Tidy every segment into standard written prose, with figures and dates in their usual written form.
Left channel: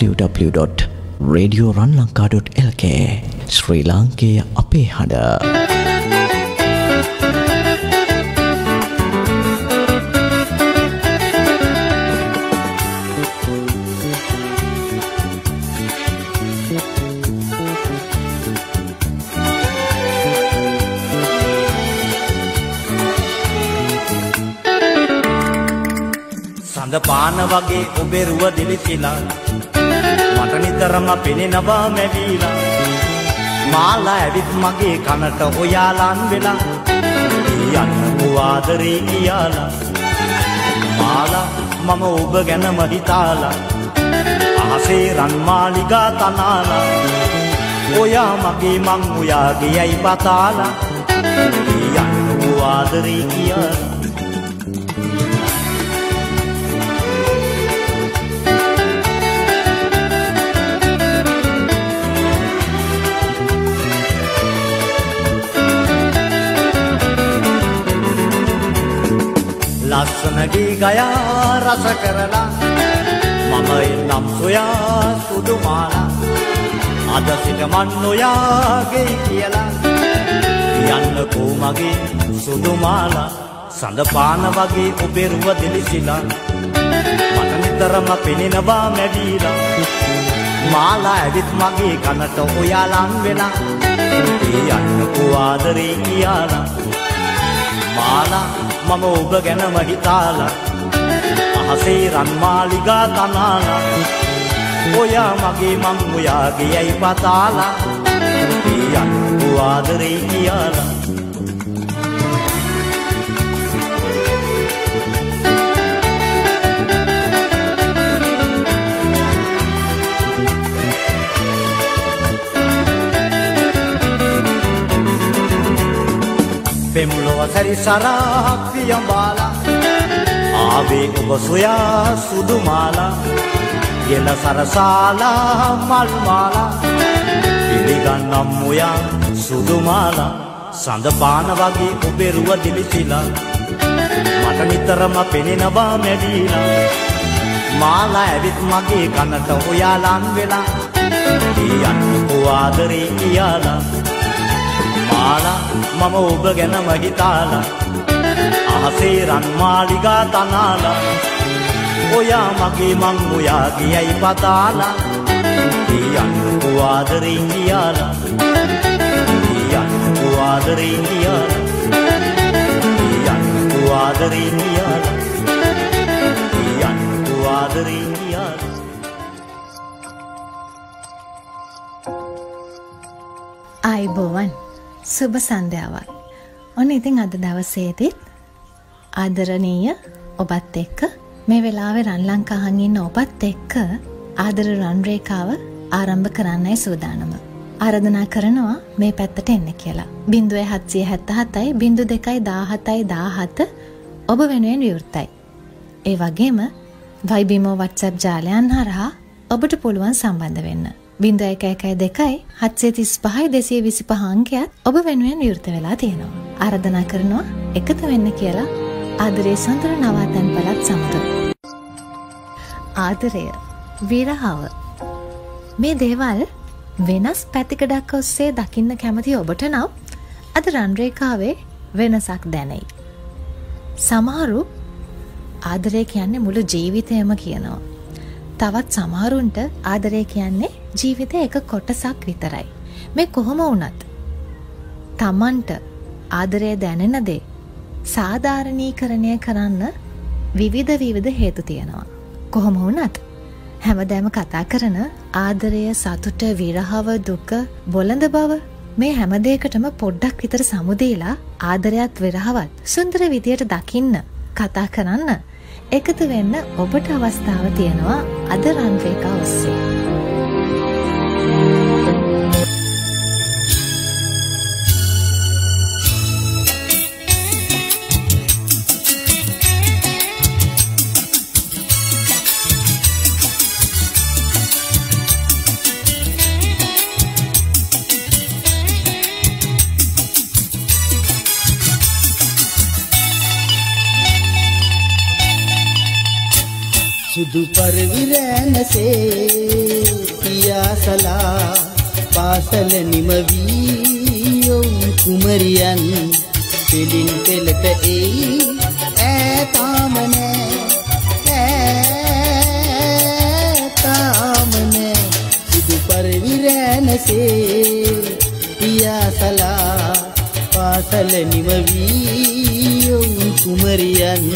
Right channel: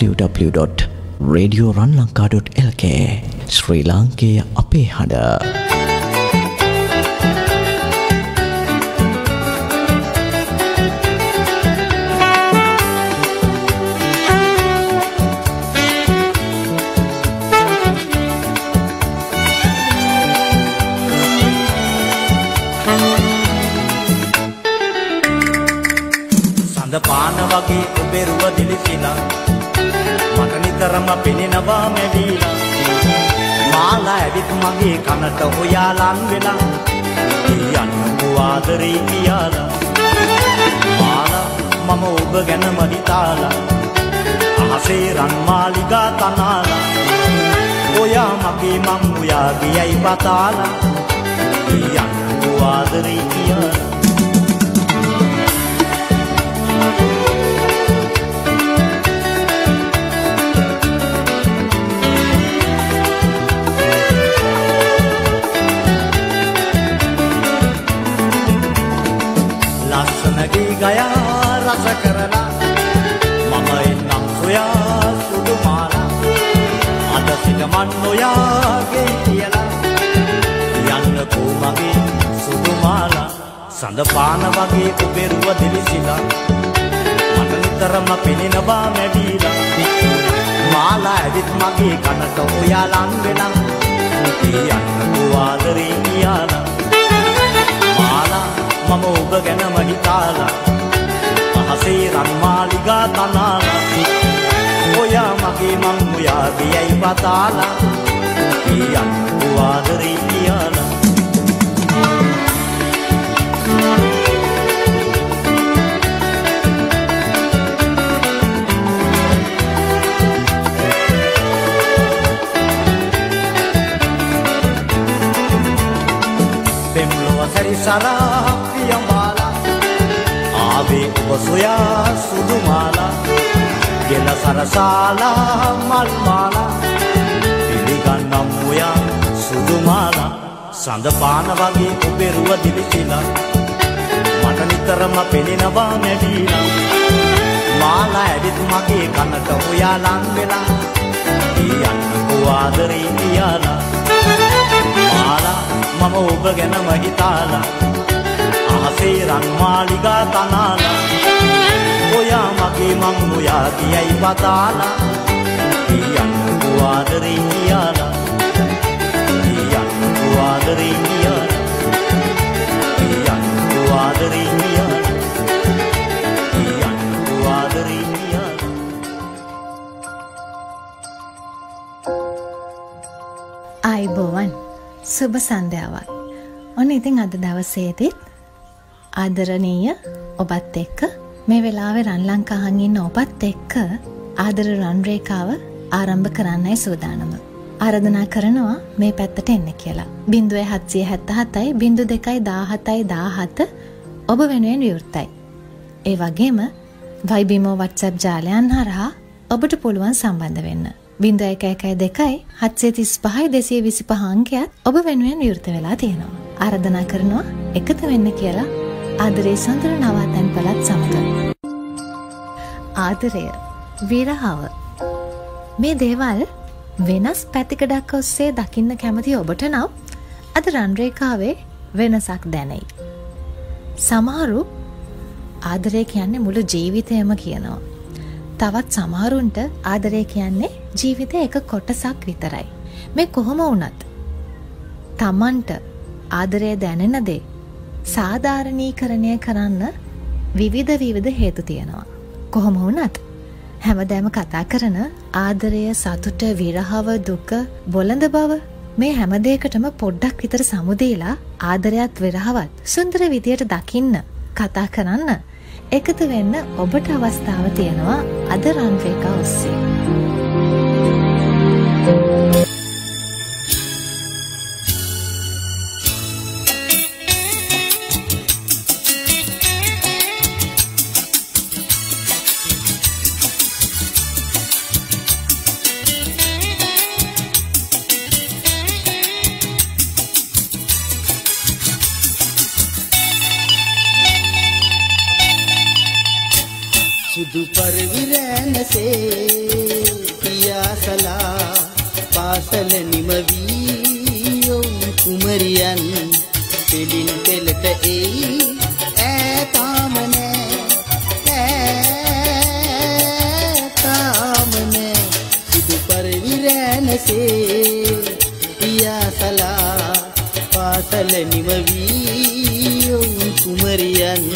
www.radioranlanka.lk ශ්‍රී ලාංකේය අපේ හඬ. සඳ පාන වගේ ඔබේ රුව දිලිසිලා මට නිතරම පෙනෙනවා මැවිලා මාලා ඇවිත් මගේ කනට ඔයාලන් වෙලා යන්න ආදරේ කියලා මාලා මම ඔබ ගැනම හිතාලා අහසේ රන් මාලිගා තනාලා ඔයා මගේ මං ඔයාගේ යයි පතාලා යන්න ආදරේ කියලා ලස්සන ගී ගයා රස කරලා මම එන්නම් සොයා සුදු මාලා අද සිට මන් ඔයාගේ කියලා යන්නකෝ මගේ සුදු මාලා සඳ පාන වගේ ඔබේ රුව දිලිසිලා මට නිතරම පෙනෙනවා මැවිලා මාලා ඇවිත් මගේ කනට ඔයාලන් වෙලා යන්නකෝ ආදරේ කියලා මාලා මම ඔබ ගැනම හිතාලා අහසේ රන් මාලිගා තනාලා ඔයා මගේ මං ඔයාගේ යයි පතාලා යන්නකෝ ආදරේ කියලා පෙම්ලොව සැරිසරා පියඹාලා ආවේ ඔබ සොයා සුදු මාලා ගෙල සරසාලා මල් මාලා පිළිගන්නම් ඔයා සුදු මාලා සඳ පාන වගේ ඔබේ රුව දිලිසිලා මට නිතරම පෙනෙනවා මැවිලා මාලා ඇවිත් මගේ කනට ඔයාලන් වෙලා යන්නකෝ ආදරේ කියලා මාලා මම ඔබ ගැනම හිතාලා අහසේ රන් මාලිගා තනාලා ඔයා මගේ මං ඔයාගේ යයි පතාලා යන්නකෝ ආදරේ කියලා යන්නකෝ ආදරේ කියලා යන්නකෝ ආදරේ කියලා යන්නකෝ ආදරේ කියලා ආයිබෝවන් සුබ සන්ධ්‍යාවක්. ඔන්න ඉතින් අද දවසේදීත් ආදරණීය ඔබත් එක්ක මේ වෙලාවේ රන් ලංකාහන් ඉන්න ඔබත් එක්ක ආදර රන් රේඛාව ආරම්භ කරන්නයි සූදානම. ආරාධනා කරනවා මේ පැත්තට එන්න කියලා. 0777යි 02යි 17යි 17 ඔබ වෙනුවෙන් විවෘතයි. ඒ වගේම Viber WhatsApp ජාලයන් හරහා ඔබට පුළුවන් සම්බන්ධ වෙන්න. 0112 735 225 අංකයත් ඔබ වෙනුවෙන් විවෘත වෙලා තියෙනවා. ආරාධනා කරනවා එකතු වෙන්න කියලා ආදරේ සුන්දර නවාතැන් පළත් සමග. ආදරය, විරහව මේ දේවල් වෙනස් පැතිකඩක් ඔස්සේ දකින්න කැමති ඔබට නම් අද රන් රේඛාවේ වෙනසක් දැනෙයි. සමහරු ආදරය කියන්නේ මුළු ජීවිතයම කියනවා. තවත් සමහරුන්ට ආදරය කියන්නේ ජීවිතේ එක කොටසක් විතරයි. මේ කොහොම වුණත් තමන්ට ආදරය දැනෙන දේ සාධාරණීකරණය කරන්න විවිධ හේතු තියෙනවා. කොහොම වුණත් හැමදාම කතා කරන ආදරය, සතුට, විරහව, දුක, බොළඳ බව මේ හැම දෙයකටම පොඩ්ඩක් විතර සමුදේලා ආදරයත් විරහවත් සුන්දර විදියට දකින්න, කතා කරන්න, එකතු වෙන්න ඔබට අවස්ථාව තියෙනවා අද රන් රේඛා ඔස්සේ. සුදු පරිවිරැනසේ පියාසලා පාසල නිමවී යොවුන් කුමරියන් පෙලින් පෙළට එයි ඈතාම නෑ සුදු පරිවිරැනසේ පියාසලා පාසල නිමවී යොවුන් කුමරියන්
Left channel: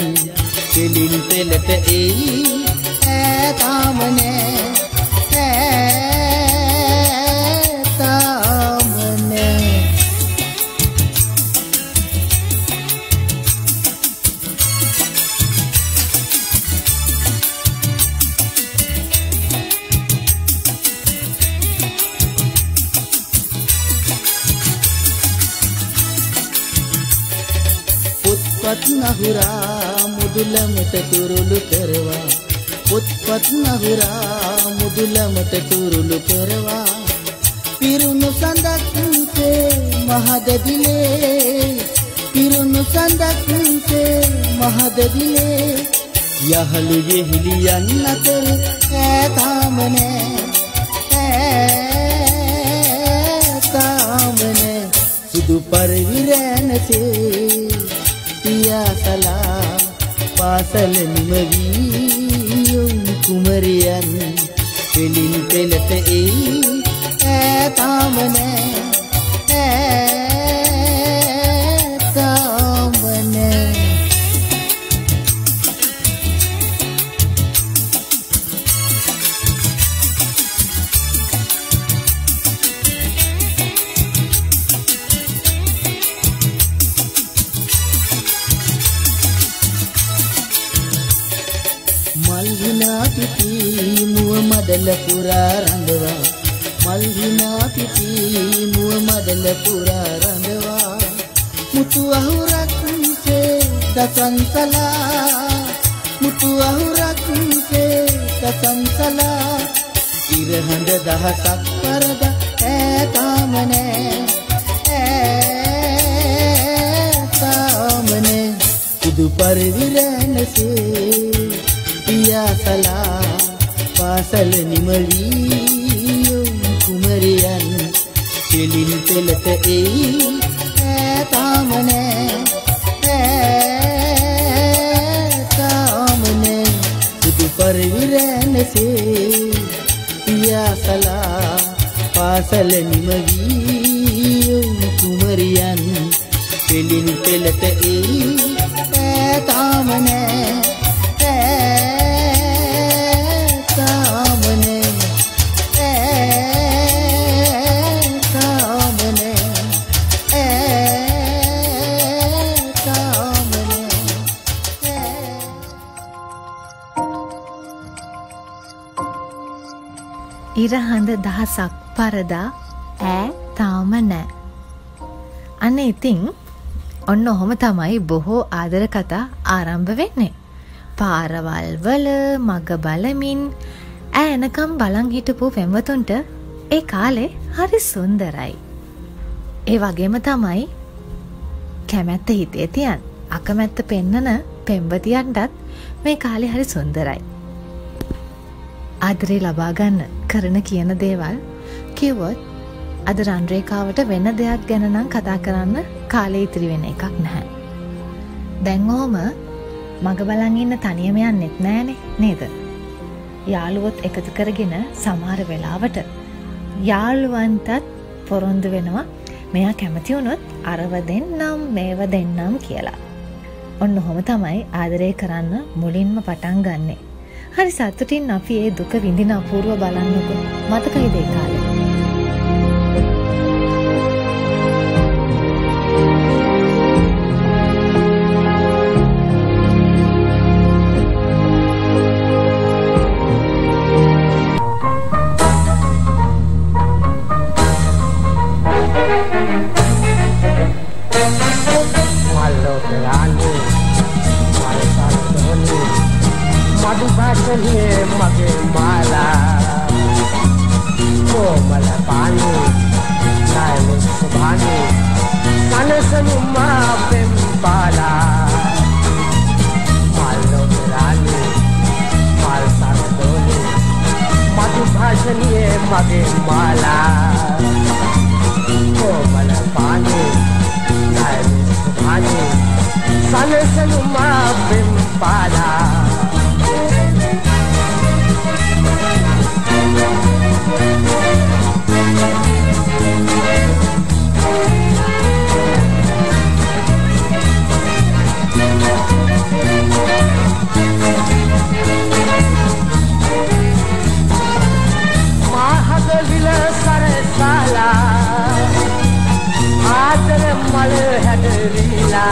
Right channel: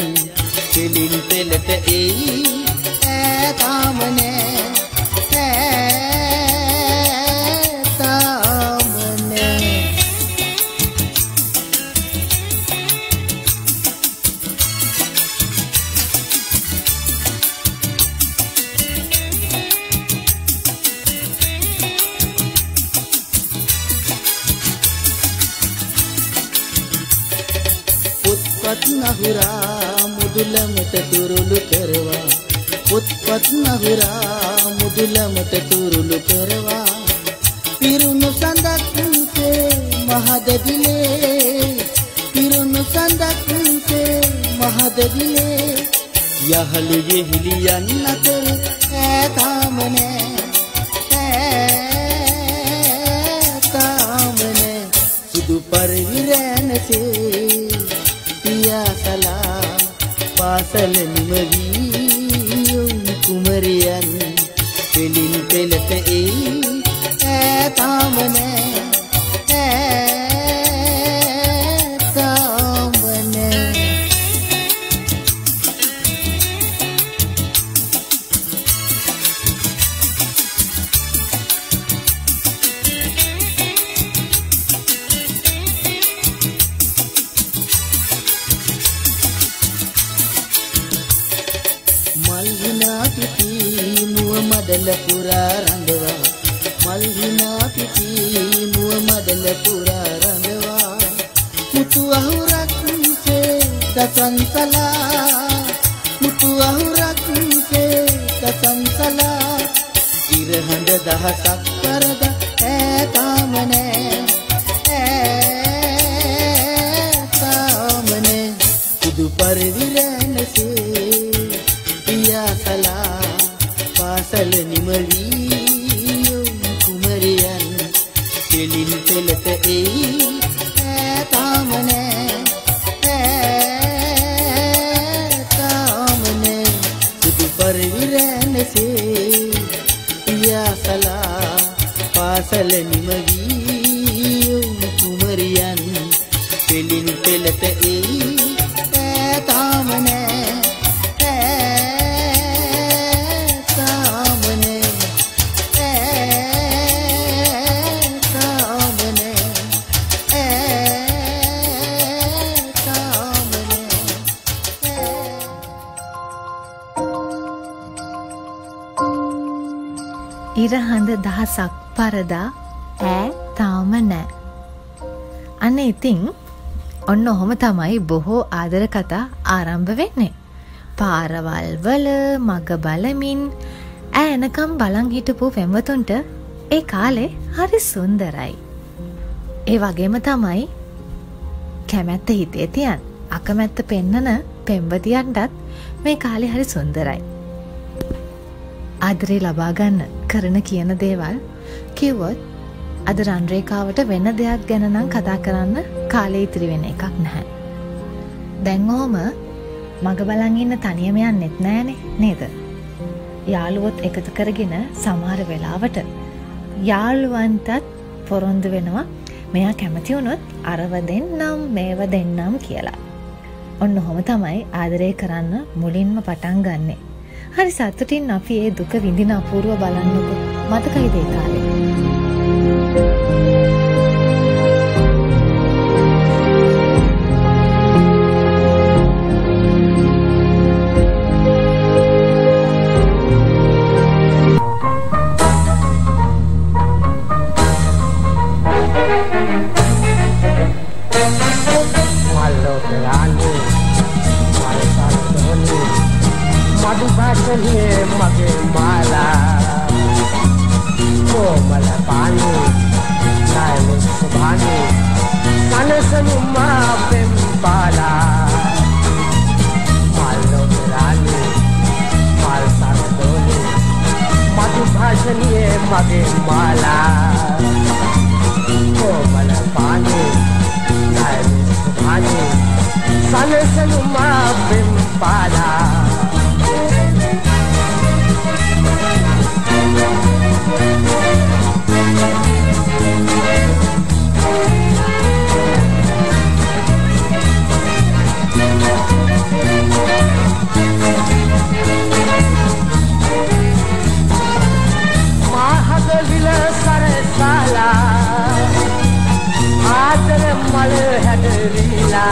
පෙලින් පෙළට එයි ඈතාම නෑ පොත්පත් නහුරා මුදුලමට තුරුළු කරවා පොත්පත් නහුරා මුදුලමට තුරුළු කරවා පිරුණු සඳක්සේ මහදදිලේ පිරුණු සඳක්සේ මහදදිලේ යහළු යෙහිලියන් අතර ඈතාම නෑ සුදු පරිවිරැනසේ පියාසලා පාසල නිමවී යොවුන් කුමරියන් පෙලින් පෙළට එයි ඈතාම නෑ මල්හිනා පිටි මුව මඩල පුරා රඳවා මල්හිනා පිටි මුව මඩල පුරා රඳවා මුතු අහුරක්සේ දසන්සලා මුතු අහුරක්සේ දසන්සලා ඉරහඳ දහසක් පරද ඈතාම නෑ සුදු පරිවිරැනසේ පියාසලා පාසල නිමවී යොවුන් කුමරියන් පෙලින් පෙළට එයි ඈතාම නෑ සුදු පරිවිරැනසේ පියාසලා පාසල නිමවී යොවුන් කුමරියන් පෙලින් පෙළට එයි ඈතාම නෑ ඉරහඳ දහසක් පරදා ඈ තාම නෑ. අන්න ඉතින් ඔන්න ඔහොම තමයි බොහෝ ආදර කතා ආරම්භ වෙන්නේ. පාරවල් වල මග බලමින් ඈනකම් බලන් හිටපු පෙම්වතුන්ට ඒ කාලේ හරි සුන්දරයි. ඒ වගේම තමයි කැමැත්ත හිතේ තියන් අකමැත්ත පෙන්නන පෙම්වතියන්ටත් මේ කාලේ හරි සුන්දරයි. ආදරේ ලබා ගන්න කරන කියන දේවල් කිව්වොත් අද රන්රේකාවට වෙන දෙයක් ගැන නම් කතා කරන්න කාලේ ඉතිරි වෙන එකක් නැහැ. දැන් ඔහම මග බලන් ඉන්න තනියම යන්නෙත් නෑනේ නේද? යාළුවොත් එකතු කරගෙන සමහර වෙලාවට යාළුවන්ටත් පොරොන්දු වෙනවා මෙයා කැමති වුණොත් අරව දෙන්නම් මේව දෙන්නම් කියලා. ඔන්න ඔහොම තමයි ආදරය කරන්න මුලින්ම පටන් ගන්නෙ. හරි සතුටින් අපි ඒ දුක විඳින අපූර්ව බලන්නකො. මතකයිද ඒ කාලේ? भाषणीय मगे माला कोमल पानी भानी सन सन बिंबाला आदर मल हडरीला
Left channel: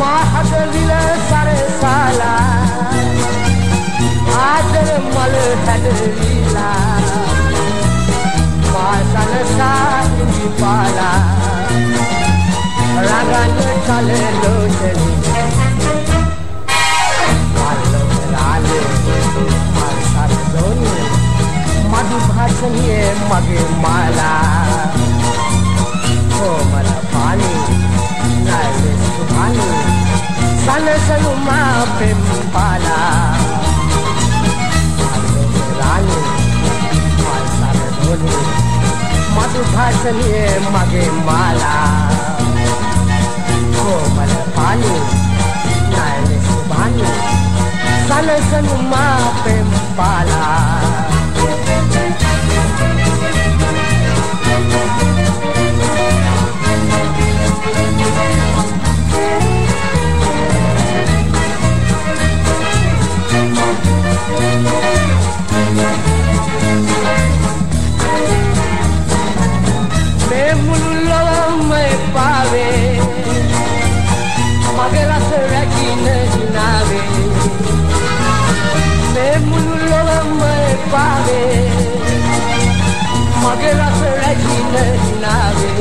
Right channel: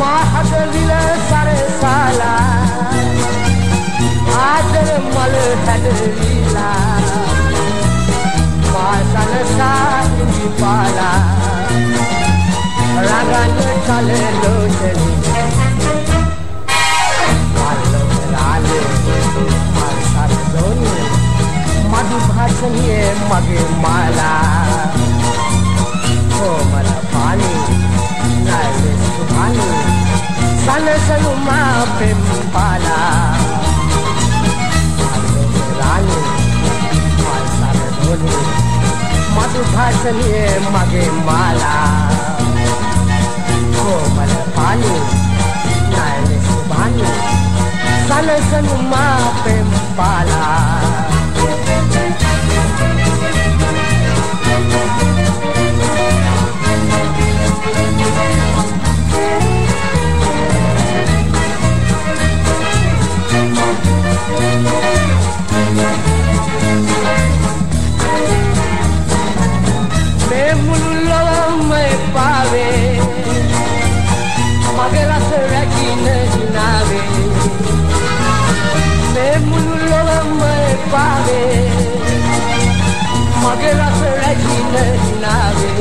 महादविल सरसाला आदर मल हडरीला मासन साही पाला रगन चले लोचनी मालो लाले मार दोनी मधु भाषणीय मगे माला कोमल पानी नाले सुभानी सन सनुमा पिंपाला रानी माल धोनी मधु भाषणीय मगे माला कोमल पानी नाले सुभानी सन सनुमा पिंपाला मैं मुल्ला मैं पावे मगर रखी नहीं नावे मैं मुल्ला मैं पावे मगर रखी नहीं नावे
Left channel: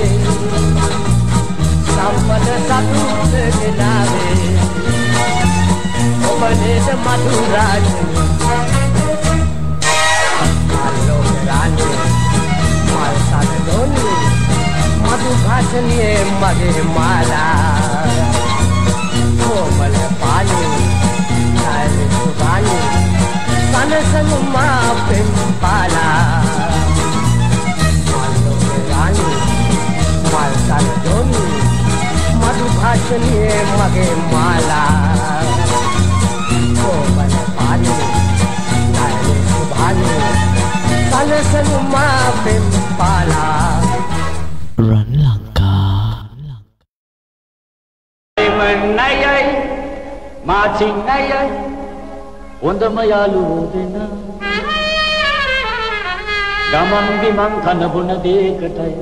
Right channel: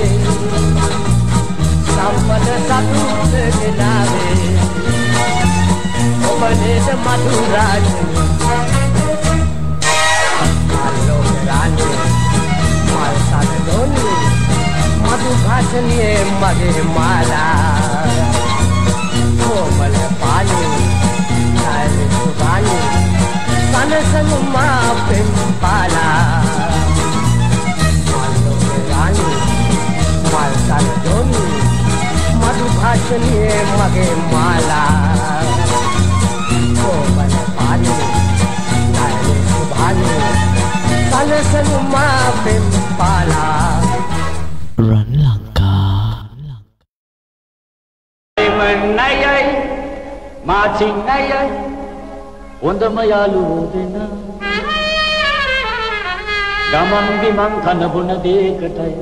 संपद सतुत नावे उपदेश मधुराज मालो रानी माल साथ दोनी मधु भाषणीय मगे माला कोमल पानी नाले सुभानी सन सनुमा पिंपाला मालो रानी माल साथ दोनी मधु भाषणीय मगे माला कोमल पानी नाले सुभानी सन सनुमा पिंपाला Run Lanka. Nayay, Martin Nayay, Wondamayalu Dina Gaman Bimang Kanabuna de Katay,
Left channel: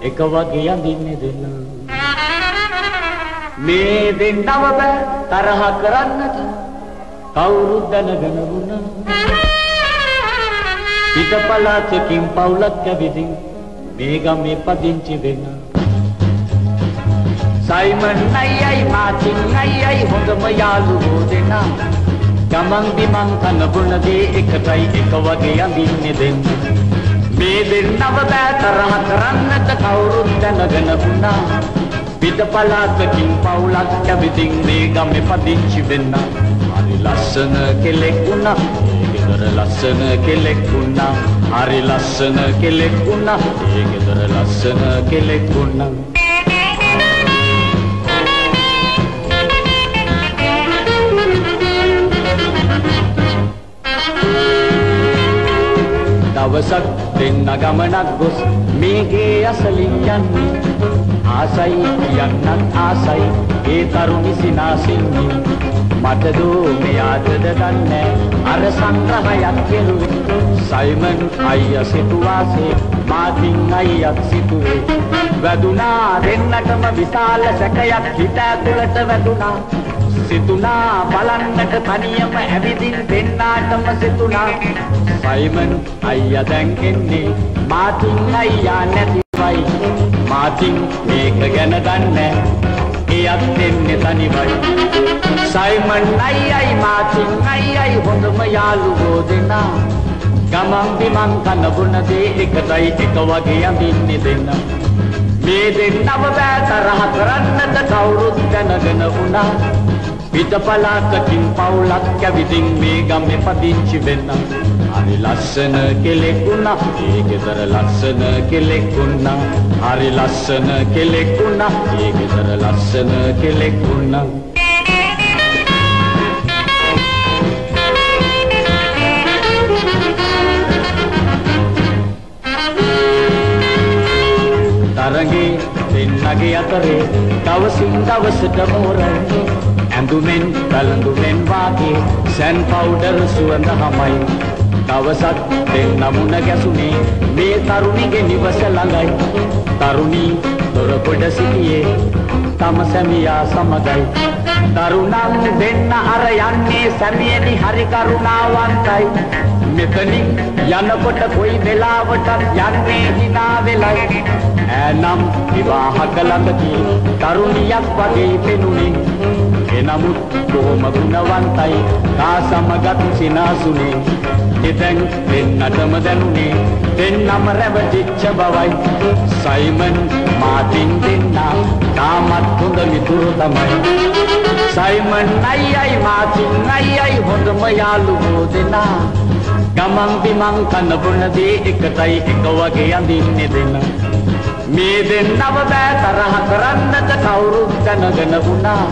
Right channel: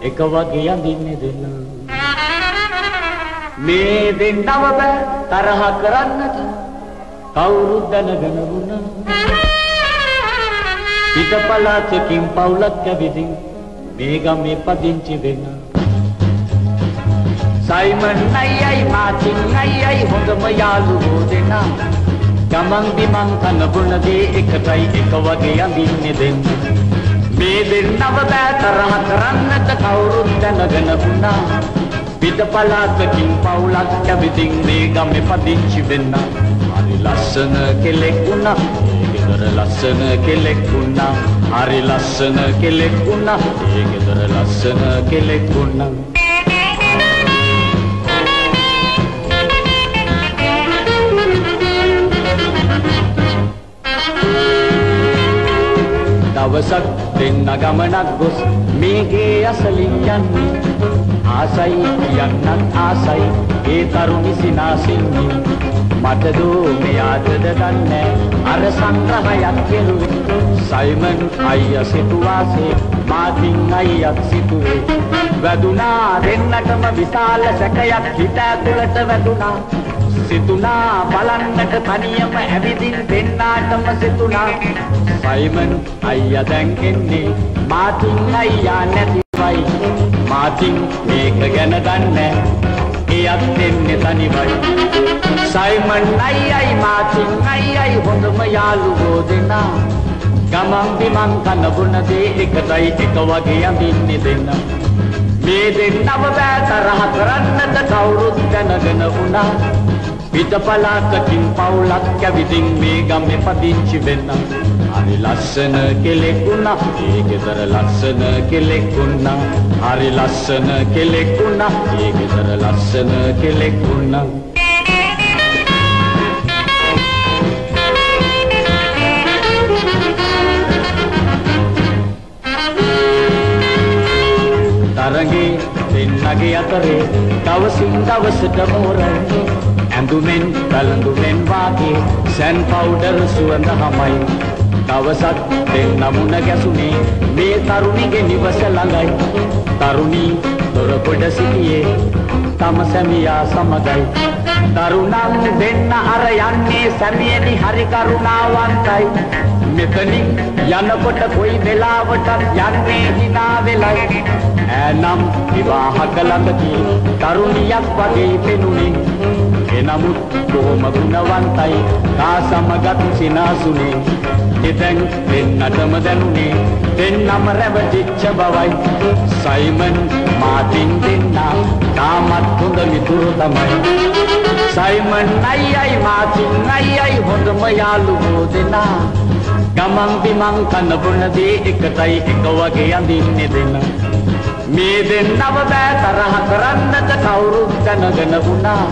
Ekawagi and Dinidina Me din Navabe, Tarahakaranata, Kaurudanaganabuna Pitapala Kim Paula Kavidin. Mega me padinchi dena Simon nayay Martin nayay Hondamayalu dena Gamang bimang kanabuna de ekatay ekawage andinne dena Me din navabatarahakarannata kaurudanaganabuna Pitapalata kim paulak kaviding mega me padinchi dena Ari lassana kelekuna Gedara lassana kelekuna Ari lassana kelekuna Gedara lassana kelekuna Davasak denna gamanak gos mege asalin yanni Asai yannat asai e taruni sinasinni Matado me yadada danne ar sangrahayak keluwe Simon ayya situase Martin ayya situwe Vaduna dennatama visala sakayak hita tulata vaduna Situna balannata taniyama avidin dennatama situna Simon ayya දැන් එන්නේ Martin ayya නැතිවයි Martin මේක ගැන දන්නේ එයත් දෙන්නේ තනිවයි Simon අයියයි Martin අයියයි හොඳම යාළුවෝ දෙන්නා ගමන් බිමන් කන බොන දේ එකටයි එක වගේ අඳින්නේ දෙන්නා මේ දෙන්නව බෑ තරහ කරන්නට කවුරුත් දැනගෙන වුණා පිටපලාතකින් පවුලක් කැවිදින් මේ ගමේ පදිංචි වෙන්න හරි ලස්සන කෙලෙකුණා ඒ ගෙදර ලස්සන කෙලෙකුණා හරි ලස්සන කෙලෙකුණා ඒ ගෙදර ලස්සන කෙලෙකුණා තරගේ දෙන්නගේ අතරේ දවසින් දවසට මෝරයි ඇඳුමෙන් කලඳුමෙන් වාගේ සැන් පවුඩර් සුවඳ හමයි දවසක් දෙන්න මුණ ගැසුනේ මේ තරුණිගේ නිවස ළඟයි තරුණී දොර කොට සිටියේ තම සැමියා සමගයි තරුණන් දෙන්න අර යන්නේ සැමියනි හරි කරුණාවන්තයි මෙතනින් යනකොට කොයි වෙලාවටත් යන්නේ hina වෙලයි ඈනම් විවාහක ළඟදී තරුණියක් වගේ පෙනුනේ එනමුත් බොහොම ගුණවන්තයි කා සමගත් සිනාසුනේ එතෙන් දෙන්නටම දැනුනේ දෙන්නම රැවටිච්ච බවයි සයිමන් මාටින් දෙන්න තාමත් හොඳ මිතුරු තමයි සයිමන් අයියයි මාටින් අයියයි හොඳම යාළුවෝ දෙන්නා ගමන් බිමන් කන බොන දේ එකටයි එක වගේ අඳින්නේ දෙන්න මේ දෙන්නව බෑ තරහ කරන්නට කවුරුත් දැනගෙන වුණා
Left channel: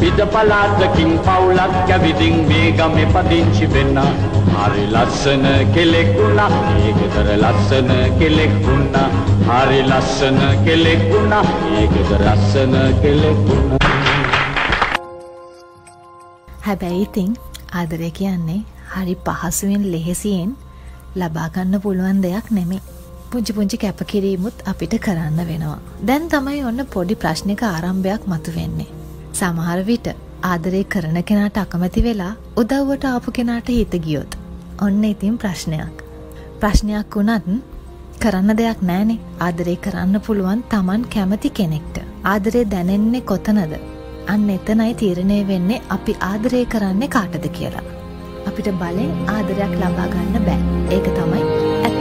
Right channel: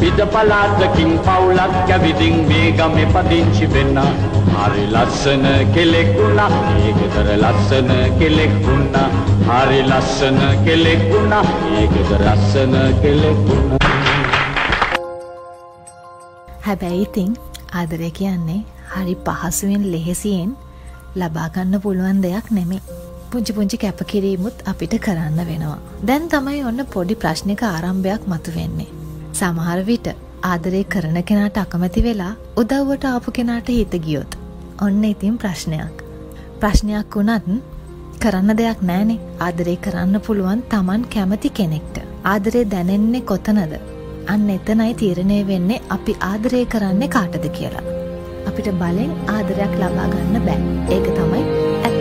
පිටපලාතකින් පවුලක් කැවිදින් මේ ගමේ පදිංචි වෙන්න හරි ලස්සන කෙලෙකුණා ඒ ගෙදර ලස්සන කෙලෙකුණා හරි ලස්සන කෙලෙකුණා ඒ ගෙදර ලස්සන කෙලෙකුණා හැබැයි ඉතින් ආදරය කියන්නේ හරි පහසුවෙන් ලෙහෙසියෙන් ලබා ගන්න පුළුවන් දෙයක් නෙමෙයි. පුංචි පුංචි කැපකිරීමුත් අපිට කරන්න වෙනවා. දැන් තමයි ඔන්න පොඩි ප්‍රශ්නික ආරම්භයක් මතුවෙන්නේ. සමහර විට ආදරය කරන කෙනාට අකමැති වෙලා උදව්වට ආපු කෙනාට හිත ගියොත් ඔන්න ඉතින් ප්‍රශ්නයක්. ප්‍රශ්නයක් වුණත් කරන්න දෙයක් නැහනේ. ආදරය කරන්න පුළුවන් Taman කැමති කෙනෙක්ට. ආදරය දැනෙන්නේ කොතනද? අන්න එතනයි තීරණය වෙන්නේ අපි ආදරය කරන්නේ කාටද කියලා. අපිට බලෙන් ආදරයක් ලබා ගන්න බෑ. ඒක තමයි ඇත්ත.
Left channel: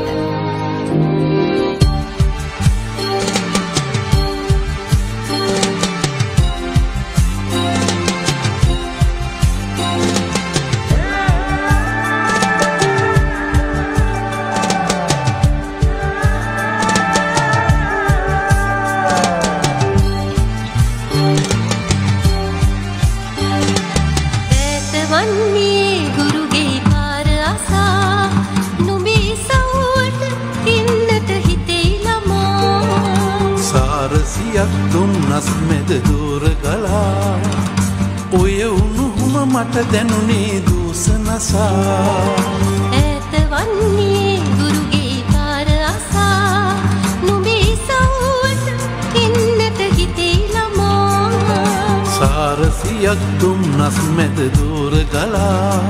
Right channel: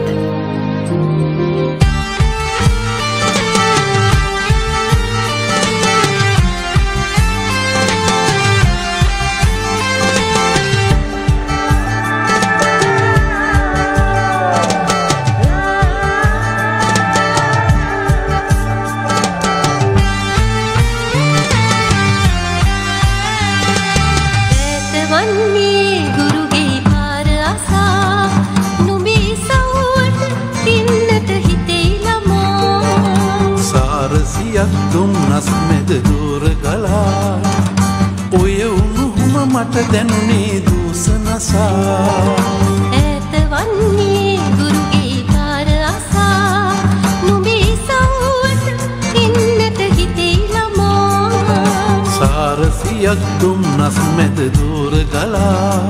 දුන්නස් මෙද දුර ගලා ඔය උණුහුම මට දැනුනේ දූසනසා ඈත වන්නේ ගුරුගේ පාර අසා නුඹේ සවුවට එන්නට හිතේ ළමා සාරසියක් දුන්නස් මෙද දුර ගලා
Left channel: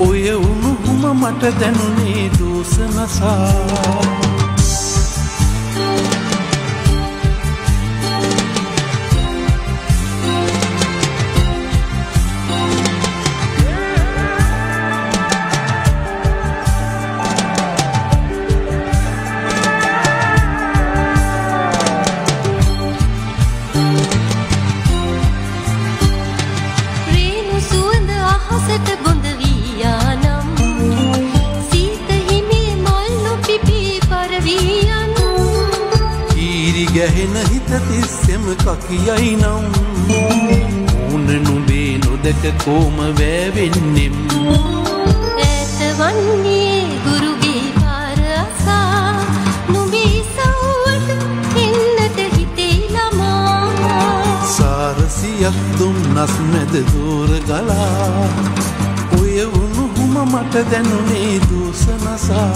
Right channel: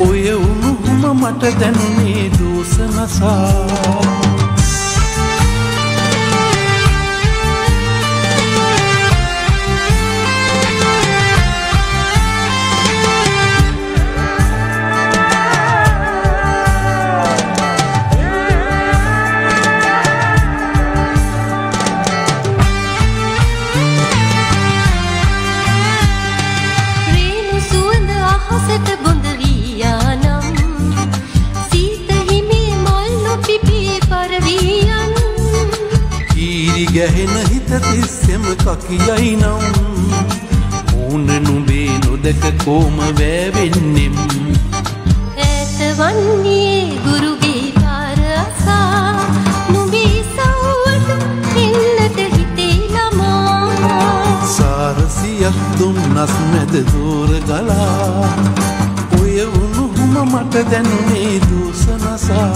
ඔය උණුහුම මට දැනුනේ දූසනසා ගැහෙන හිත තිස්සෙම කකියයි නම් ඕන නුඹේ නොදක කොම වැවෙන්නෙම් ඈත වන්නේ ගුරුගේ පාර අසා නුඹේ සවුවට එන්නට හිතේ ළමා සාරසියක් දුන්නස් මැද දුර ගලා ඔය උණුහුම මට දැනුනේ දූසනසා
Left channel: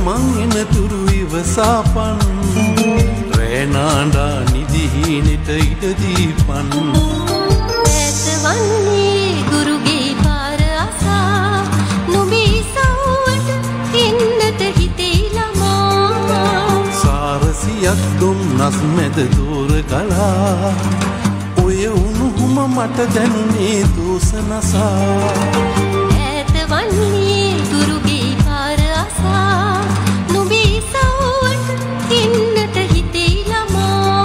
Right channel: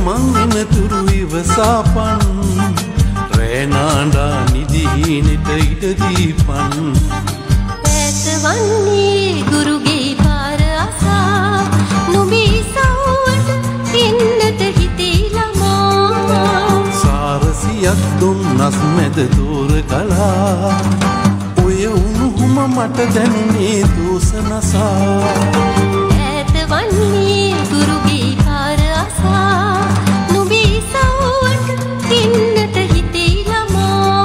මං එන තුරු ඉවසාපන් රෑනාඩා නිදිහිනෙට ඉඩ දීපන් ඈත වන්නේ ගුරුගේ රසියක් දුන්නස් මැද දూరు ගලා ඔය උණුහුම මට දැනුනේ දෝසනසා ඈත වන්නේ දුරුගේ පාර අසා නුඹේ සවුවට ඉන්නට හිතේ ළමා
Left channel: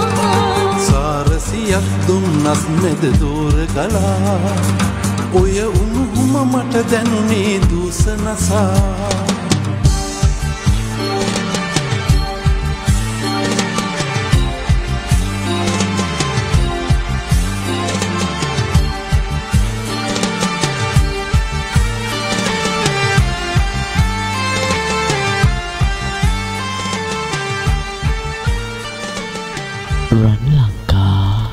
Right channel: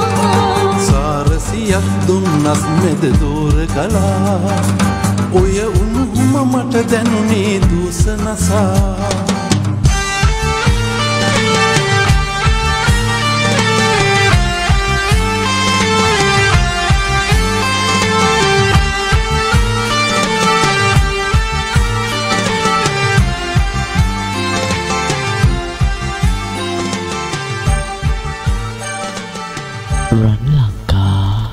සාරසියක් දුන්නස් මැද දూరు ගලා ඔය උණුහුම මට දැනුනේ දෝසනසා රන් ලංකා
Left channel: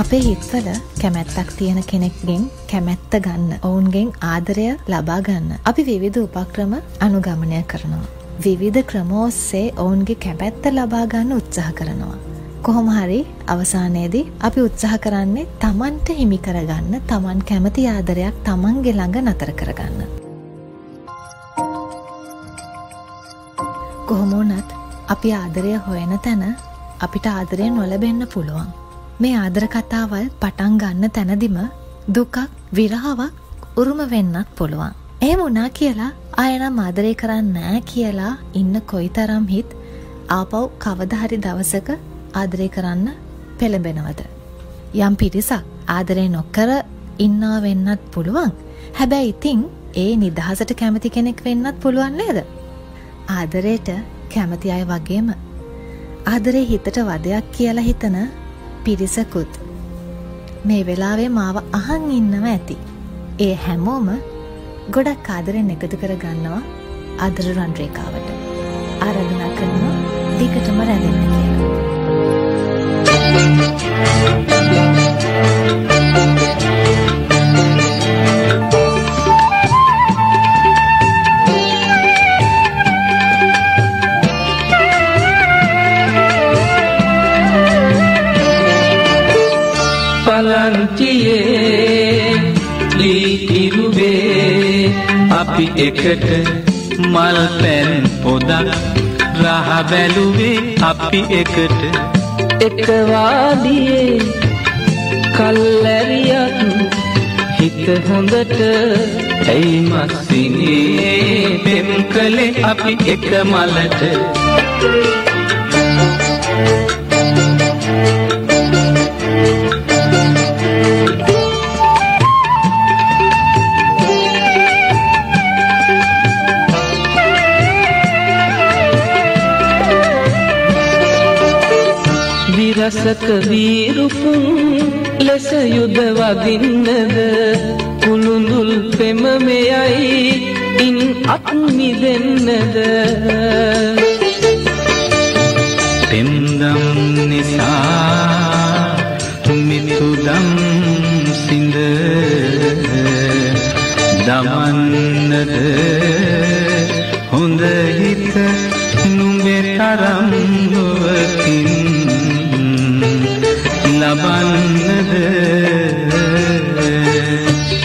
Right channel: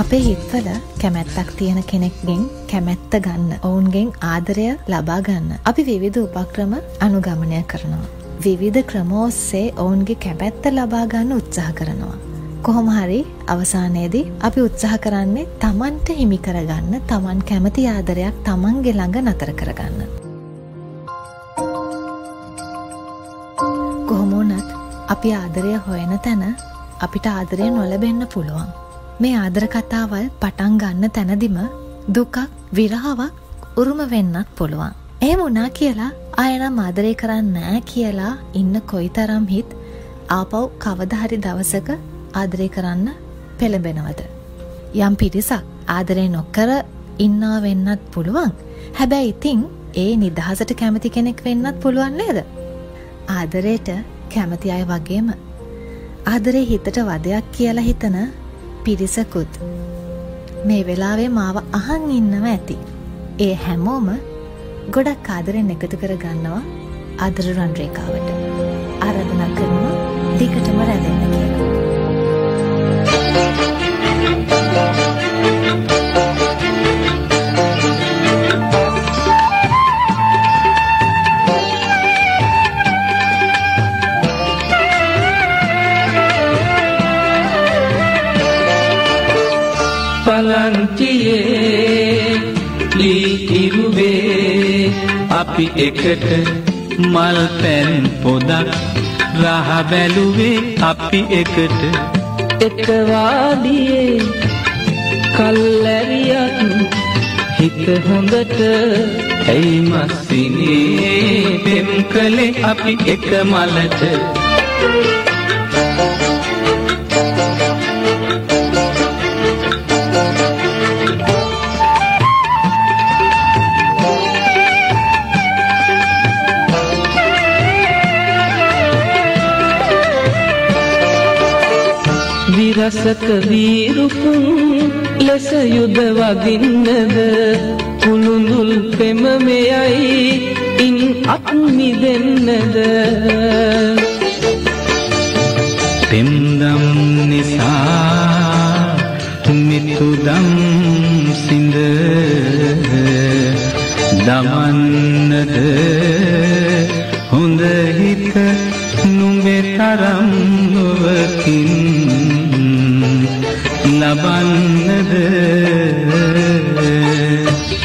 අපේ හිත්වල කැමැත්තක් තියෙන කෙනෙක්ගෙන් කැමැත්ත ගන්න, ඔවුන්ගෙන් ආදරය ලබා ගන්න අපි විවිධ උපක්‍රම අනුගමනය කරනවා. විවිධ ක්‍රම ඔස්සේ ඔවුන්ගේ කැමැත්ත ලබා ගන්න උත්සාහ කරනවා. කොහොම හරි අවසානයේදී අපි උත්සාහ කරන්නේ Tamanට හිමි කරගන්න, Taman කැමති ආදරයක් Tamanගේ ළඟ නතර කරගන්න. කොහොම වුණත් අපි ආදරය හොයන තැන අපිට ආදරය නොලැබෙන්න පුළුවන්. මේ ආදර කතාවල් පටන් ගන්න තැනදිම දුකක්, විරහාවක් උරුම වෙන්නත් පුළුවන්. එහෙම වුණා කියලා ආයෙනම් ආදරය කරන්නේ නැහැ කියලා ඉන්න කොයිතරම් හිත් ආපහු කවදා හරි දවසක ආදරය කරන්න පෙළඹෙනවද? යම් පිරිසක් ආදරය නොකර ඉන්නා වෙන්නත් පුළුවන්. හැබැයි ඉතින් ඒ නිදහසට කැමති කෙනෙක් වෙන්නත් පුළුවන් නේද? ආදරයට කැමති අය වගේම ආදරේ හිතට වදයක් කියලා හිතන පිරිසකුත් මේ වෙලාවේ මාව අහන් ඉන්නව ඇති. ඒ හැමෝම ගොඩක් ආදරෙන් එකතු කර ගන්නවා ආදර රන් රේඛාවට. ආරාධනා කරනවා දිගටම රැඳෙන්න කියලා. පලන්තියේ ලී ඉරුවේ අපි එකට මල් පැන් පොදක් රහ බැලුවේ අපි එකට එක වාදියේ කල්ැරියක් හිත හොඳට ඇයි මස්සිනේ පෙම් කළේ අපි එක මලට රසක වීරුපුන් ලෙස යුද වදින්නද කුළුඳුල් පෙම මෙයයි ඉන් අත් මිදෙන්නද පෙම්දම් නිසා මිතුදම් සිඳ දමන්නද හොඳ හිත නුඹේ තරම් නොවකින් ලබන්නද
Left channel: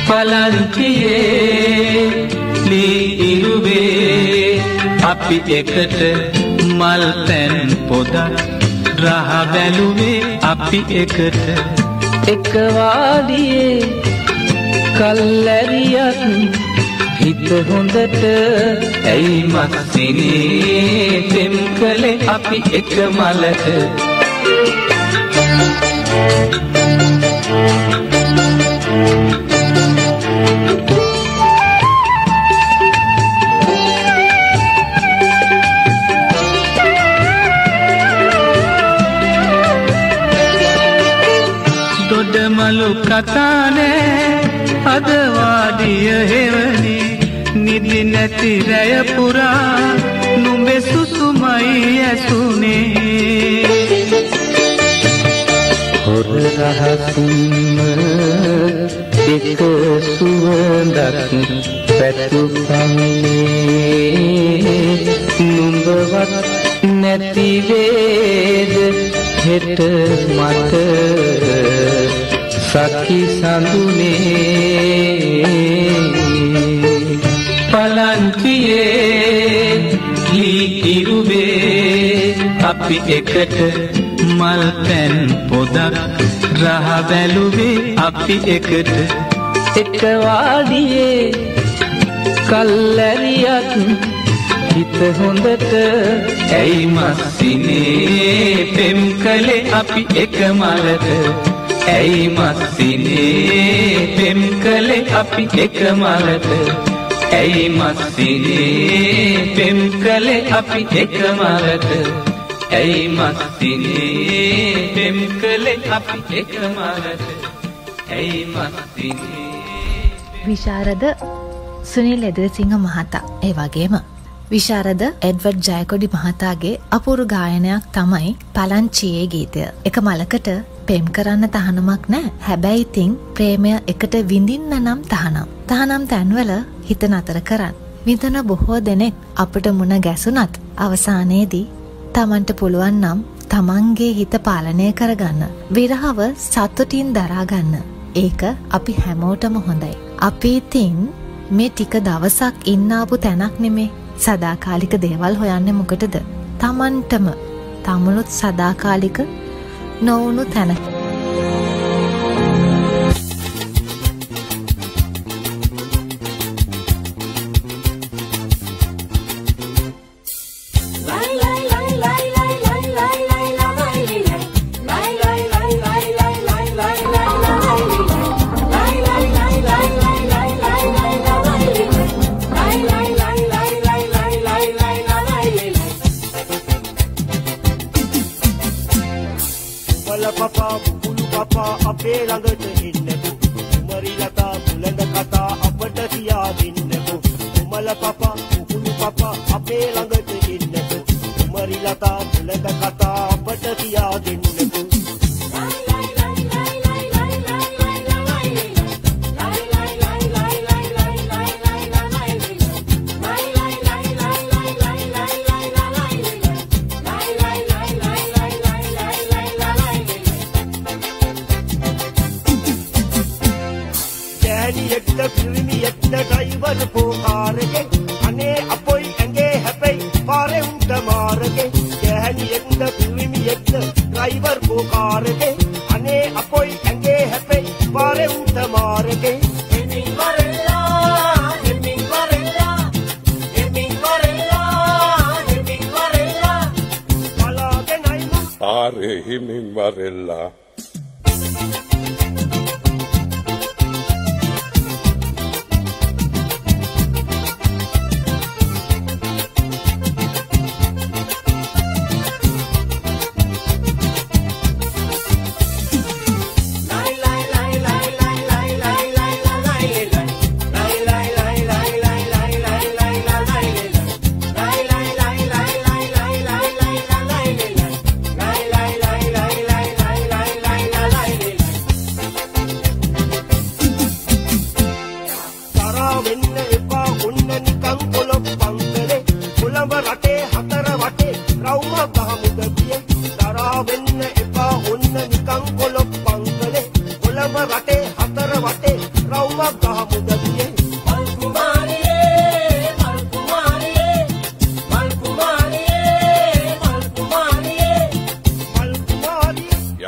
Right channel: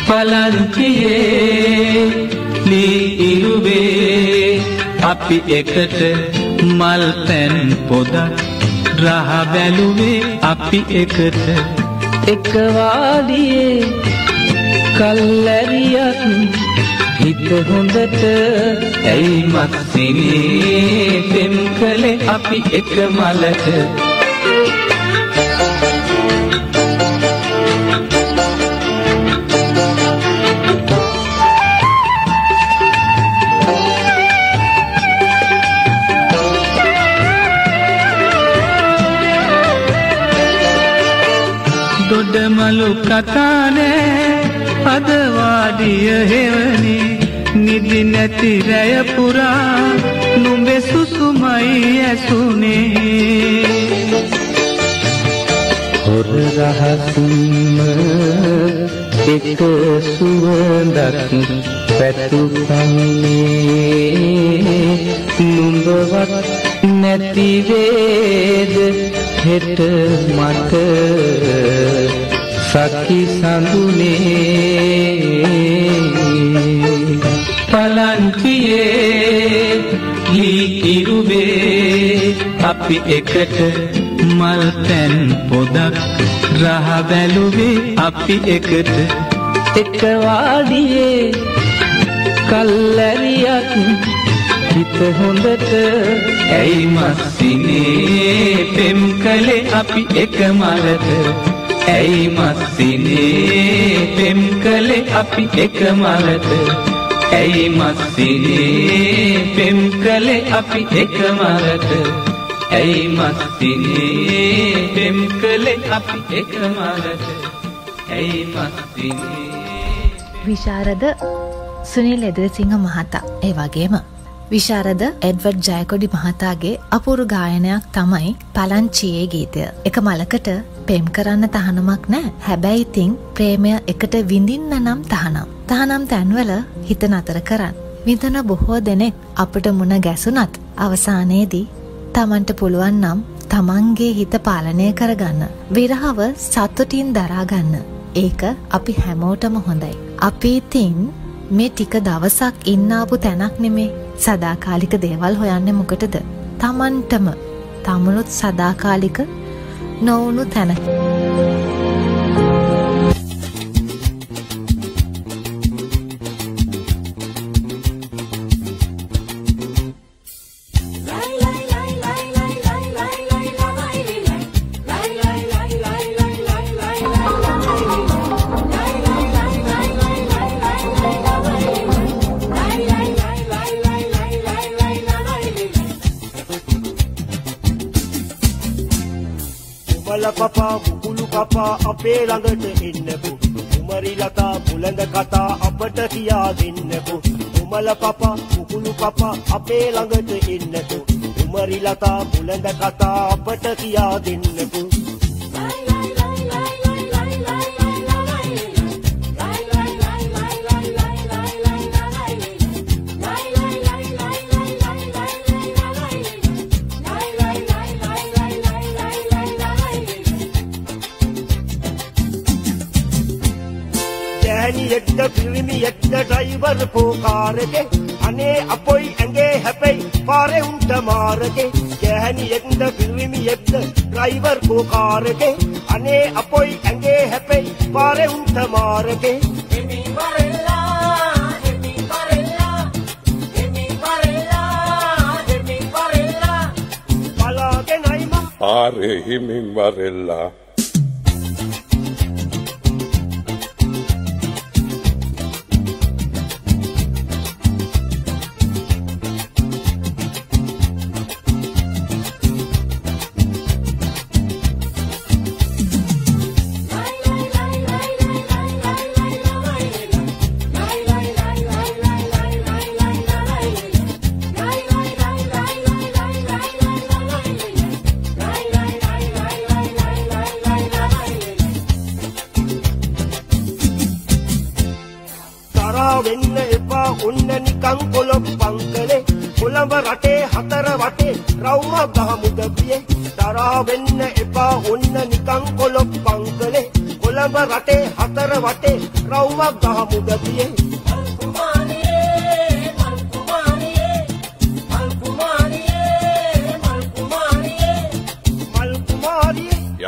පලන්තියේ ලී ඉරුවේ අපි එකට මල් පැන් පොදක් රහ බැලුවේ අපි එකට එක වාදියේ කල්ැරියක් හිත හොඳට ඇයි මස්සිනේ පෙම් කළේ අපි එක මලට දොඩමලු කතානේ අද වාඩිය හෙවනි නිදි නැති රැය පුරා නුඹේ සුසුමයි ඇසුනේ හොර රහසින්ම එක සුවඳක් පැතුපන්නේ නුඹවත් නැති වේද හෙට මට සකි සඳුනේ පලන්තියේ ලී ඉරුවේ අපි එකට මල් පැන් පොදක් රහ බැලුවේ අපි එකට එක වාදියේ කල්ැරියක් හිත හොඳට ඇයි මස්සිනේ පෙම් කළේ අපි එක මලට ඇයි මස්සිනේ පෙම් කළේ අපි එක මලට ඇයි මස්සිනේ පෙම් කළේ අපි එක මලට ඇයි මස්සිනේ පෙම් කළේ අපි එක මලට ඇයි මස්සිනේ විශාරද සුනිල් එදිරිසිංහ මහතා ඒ වගේම විශාරද එඩ්වඩ් ජයකොඩි මහතාගේ අපූරු ගායනයක් තමයි පලංචියේ ගීතය. එක මලකට පෙම් කරන්න තහනමක් නෑ. හැබැයි ඉතින් ප්‍රේමය එකට විඳින්න නම් තහනම්. තහනම් තැන්වල හිත නතර කරන්න. විඳන බොහෝ දෙනෙක් අපට මුණ ගැසුණත් අවසානයේදී තමන්ට පුළුවන් නම් තමන්ගේ හිත පාලනය කරගන්න. විරහව සතුටින් දරාගන්න. ඒක අපි හැමෝටම හොඳයි. අපි ඉතින් මේ ටික දවසක් ඉන්න ආපු තැනක් නෙමේ. සදාකාලික දේවල් හොයන්නේ මොකටද? තමන්ටම තමනුත් සදාකාලික නොවුණු තැනක. Lai lai lai lai lai lai lai lai lai lai lai කුමල පපා කුකුළු පපා අපේ ළඟට එන්නකෝ කුමරි ලතා බුලඳ කතා අපට කියා දෙන්නකෝ කුමල පපා කුකුළු පපා අපේ ළඟට එන්නකෝ කුමරි ලතා බුලඳ කතා අපට කියා දෙන්නකෝ ड्राइवर पुकार के अने अपोई अंगे हैपई पारे उंट मार के कहनी एक ड्राइवर पुकार के अने अपोई अंगे हैपई पारे उंट मार के हिमिंग वरेला वाला के नाइमा पारे हिमिंग वरेला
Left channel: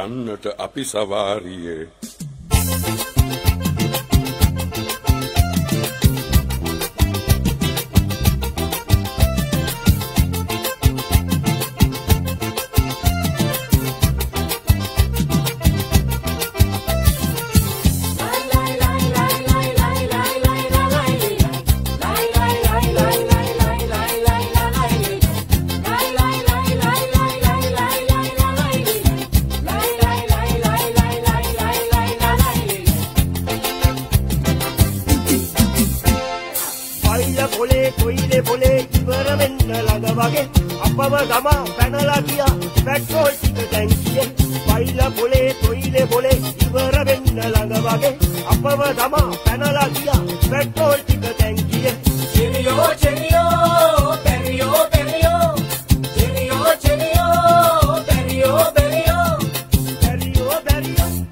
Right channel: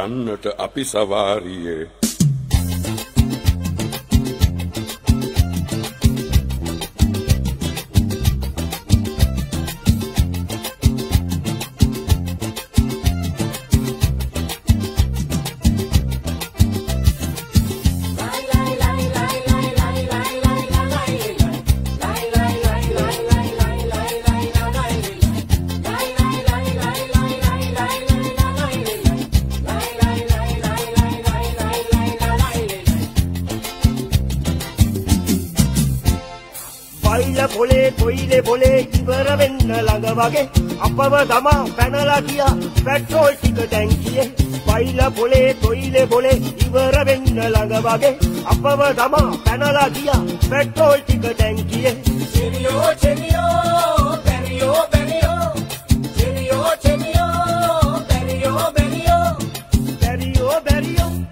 යන්නට අපි සවාරියේ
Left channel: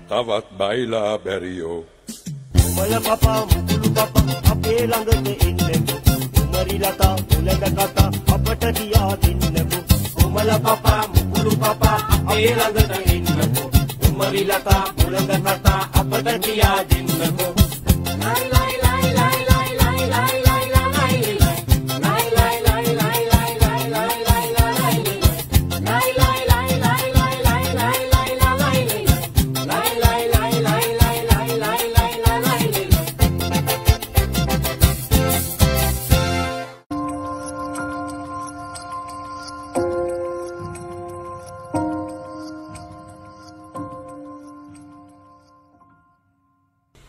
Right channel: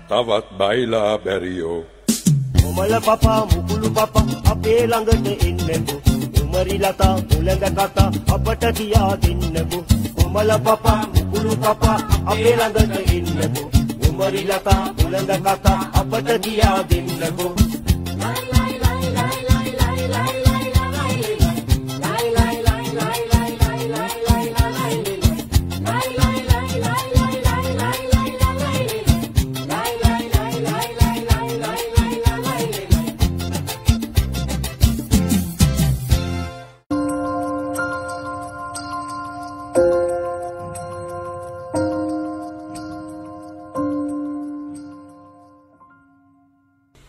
තවත් බයිලා බැරියෝ කුමල පපා මුකුළු පපා අපේ ළඟට එන්නකෝ කුමරි ලතා බුලඳ කතා අපට කියා දෙන්නකෝ කුමල පපා මුකුළු පපා අපේ ළඟට එන්නකෝ කුමරි ලතා බුලඳ කතා අපට කියා දෙන්නකෝ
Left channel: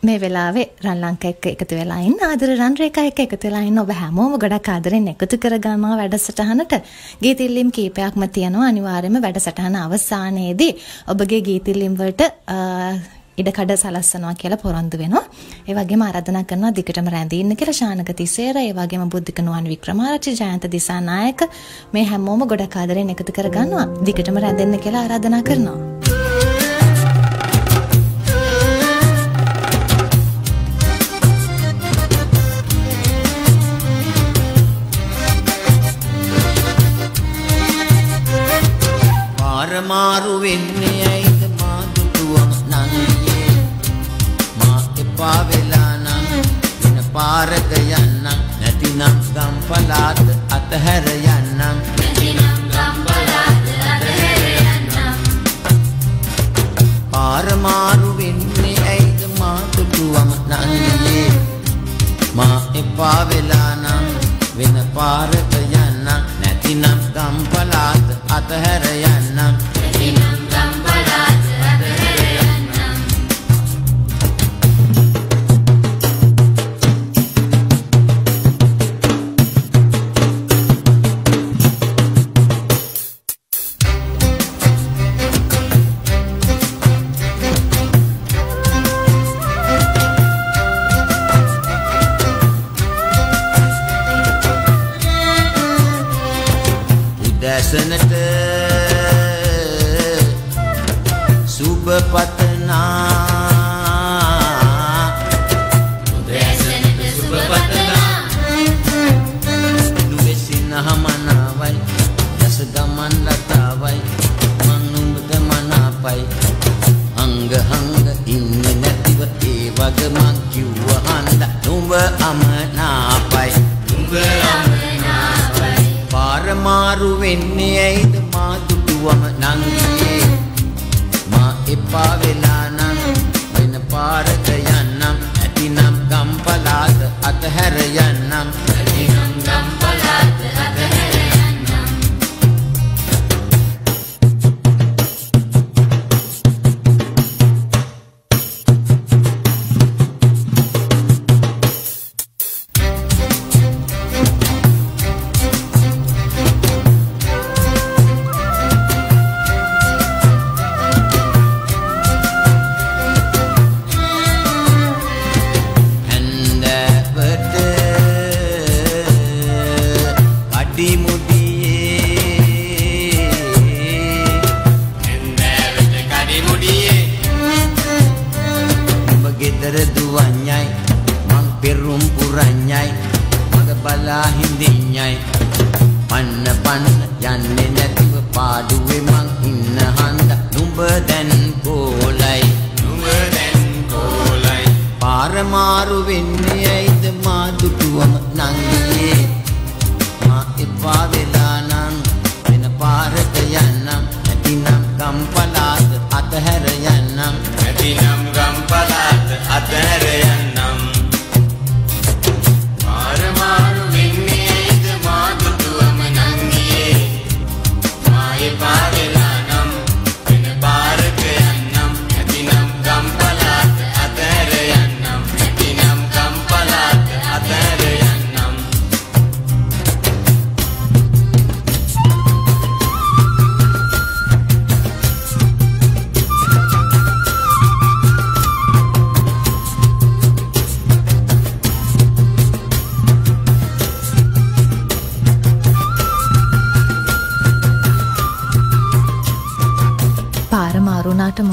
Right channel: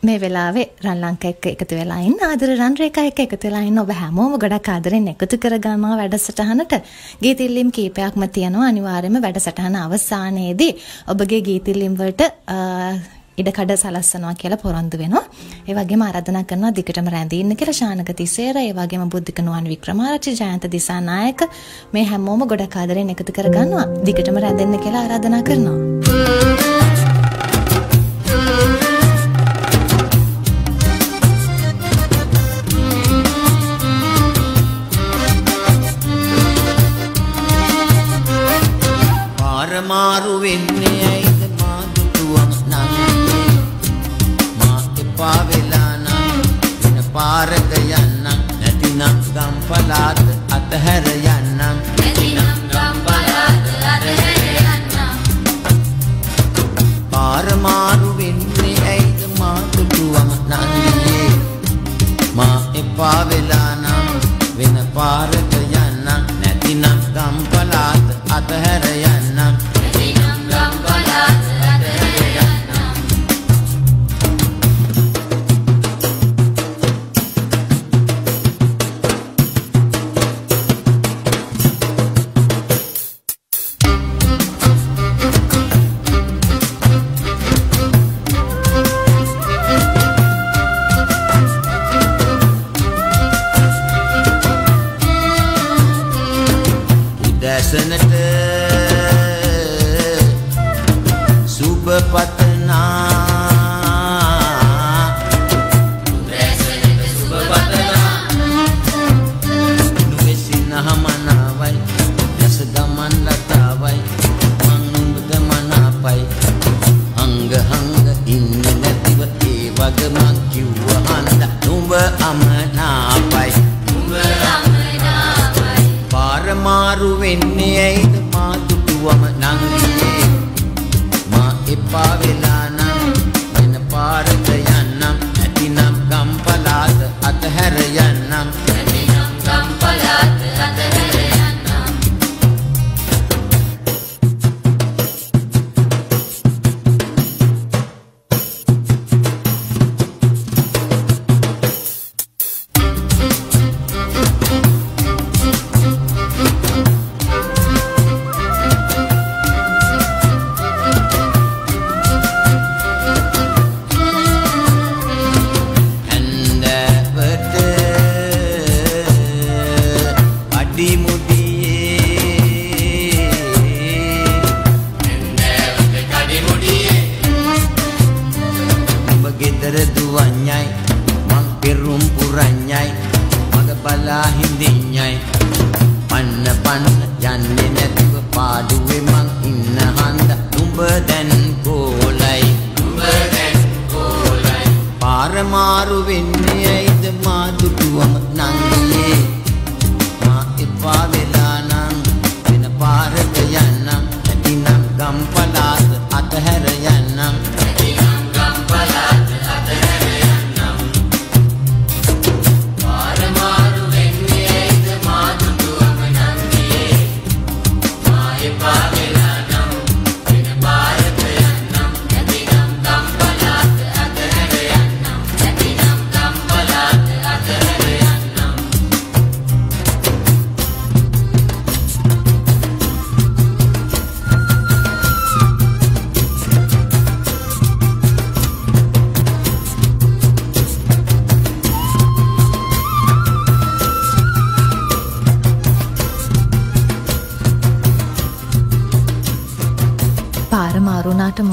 මේ වෙලාවේ රන් ලංකා එක්ක එකතු වෙලා ඉන්න ආදර රන් රේඛා එක්ක එකතු වෙලා ඉන්න ඔබ හැමෝම ගොඩක් ආදරෙන් එකතු කරගන්නවා වැඩසටහනට. ගීතිල්ලිම් කීපයක්ම තියෙනවා. අනිවාර්යයෙන්ම වැඩසටහන අවසානයේදී ඔබගේ ගීතිල්ලිම් වලට ඉඩකඩ සලස්සනවා කියලා පොරොන්දු වෙනවා. ඒ වගේම ආරාධනා කරනවා දිගටම රැඳී ඉන්න කියලා ශානක තිසේර, ඒ වගේම බුද්ධික නුවන් වික්‍රමාරච්චි, ජයන්ත දිසානායක මේ හැමෝම ගොඩක් ආදරෙන් එකතු කරගන්නවා. දිගටම රැඳෙන්න කියලා ආරාධනා කරනවා. මාරු වෙන්නේ ඇයිද මා දුටුවම නංගියේ මා එපා වෙලා නම් වෙන පාරක යන්නම් නැතිනම් ගම්පලාත අතහැර යන්නම් පාර මාරු වෙන්නේ ඇයිද මා දුටුවම නංගියේ මා එපා වෙලා නම් වෙන පාරක යන්නම් නැතිනම් ගම්පලාත අතහැර යන්නම් ඇසනට සුබ පතනා ඇසනට සුබ පතනා නුවසින හමනාවයි දස ගමන් ලතාවයි මං නුඹට මනාපයි හංග හංග ඉන්නේ නැතිව ඒ වග මං කිව්ව හන්ද නුඹ අමනාපයි නුඹ අමනාපයි පාර මාරු වෙන්නේ ඇයිද මා දුටුවම නංගියේ මා එපා වෙලා නම් වෙන පාරක යන්නම් ඇතිනම් ගම්පලාත අතහැර යන්නම් ඇතිනම් ගම්පලාත අතහැර යන්නම්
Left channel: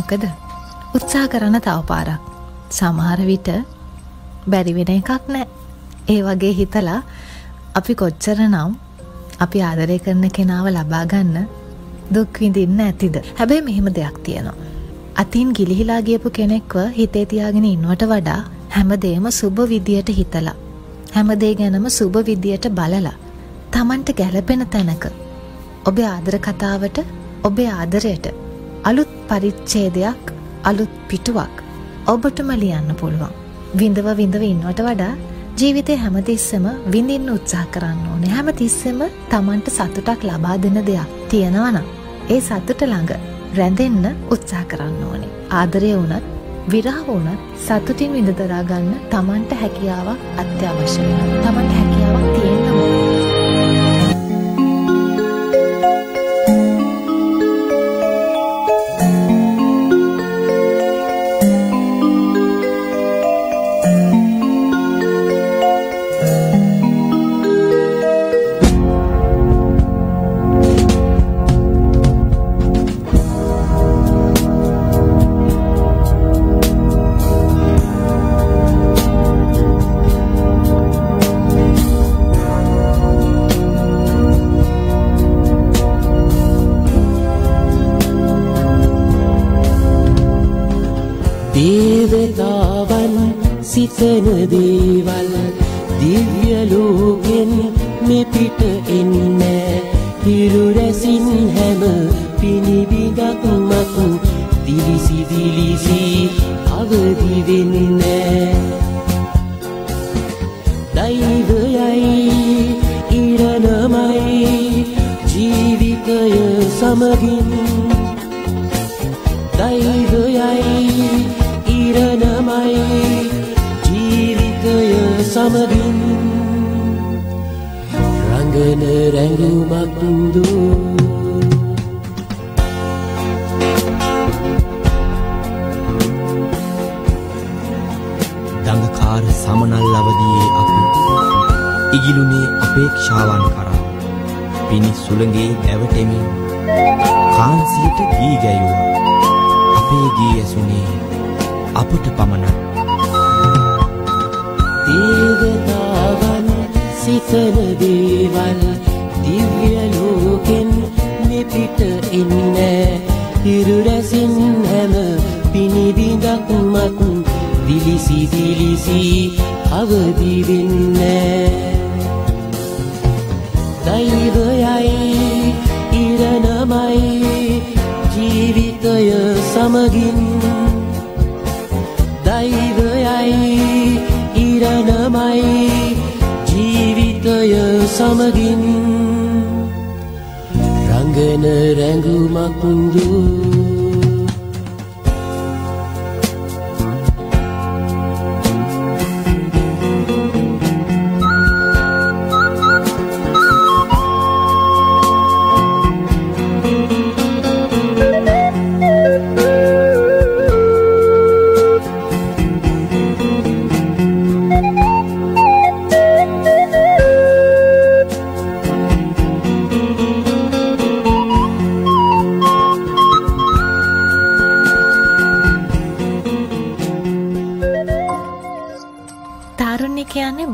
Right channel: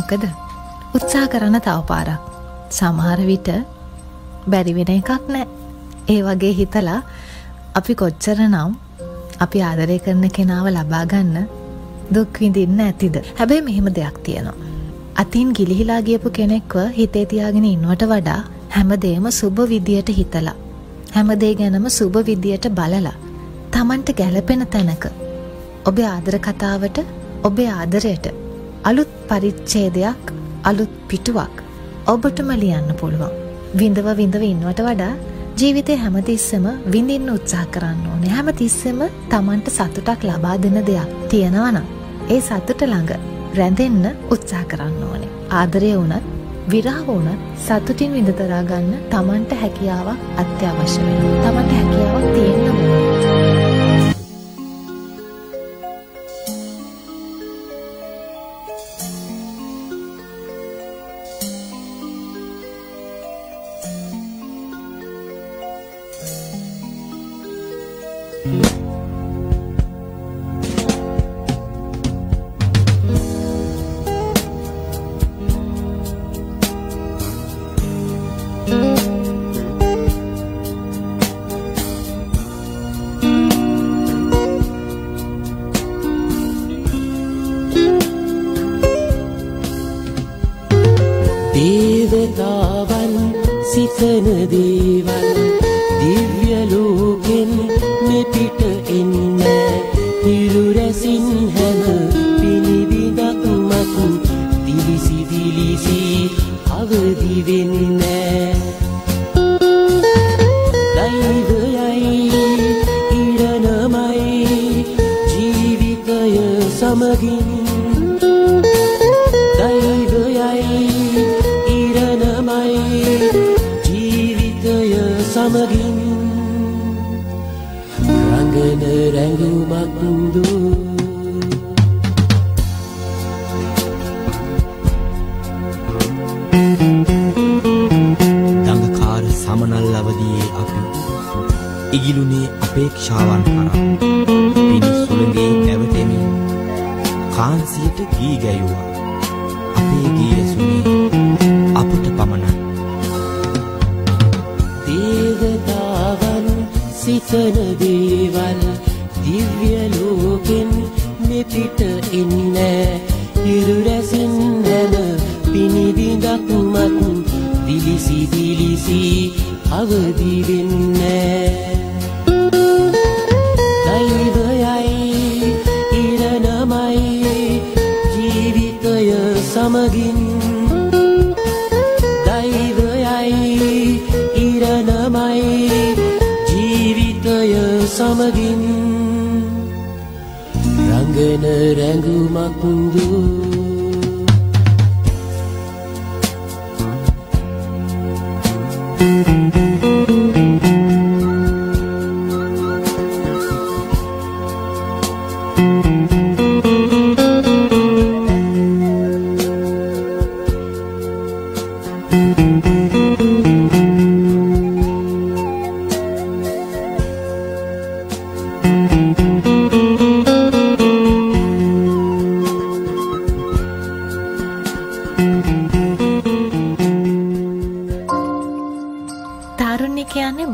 මොකද උත්සාහ කරන තව පාරක් සමහර විට බැරි වෙන එකක් නෑ ඒ වගේ හිතලා අපි කොච්චරනම් අපි ආදරය කරන කෙනාව ලබා ගන්න දුක් විඳින්න ඇතිද හැබැයි මෙහෙම දෙයක් තියෙනවා අතින් ගිලිහිලා ගියපු කෙනෙක්ව හිතේ තියාගෙන ඉන්නවට වඩා හැමදේම සුබ විදියට හිතලා හැමදේ ගැනම සුබ විදියට බලලා Tamanට ගැළපෙන තැනක ඔබේ ආදර කතාවට ඔබේ ආදරයට අලුත් පරිච්ඡේදයක් අලුත් පිටුවක් ඔබටම ලියන්න පුළුවන්. විඳව ඉන්නවට වඩා ජීවිතේ හැමතිස්සෙම විඳින්න උත්සාහ කරන්න ඕනේ. හැමතිස්සෙම Tamanට සතුටක් ලබා දෙන දෙයක් තියෙනවා නම් ඒ සතුට ළඟ රැඳෙන්න උත්සාහ කරන්න ඕනේ. ආදරය වුණත් විරහ වුණත් සතුටින් විඳ දරා ගන්න Tamanට හැකියාවක් අත්‍යවශ්‍ය වෙනවා. Tamanට හැකියාවක් තියෙන්න ඕනේ. දේවතාවන් සිතන දේවල් දිව්‍ය ලෝකෙන් මෙපිට එන්නේ හිරු රැසින් හැම පිනිබිඳක් මතු දිලිසි අවදි වෙන්නේ දෛවයයි ඉරණමයි ජීවිතය සමගින් දෛවයයි ඉරණමයි ජීවිතය සමගින් රංගන රැඟුමක් දූ දඟකාර සමනල් අවදියේ අපි ඉගිලුනේ අපේක්ෂාවන් කරා පිණි සුළඟේ ඇවටෙමින් කාන්සියට ගී ගැයුවා. අපේ ගී ඇසුනේ අපට පමණක්. දේවතාවන් සිතන දේවල් දිව්‍ය ලෝකෙන් මෙපිට එන්නේ. හිරු රැසින් හැම පිනිබිඳක් මත් දිලිසි දිලිසි අවදි වෙන්නේ. දෛවයයි ඉරණමයි ජීවිතය සමගින්. දෛවයයි ඉරණමයි ජීවිතය සමගින්. රංගන රැඟුමක් දූ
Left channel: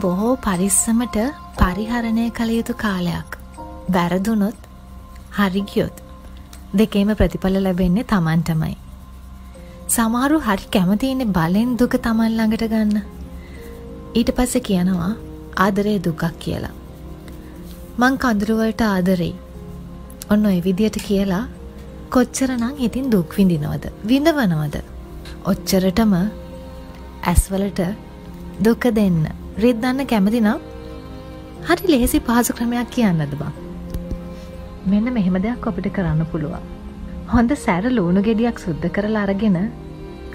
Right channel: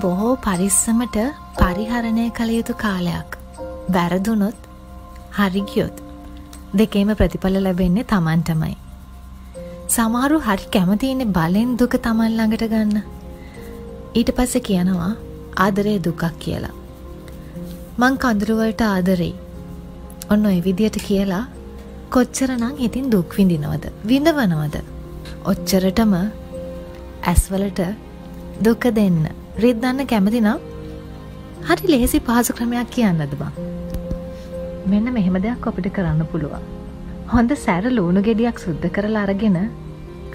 බොහෝ පරිස්සමට පරිහරණය කළ යුතු කාලයක්. වැරදුනොත් හරි ගියොත් දෙකේම ප්‍රතිඵල ලැබෙන්නේ Tamanටමයි. සමහරු හරි කැමති ඉන්නේ බලෙන් දුක Taman ළඟට ගන්න. ඊට පස්සේ කියනවා ආදරේ දුකක් කියලා. මං කඳුළු වලට ආදරෙයි. ඔන්න ඔය විදියට කියලා කොච්චරනම් ඉතින් දුක් විඳිනවද? විඳවනවද? ඔච්චරටම ඇස්වලට දුක දෙන්න රිද්දන්න කැමති නම් හරි ලේසි පහසු ක්‍රමයක් කියන්නද බං? මෙන්න මෙහෙම දෙයක් අපිට කරන්න පුළුවන්. හොඳ සැර ලුණු ගෙඩියක් සුද්ධ කරලා අරගෙන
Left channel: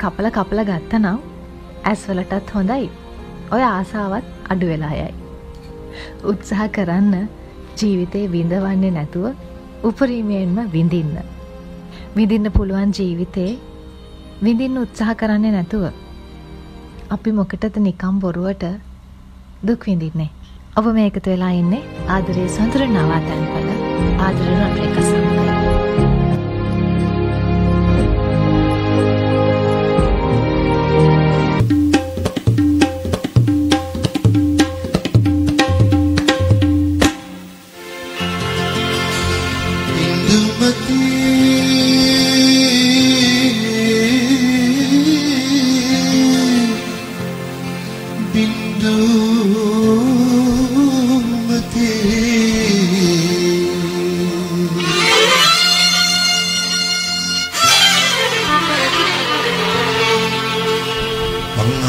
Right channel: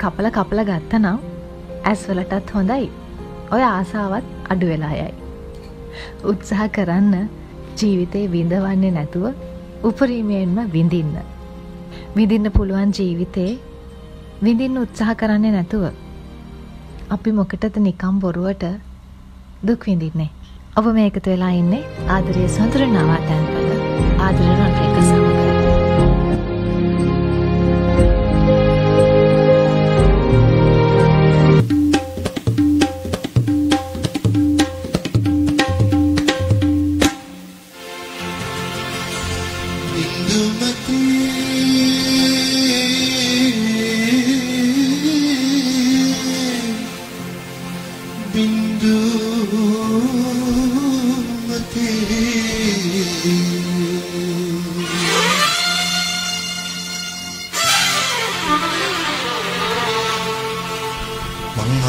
කපල ගත්තනම් ඇස්වලටත් හොඳයි. ඔය ආසාවත් අඩු වෙලා යයි. උත්සාහ කරන්න ජීවිතේ විඳවන්නේ නැතුව උපරිමයෙන්ම විඳින්න. විඳින්න පුළුවන් ජීවිතේ විඳින්න උත්සාහ කරන්නේ නැතුව අපි මොකටද නිකම් බොරුවට දුක් විඳින්නේ? ඔබ මේ එකතු වෙලා ඉන්නේ ආදරේ සඳර නවාතැන්පල ආදරේ රන්රේක සමග.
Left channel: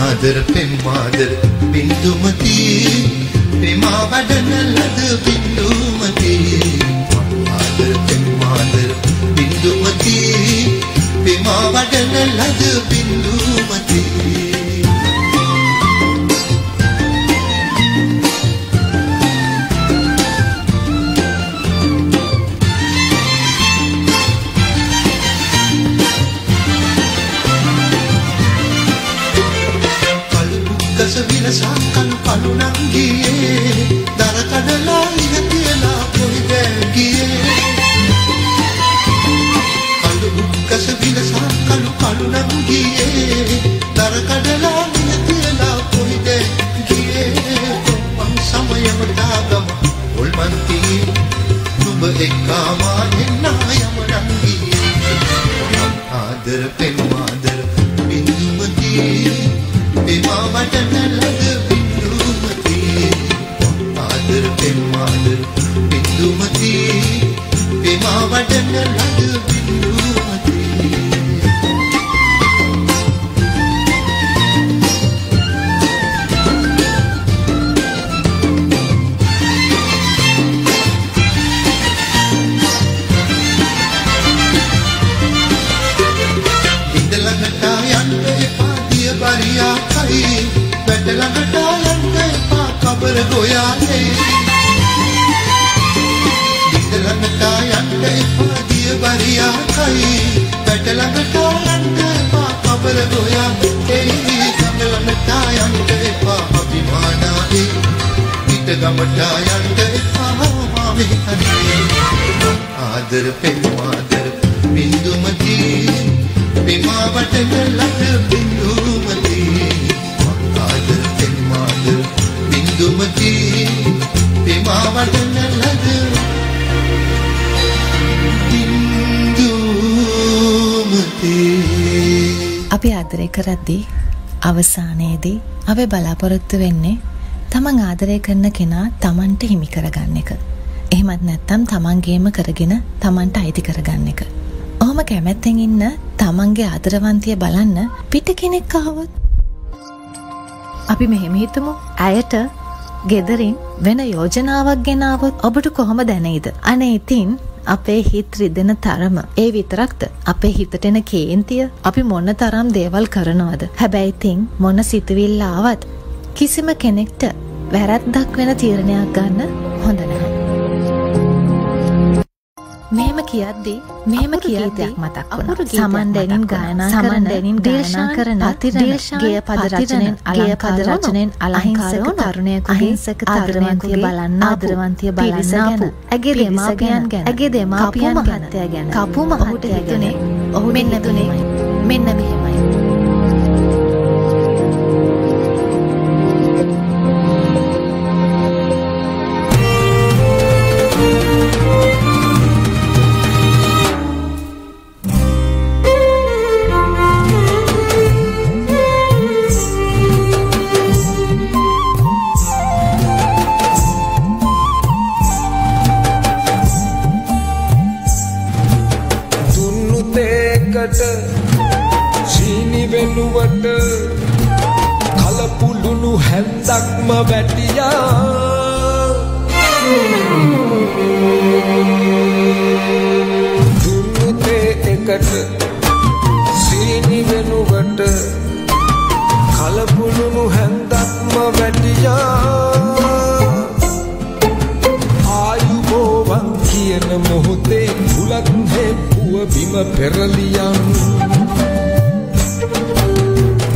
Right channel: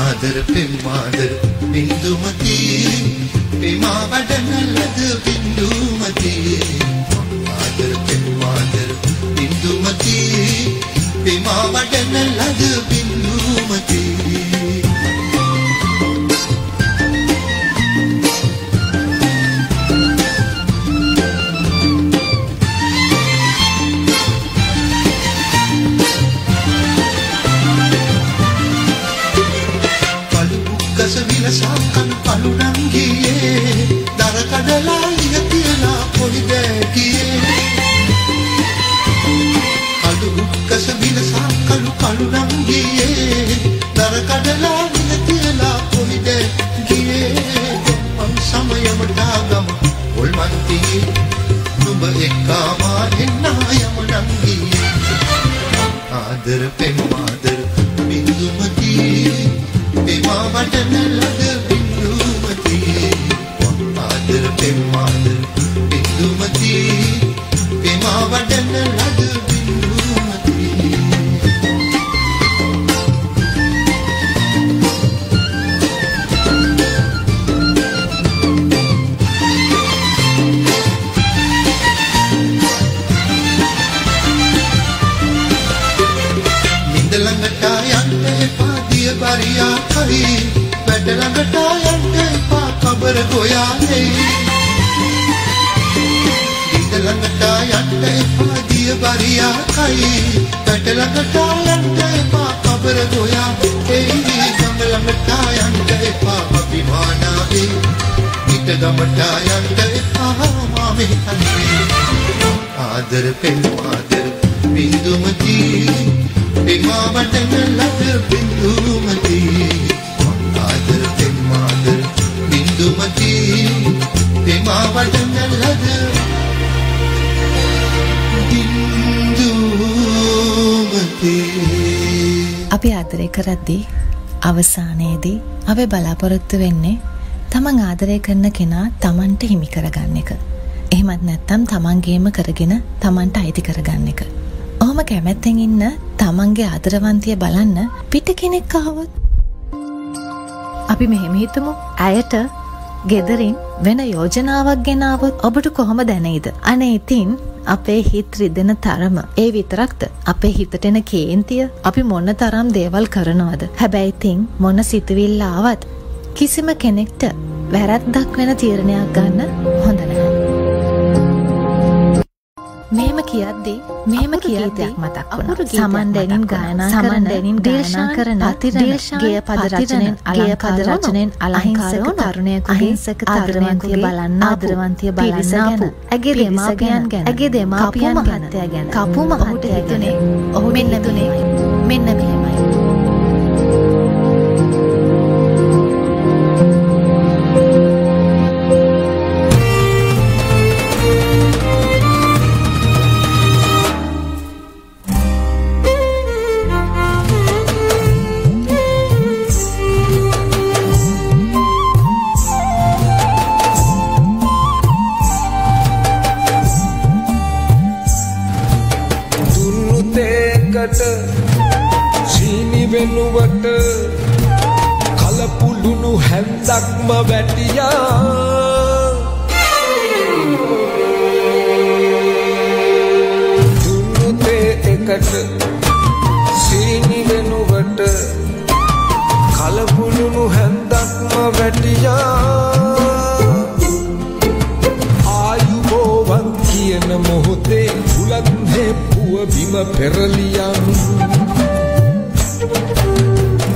ආදර පෙම්මාදර බින්දුමති ප්‍රේමා වඩන ලද බින්දුමති. ආදර පෙම්මාදර බින්දුමති ප්‍රේමා වඩන ලද බින්දුමති. Kanu kanu nangiye dara kadala igatela koide giye. Kalu ukkas vilasa kanu kanu nangiye dara kadala igatela koide giye. Pam samayam dagam ulmanti nub ekama enna yam nangiye. Adar pemmadar bindumati Pema vadana lag bindumati. Adar pemmadar bindumati Pema vadana lag bindumati. Indalagata yante padiya bariya kai වැටලඟට යන්න එපා කබර ගොයාලේ. ඉඳලඟට යන්න එපා දිය බරියා කයි වැටලඟට යන්න එපා කබර ගොයාලේ. ගමලඟට යන්න එපා අභිමානාලේ. පිට ගමට යන්න එපා මේ හරියේ ආදර පෙන්මාදර බින්දුමති පෙමා වටන ලද බින්දුමති ආදර පෙන්මාදර බින්දුමති පෙමා වටන ලද බින්දුමති අපි ආදරය කරද්දී අවසානයේදී අපි බලාපොරොත්තු වෙන්නේ තමන් ආදරය කරන කෙනා තමන්ට හිමි කරගන්න එක. එහෙමත් නැත්නම් තමන්ගේම කරගෙන තමන්ට අයිති කරගන්න එක. ඔහොම කැමැත්තෙන් ඉන්න තමන්ගේ ආදරවන්තිය බලන්න පිට කෙනෙක් ආවොත් අපි මෙහෙම හිතමු. ඇයට ගෙදරින් වෙන යෝජනාවක් ගෙනාවොත් ඔබට කොහොම දැනෙයිද? අනේ ඉතින් අපේ හිත රිදෙන තරම ඒ විතරක්ද? අපේ හිතට එන කේන්තිය අපි මොන තරම් දේවල් කරනවද? හැබැයි ඉතින් මොන සිතුවිල්ල ආවත් කිසිම කෙනෙක්ට වැරද්දක් වෙන තීරණයක් ගන්න හොඳ නැහැ. මෙහෙම කියද්දී මතක් වුණා. සමන් දැනින් ගායනා කරන ගේය පද රචනෙන් අලංකාරව තරුණයෙකුගේ ආදරවන්තිය බලන්න ඇගේ දෙමාපියන් ගැන කපු මහත්තයා ගැන ඔහු මෙන්න මෙහෙමයි. සීනි වෙනුවට කලපුළුණු හැන්දක්ම වැටියා දුන්නතේ එකට සීනි වෙනුවට කලපුළුණු හැන්දක්ම වැටියා ආයුබෝවන් කියන මොහොතේ බුලත් හෙප්පුව බිම පෙරලියන්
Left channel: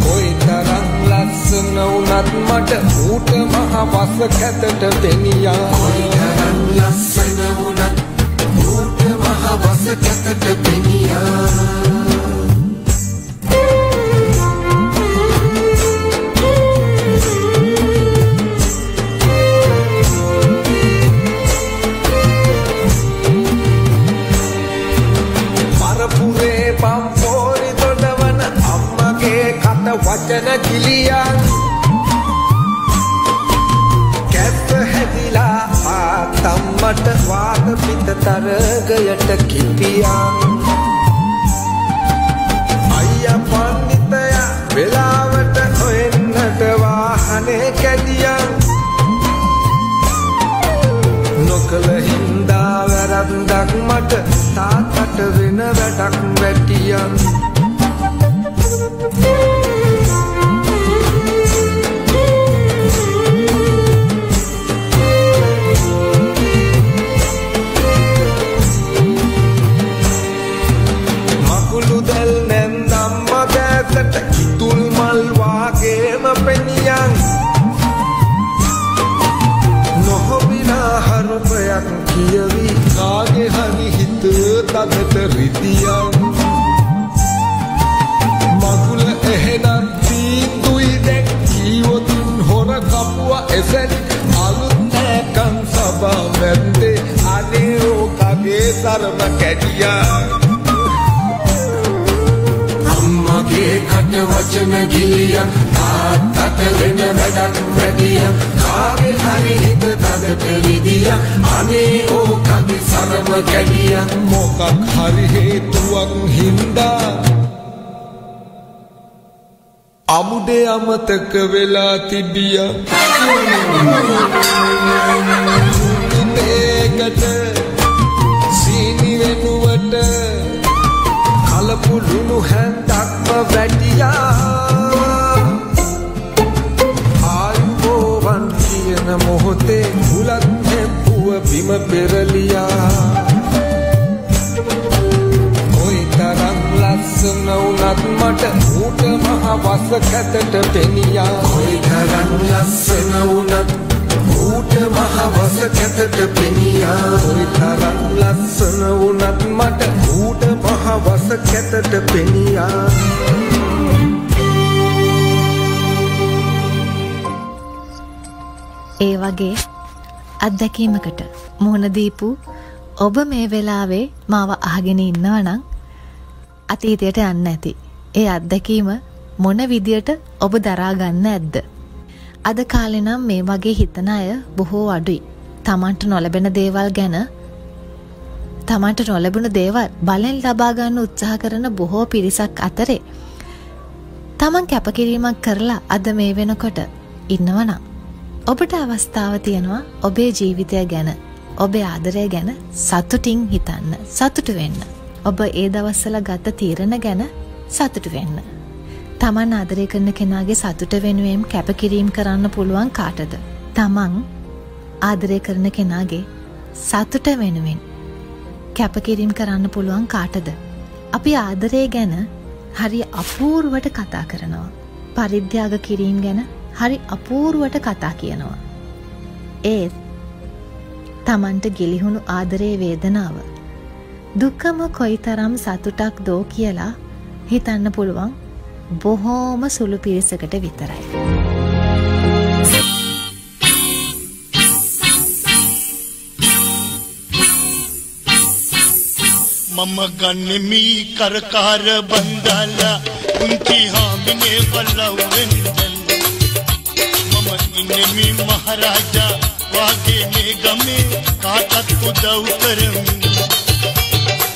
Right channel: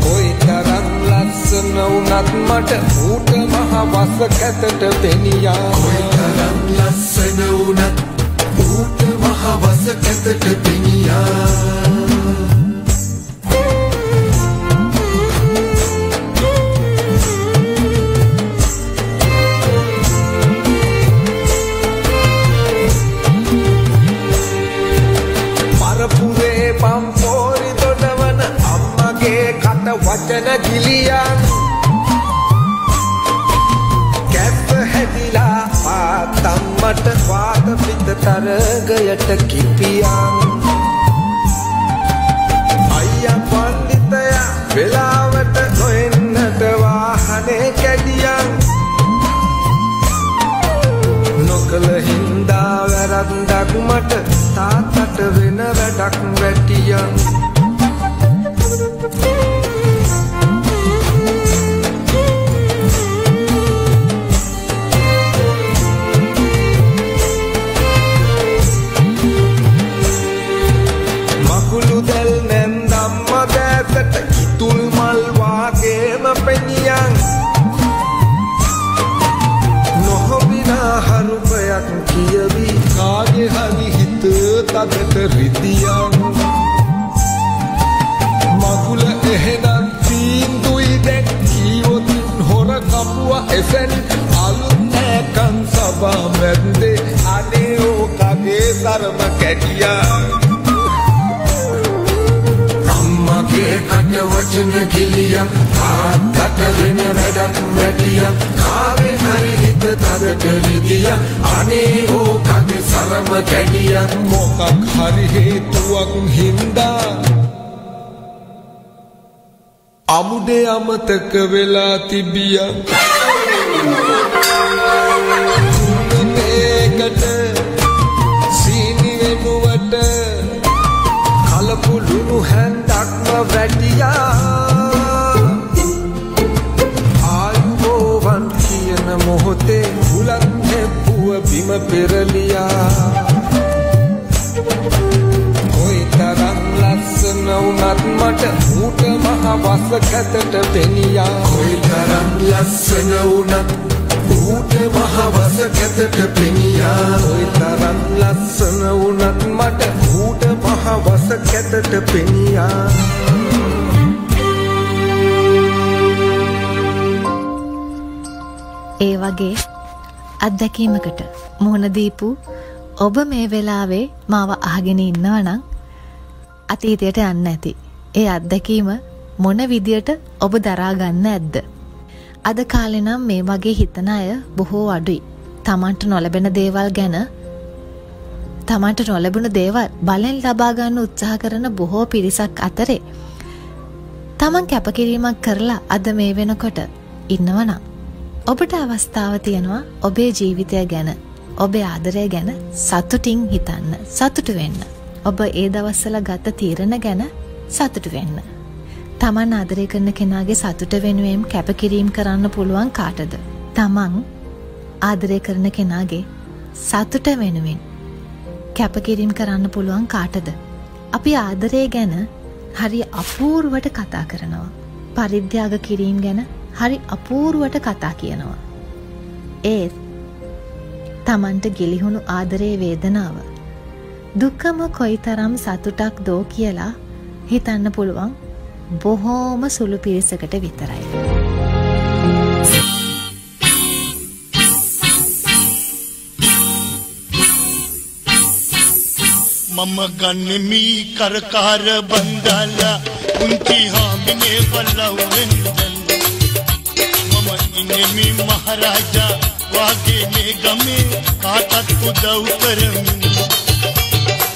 කොයිතරම් ලස්සන වුණත් මට ඌට මහ වස කැතට පෙනියා කොයිතරම් ලස්සන වුණත් ඌට මහ වස කැතට පෙනියා වචන කිලියන් කැප හැදිලා ආතම්මට වාත පිට තරගයට කිපියන් අයියා පන්නිතයා වෙලාවට හොයන්නට වාහනේ කැදියන් නොකල හින්දා වැරද්දක් මට තාත්තට වෙන වැඩක් වැටියන් කිතුල් මල් වාගේම පෙනියන් නොහොබිනා හරුපයක් කියවි කාගේ හරි හිත තදට රිදියන් මගුල එහෙනම් තීන්දුයි දැක් කීවොතින් හොර කපුව එසෙන් අලුත් නෑකන් සබා මැද්දේ අනේ ඕකගේ සරම කැඩියා මගේ කට වචන ගිලියන් තාත්තට වෙන වැඩක් වැඩියන් කාගේ හරි හිත තදට රිදියන් අනේ ඕකගේ සරම කැඩියන් මොකක් හරි හේතුවක් හින්දා අමුඩේ අමතක වෙලා තිබියා ඒකට සීනි වෙනුවට කලපුළුණු හැන්දක්ම වැටියා ආයුබෝවන් කියන මොහොතේ බුලත් හෙප්පුව බිම පෙරලියා කොයිතරම් ලස්සන වුණත් මට ඌට මහ වස කැතට පෙනියා කොයිතරම් ලස්සන වුණත් ඌට මහවස කැතට පෙනියා ඔය තරම් ලස්සන වුණත් මට ඌට මහවස කැතට පෙනියා ඒ වගේ අත්දැකීමකට මුහුණ දීපු ඔබ මේ වෙලාවේ මාව අහගෙන ඉන්නවා නම් අතීතයට යන්න ඇති. ඒ අත්දැකීම මොන විදියට ඔබ දරා ගන්න ඇද්ද? අද කාලේ නම් මේ වගේ හිතන අය බොහෝ අඩුයි. තමන්ට නොලැබෙන දේවල් ගැන තමන්ට නොලැබුණු දේවල් බලෙන් ලබා ගන්න උත්සාහ කරන බොහෝ පිරිසක් අතරේ තමන් කැපකිරීමක් කරලා අද මේ වෙනකොට ඉන්නවනම් ඔබට අවස්ථාව තියෙනවා ඔබේ ජීවිතය ගැන ඔබේ ආදරය ගැන සතුටින් හිතන්න, සතුටු වෙන්න. ඔබ ඒ දවස්වල ගත තීරණ ගැන සතුටු වෙන්න. තමන් ආදරය කරන කෙනාගේ සතුට වෙනුවෙන් කැපකිරීම කරන්න පුළුවන් කාටද? තමන් ආදරය කරන කෙනාගේ සතුට වෙනුවෙන් කැපකිරීම කරන්න පුළුවන් කාටද? අපි ආදරය ගැන හරි අපූර්වට කතා කරනවා. පරිත්‍යාග කිරීම ගැන හරි අපූර්වට කතා කියනවා. ඒත් තමන්ට ගිලිහුණු ආදරේ වේදනාව දුකම කොයිතරම් සතුටක් දෝ කියලා හිතන්න පුළුවන් බොහෝම සුළු පිරිසකට විතරයි. මම ගන්නෙමි කරකාර බන්දාලා උන්ති හාමිනේ වලවෙන් මම ඉන්නෙමි මහරජා වාගේ මේ ගමේ කාටත් උදව් කරමි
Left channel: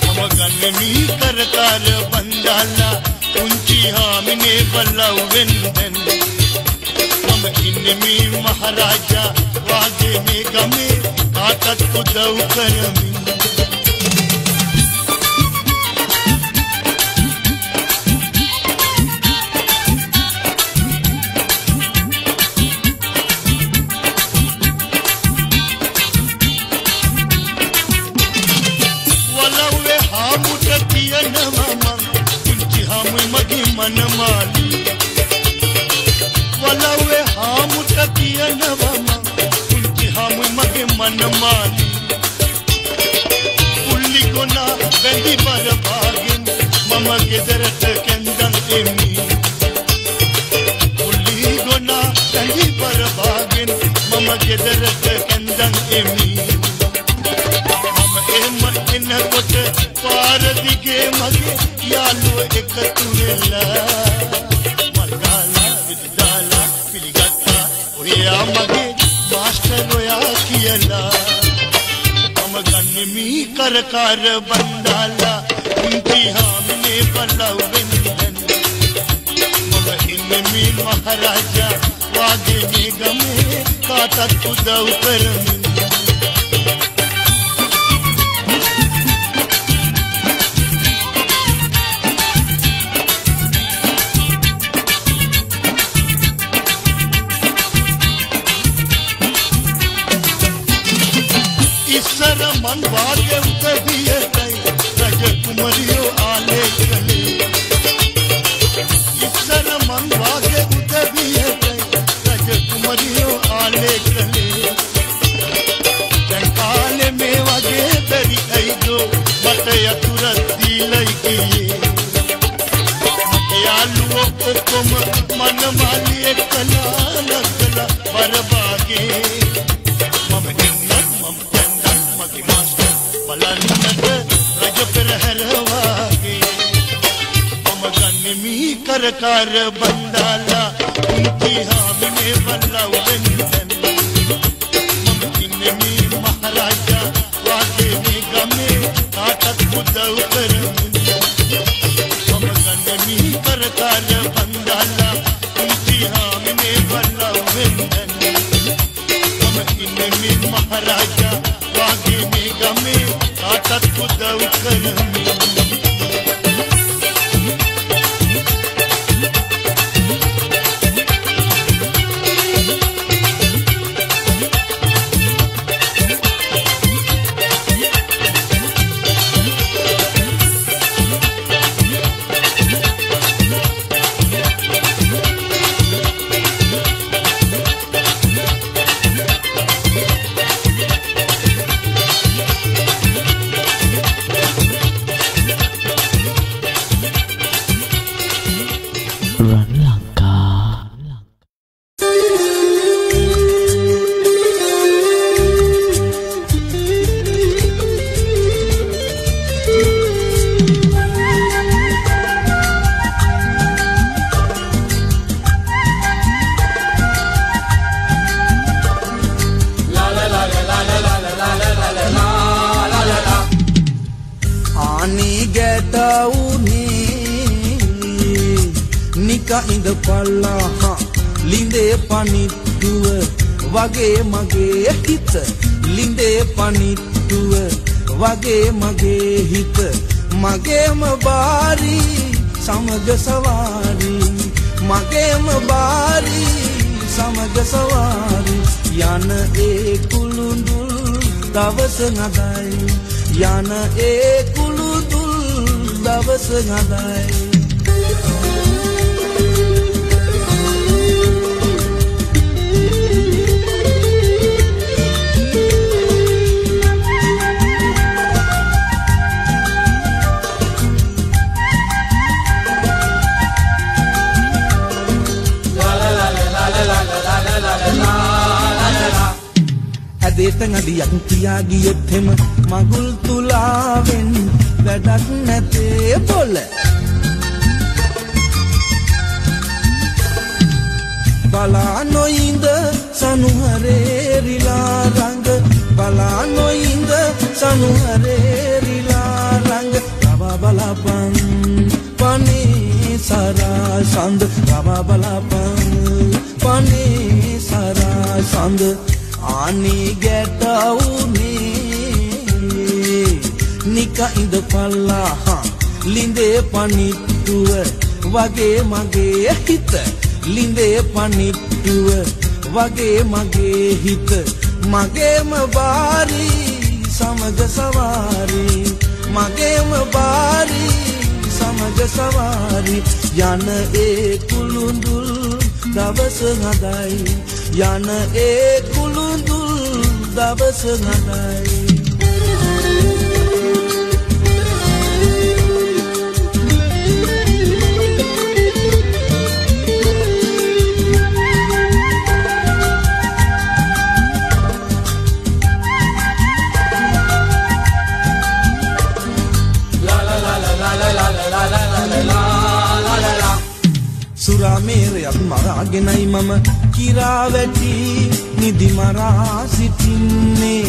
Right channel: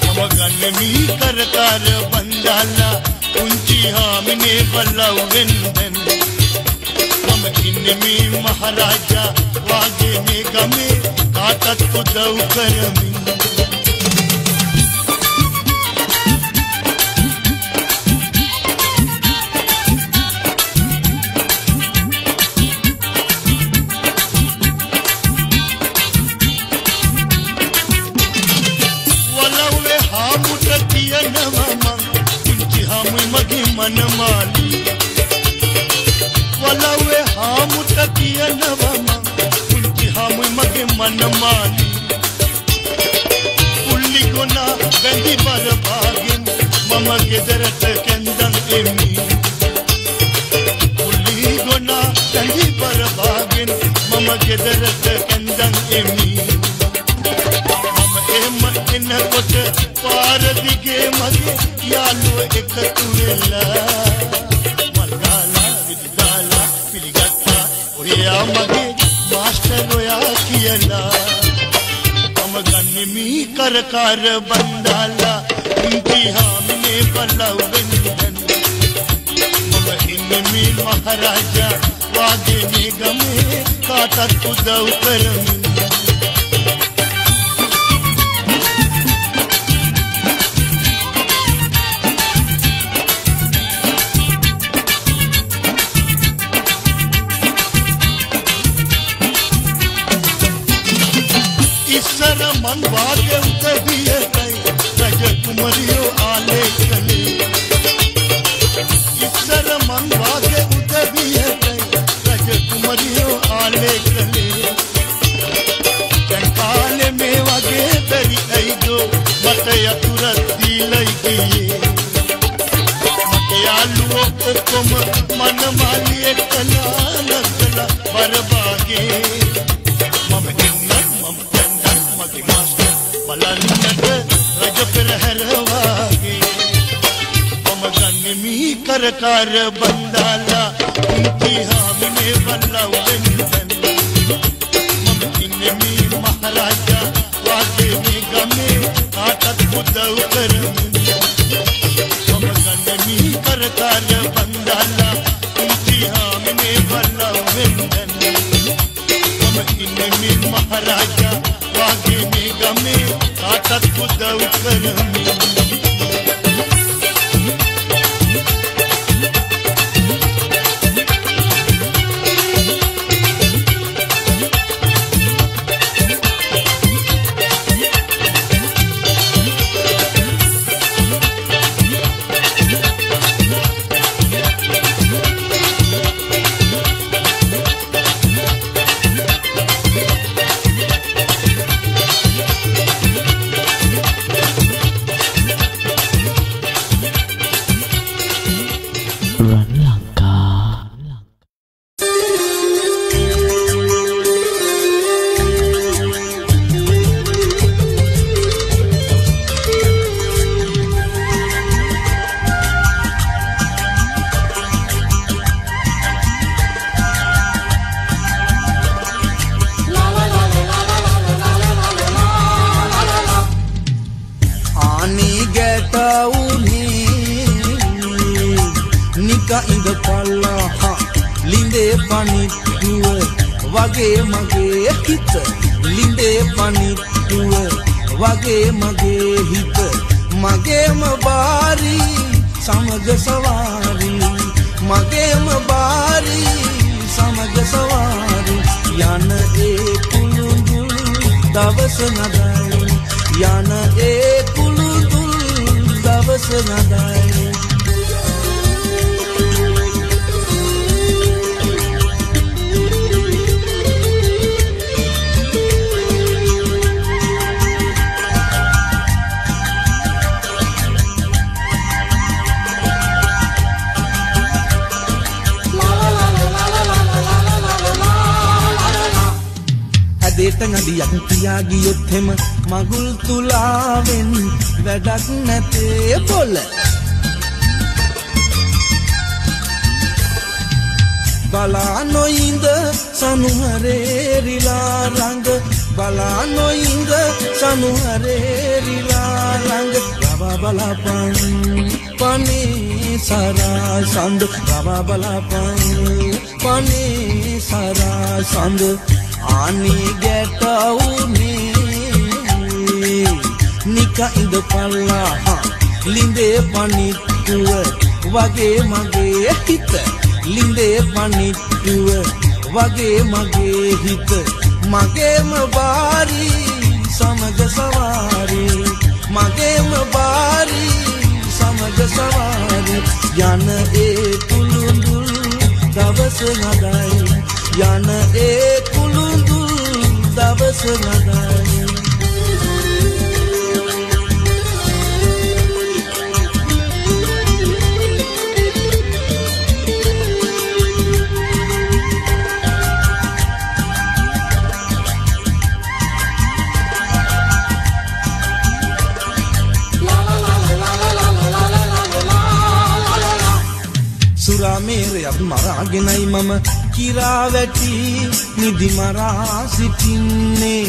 මම ගන්නෙමි කරකාර බන්දාලා උන්ති හාමිනේ වලවෙන් මම ඉන්නෙමි මහරජා වාගේ මේ ගමේ කාටත් උදව් කරමි मनमाली वलावे हामुट कियनवमा उनकी हम मगे मनमाली उल्ली कोना बेंदी पर भागिन मम गेदरट केंदन एमी उल्ली कोना बेंदी पर भागिन मम गेदरट केंदन एमी मम एमन इन कोट पार दिगे मगे यालो एकतु වෙලා මල්ගාලා විදාලා පිළිගත්තා ඔයා මගේ මාස්ටර් ඔයා කියලා මම ගන්නෙමි කරකාර බන්දාලා උන්ති හාමිනේ පල්ලවෙන් මම ඉන්නෙමි මහරජා වාගේ මේ ගමේ කාටත් උදව් කරමි मन वागे उतबिए गई रज कुमरियो आले गले इसन मन वागे उतबिए गई रज कुमरियो आले गले जंकाले में वागे बेरी आई दो मत यतुरत दिलई किए मत यालुओ कोम मन माली एकला लगला बरबागे मम जन्नत मम බලන්නට රජ පෙරහැරවාගේ මම ගන්නෙමි කරකාර බන්දාලා උන්ති හාමිනේ වලවෙන් මම ඉන්නෙමි මහරජා වාගේ මේ ගමේ කාටත් උදව් කරමි මම ගන්නෙමි කරකාර බන්දාලා උන්ති හාමිනේ වලවෙන් මම ඉන්නෙමි මහරජා වාගේ මේ ගමේ කාටත් උදව් කරමි ඉඳ පල්ලා ලිඳේ පනිට්ටුව වගේ මගේ හිත ලිඳේ පනිට්ටුව වගේ මගේ හිත මගේම බාරි සමග සවාරි මගේම බාරි සමග සවාරි යන ඒ කුළුඳුල් දවස නදයි යන ඒ කුළුඳුල් දවස නදයි ඇදේට නදියක් තියා ගියෙත් හැම මගුල් තුලාවෙන් වැඩක් නැතේ පොළ බලා නොඉඳ සනුහරේරිලා රංග බලා නොඉඳ සනුහරේරිලා රංග රවා බලාපන් පනේ සරා සඳ රවා බලාපන් පනේ සරා සඳ ආනි ගැටවුනේ නික ඉඳ පල්ලා ලිඳේ පනිට්ටුව වගේ මගේ හිත ලිඳේ පනිට්ටුව වගේ මගේ හිත මගේම බාරි සමග සවාරි මගේම බාරි සමග සවාරි යන ඒ කුළුඳුල් දවස නදයි යන ඒ කුළුඳුල් දවස නදයි සුරාමේරයක් මරාගෙනයි මම කිරා වැටි නිදි මරා සිටින්නේ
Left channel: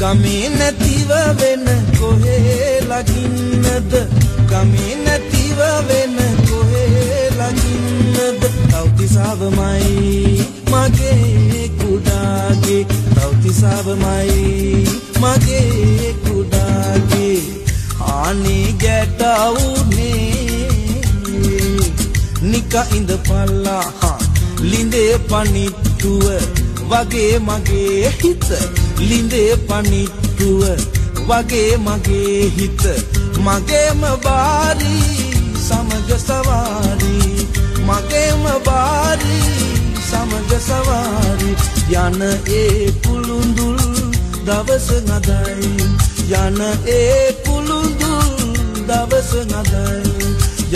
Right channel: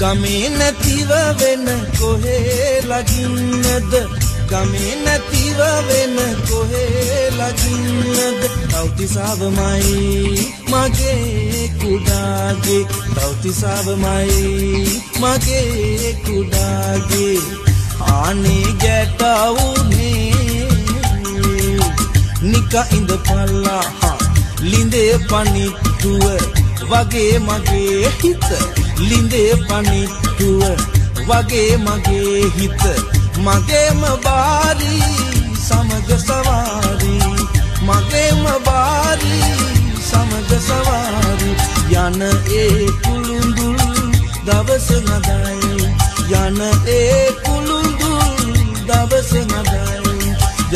ගමේ නැතිව වෙන කොහේ ලගින්නද ගමේ නැතිව වෙන කොහේ ලගින්නද තවතිසාවමයි මගේ කුඩාගේ තවතිසාවමයි මගේ කුඩාගේ ආනි ගැටවුනේ නික ඉඳ පල්ලා ලිඳේ පනිට්ටුව වගේ මගේ හිත ලිඳේ පනිට්ටුව වගේ මගේ හිත මගේම බාරි සමග සවාරි මගේම බාරි සමග සවාරි යන ඒ කුළුඳුල් දවස නදයි යන ඒ කුළුඳුල් දවස නදයි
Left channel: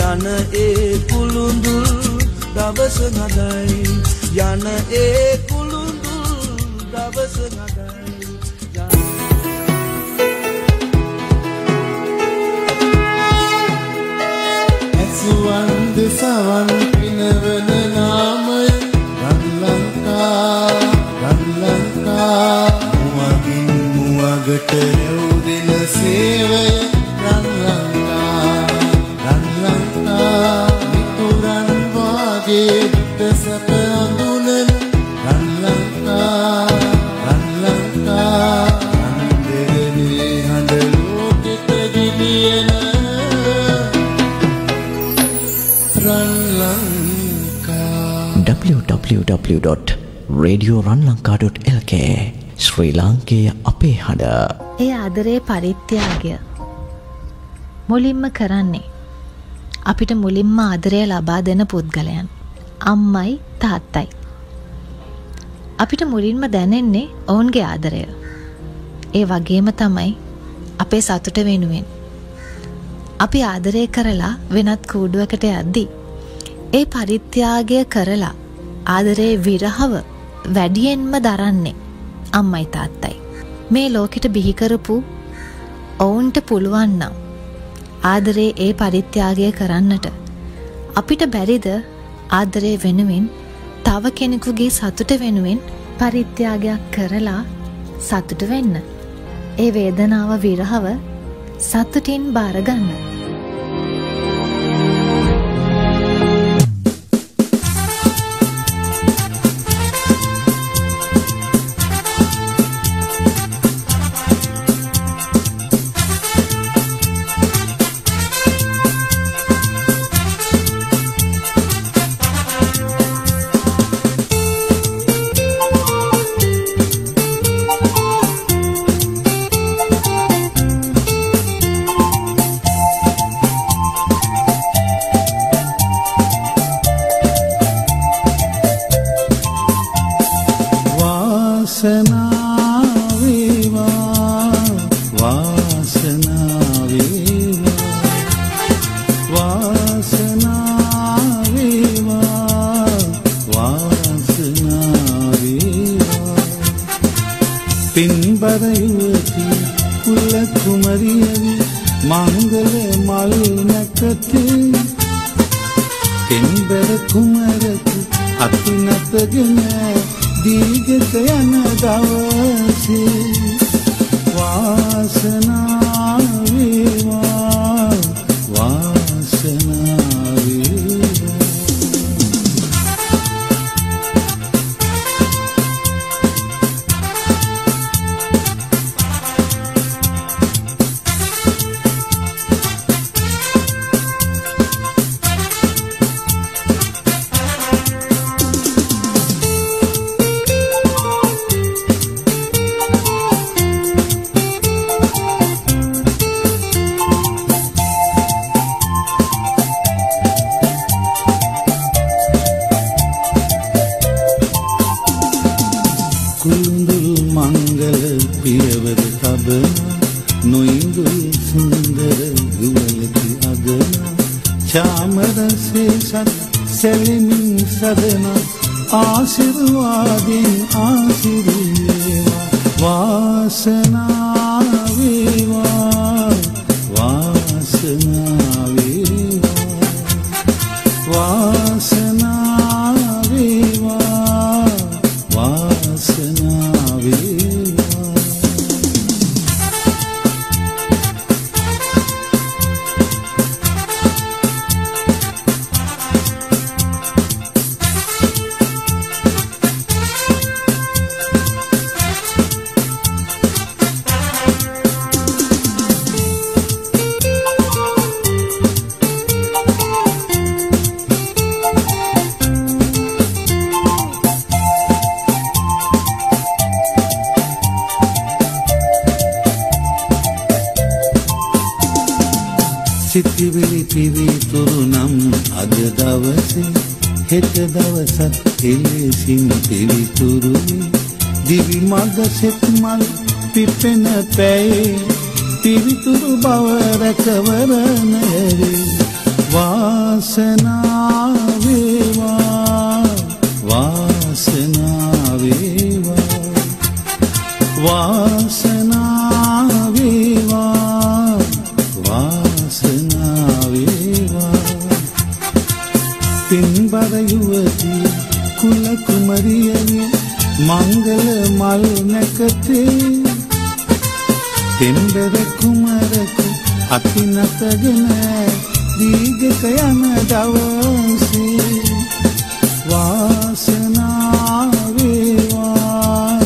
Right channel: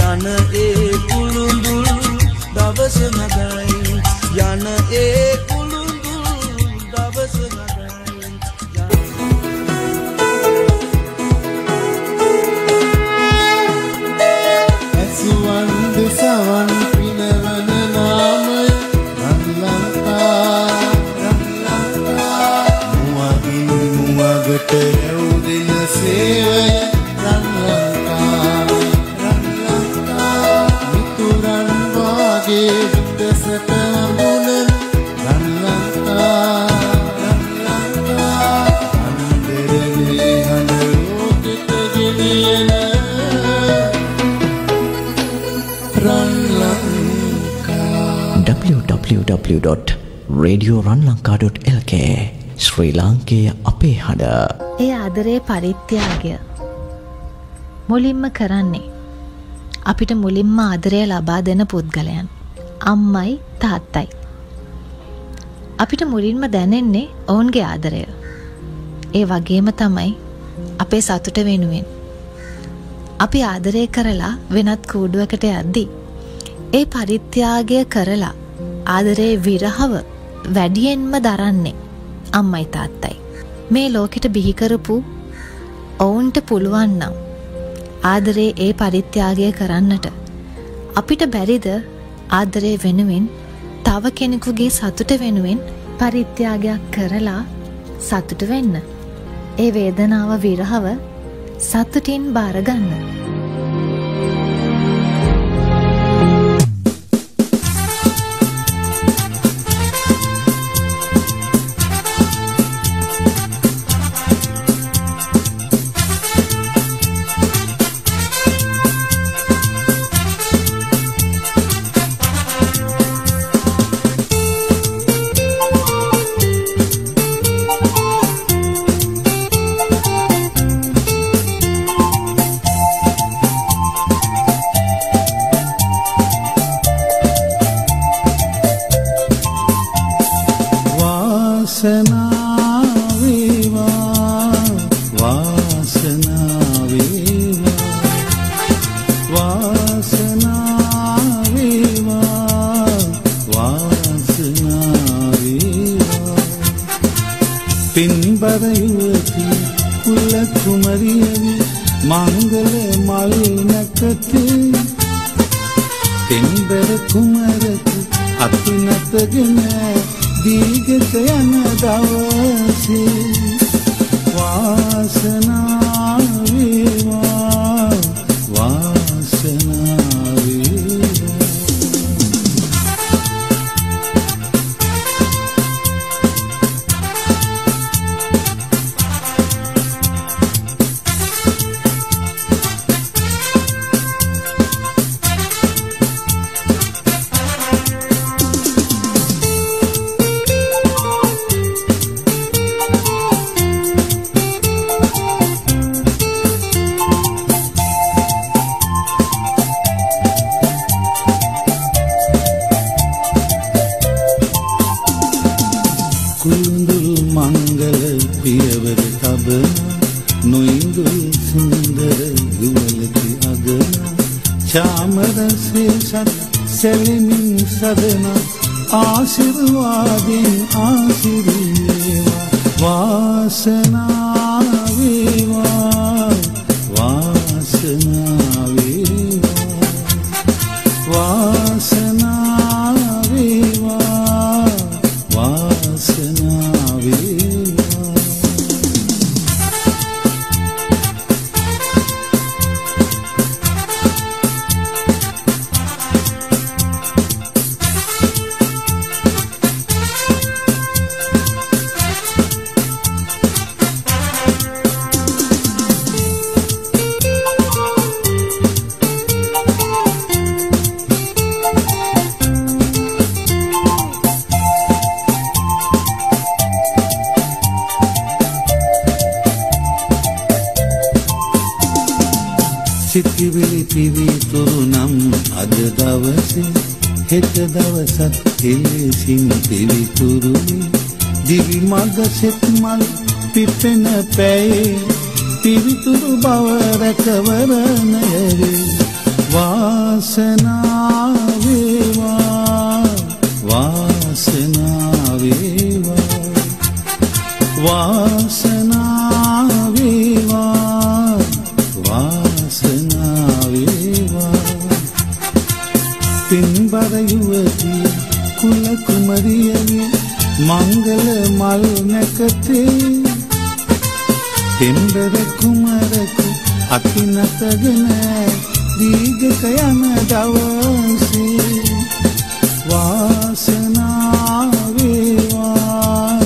යන ඒ කුළුඳුල් දවස නදයි යන ඒ කුළුඳුල් දවස නදයි ඇසුවන් දෙසවන් පිනවන නාමය රන්ලංකා මුවගින් මුවගට රැවුදෙන සේවය රන්ලංකා මිතුරන් වාගේ දුටසප අඳුනන රන්ලංකා අන්දරනේ හඬ ලෝකෙට ගෙනියන www.radioranlanka.lk ශ්‍රී ලාංකේය අපේ හඬ. ඒ ආදරේ පරිත්‍යාගය මුලින්ම කරන්නේ අපිට මුලින්ම ආදරය ලබා දෙන පුද්ගලයන් අම්මයි තාත්තයි. අපිට මුලින්ම දැනෙන්නේ ඔවුන්ගේ ආදරය. ඒ වගේම තමයි අපේ සතුට වෙනුවෙන් අපි ආදරය කරලා වෙනත් කූඩුවකට යද්දී ඒ පරිත්‍යාගය කරලා ආදරේ විරහව වැඩියෙන්ම දරන්නේ අම්මයි තාත්තයි. මේ ලෝකෙට බිහි කරපු ඔවුන්ට පුළුවන් නම් ආදරේ ඒ පරිත්‍යාගය කරන්නට අපිට බැරිද ආදරේ වෙනුවෙන් තව කෙනෙකුගේ සතුට වෙනුවෙන් පරිත්‍යාගයක් කරලා සතුට වෙන්න? ඒ වේදනාව විරහව සතුටින් බාරගන්න. සිතිවිලි පිවිතුරු නම් අද දවසේ හෙට දවසත් එලෙසින් පිවිතුරුයි දිවි මඟ සෙත් මල් පිපෙන පැයේ පිවිතුරු බව රැකවරණය වාසනාව වේවා වාසනාව වේවා වාසනාව වේවා වාසනාව වේවා පින්බර යුවතිය කුල කුමරියගේ මංගල මල් නැකතේ දෙම්බර කුමරකු අපි නැතගෙන දීගක යන දවසේ වාසනාව වේවා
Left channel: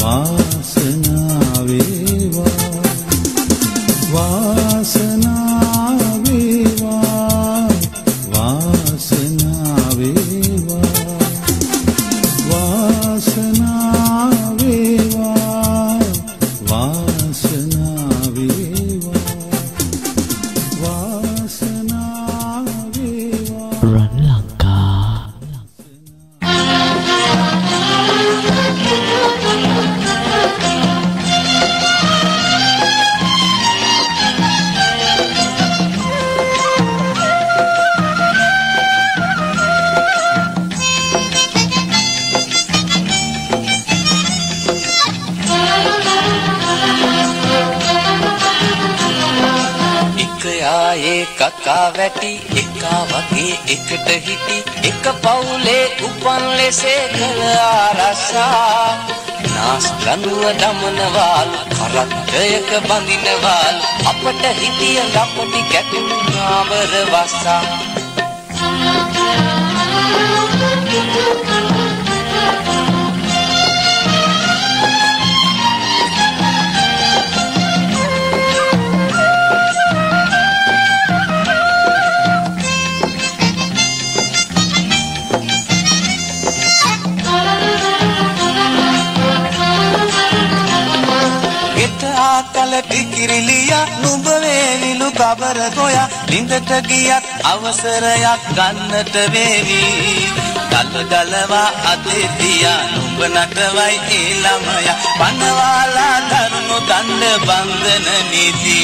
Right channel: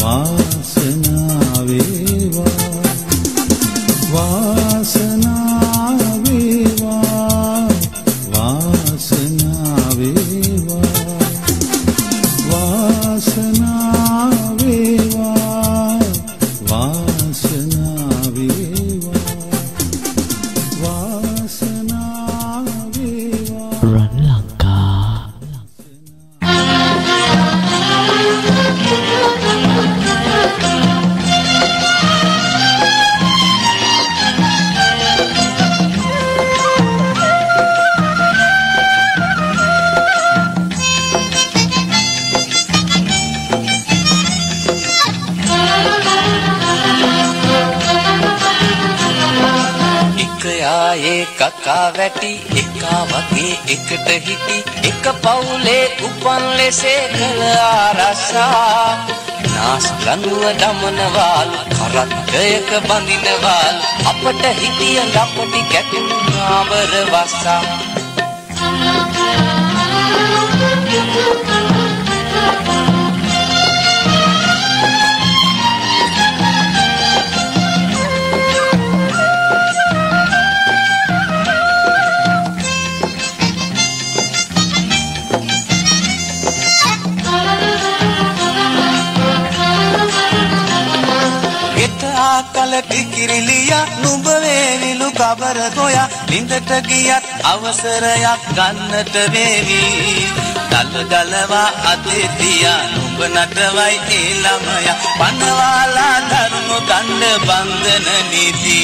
වාසනාව වේවා වාසනාව වේවා වාසනාව වේවා වාසනාව වේවා වාසනාව වේවා වාසනාව වේවා රන් ලංකා කකා වැටි එකා වගේ එකට හිටි එක පවුලේ උපන් ලෙසේ කළ ආරසා නාස් ලනුව දමනවාලු කරත්තයක බඳිනවාලු අපට හිතිය ලපටි කැටුණු නාවර වස්සා කල ටිකිරිලියා නුඹ වේවිලු කබර ගෝයා ලිඳට ගියත් අවසරයක් ගන්නට වේවි දල දලවා අතේ තියා නුඹ නටවයි ඒ ළමයා පනවාලා දරුණු දණ්ඩ බන්ධන නීති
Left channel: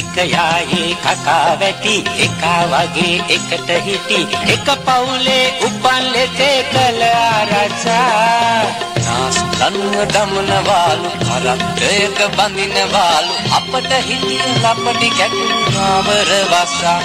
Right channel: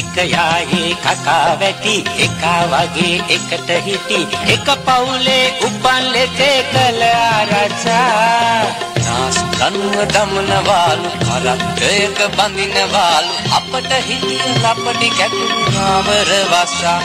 එක යායේ කකා වැටි එක වගේ එකට හිටි එක පවුලේ උපන් ලෙසේ කළ ආරක්ෂා නාස් ලනුව දමනවාලු කරත්තයක බඳිනවාලු අපට හිතිය ලපටි කැටුණු නාවර වස්සා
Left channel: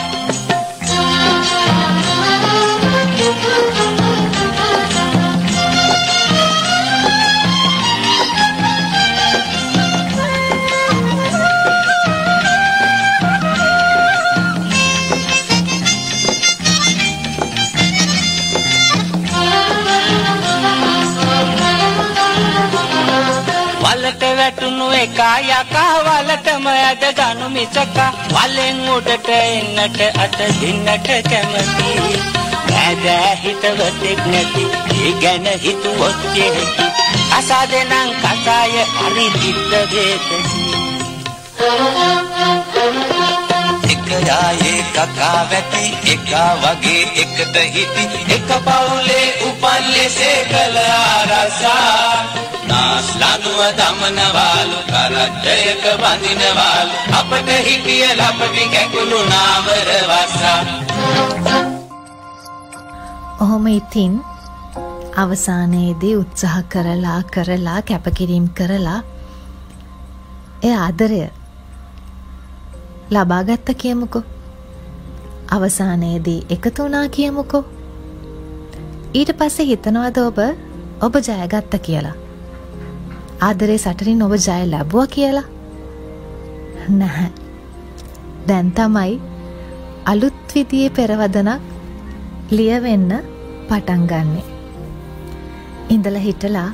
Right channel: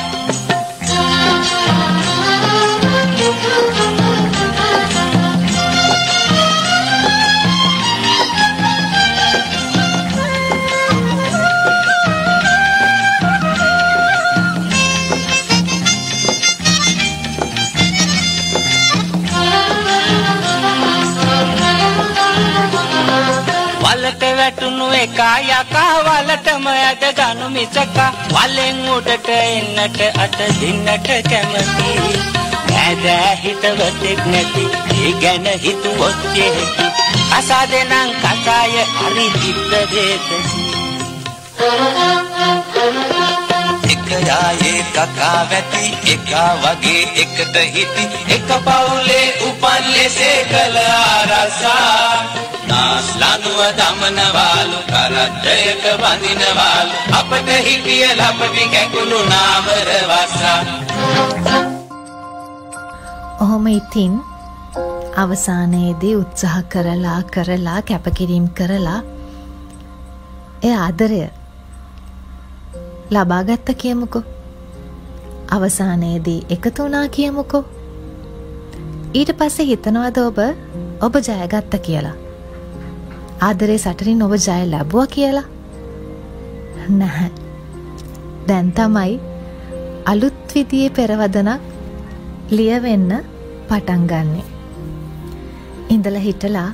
වලට වැටුණු එකා යකා වලටම ඇද ගනු මිසකා වලෙන් උඩට එන්නට අත දින්නට කැමති නෑදෑ හිතවතෙක් නැති ඒ ගැන හිතුවොත් යෙහෙති අසාදෙනං කසාය හරි දිත්ත වේතසි එක යායේ කකා වැටි එක වගේ එකට හිටි එක පවුලේ උපන් ලෙසේ කළ ආරසා නාස් ලනුව දමනවාලු කරත්තයක බඳිනවාලු අපට හිටිය ලපටි කැකුළු නාවර වස්සා ඔහොම ඉතින් අවසානයේදී උත්සාහ කරලා කැපකිරීම කරලා ඒ ආදරය ලබාගත්ත කියමුකෝ අවසානයේදී එකතු වුණා කියමුකෝ ඊට පස්සේ හිතනවද ඔබ ජයගත්ත කියලා ආදරේ සටනින් ඔබ ජය ලැබුවා කියලා නැහැ දැන් තමයි අලුත් විදියේ පෙරවදනක් ලියවෙන්න පටන් ගන්නෙ ඉඳලා හිටලා